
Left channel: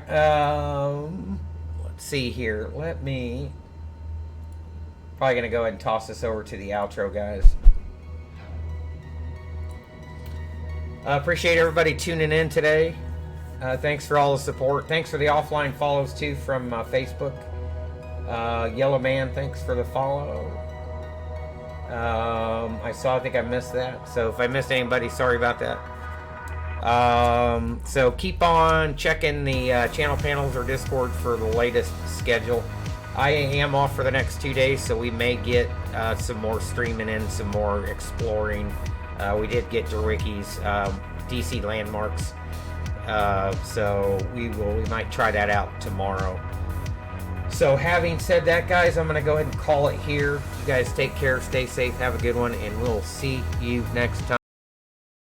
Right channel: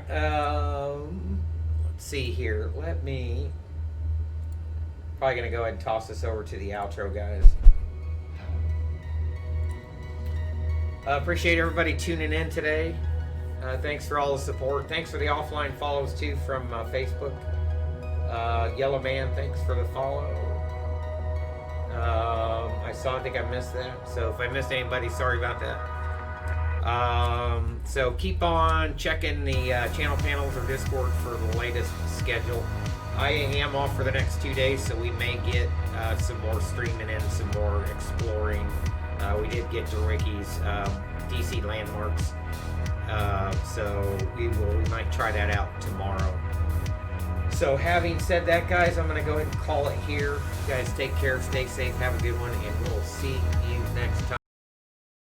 Let's see here. Let me. Probably gonna go ahead and toss this over to the outro, guys. Appreciate everybody tuning in today. Thanks for all the support. Thanks for the offline follows too from Facebook. Yellow Man, thanks for the follow. I think I missed that. So if I missed anybody, sorry about that. So keep on checking the channel panels or Discord for the latest schedule. I am off for the next 2 days, so we may get some more streaming in, some more exploring. We did get to Ricky's DC landmarks, so we might try that out tomorrow. So having said that, guys, I'm going to go ahead and call it here. You guys take care, stay safe, have a good one, and we'll see you next time.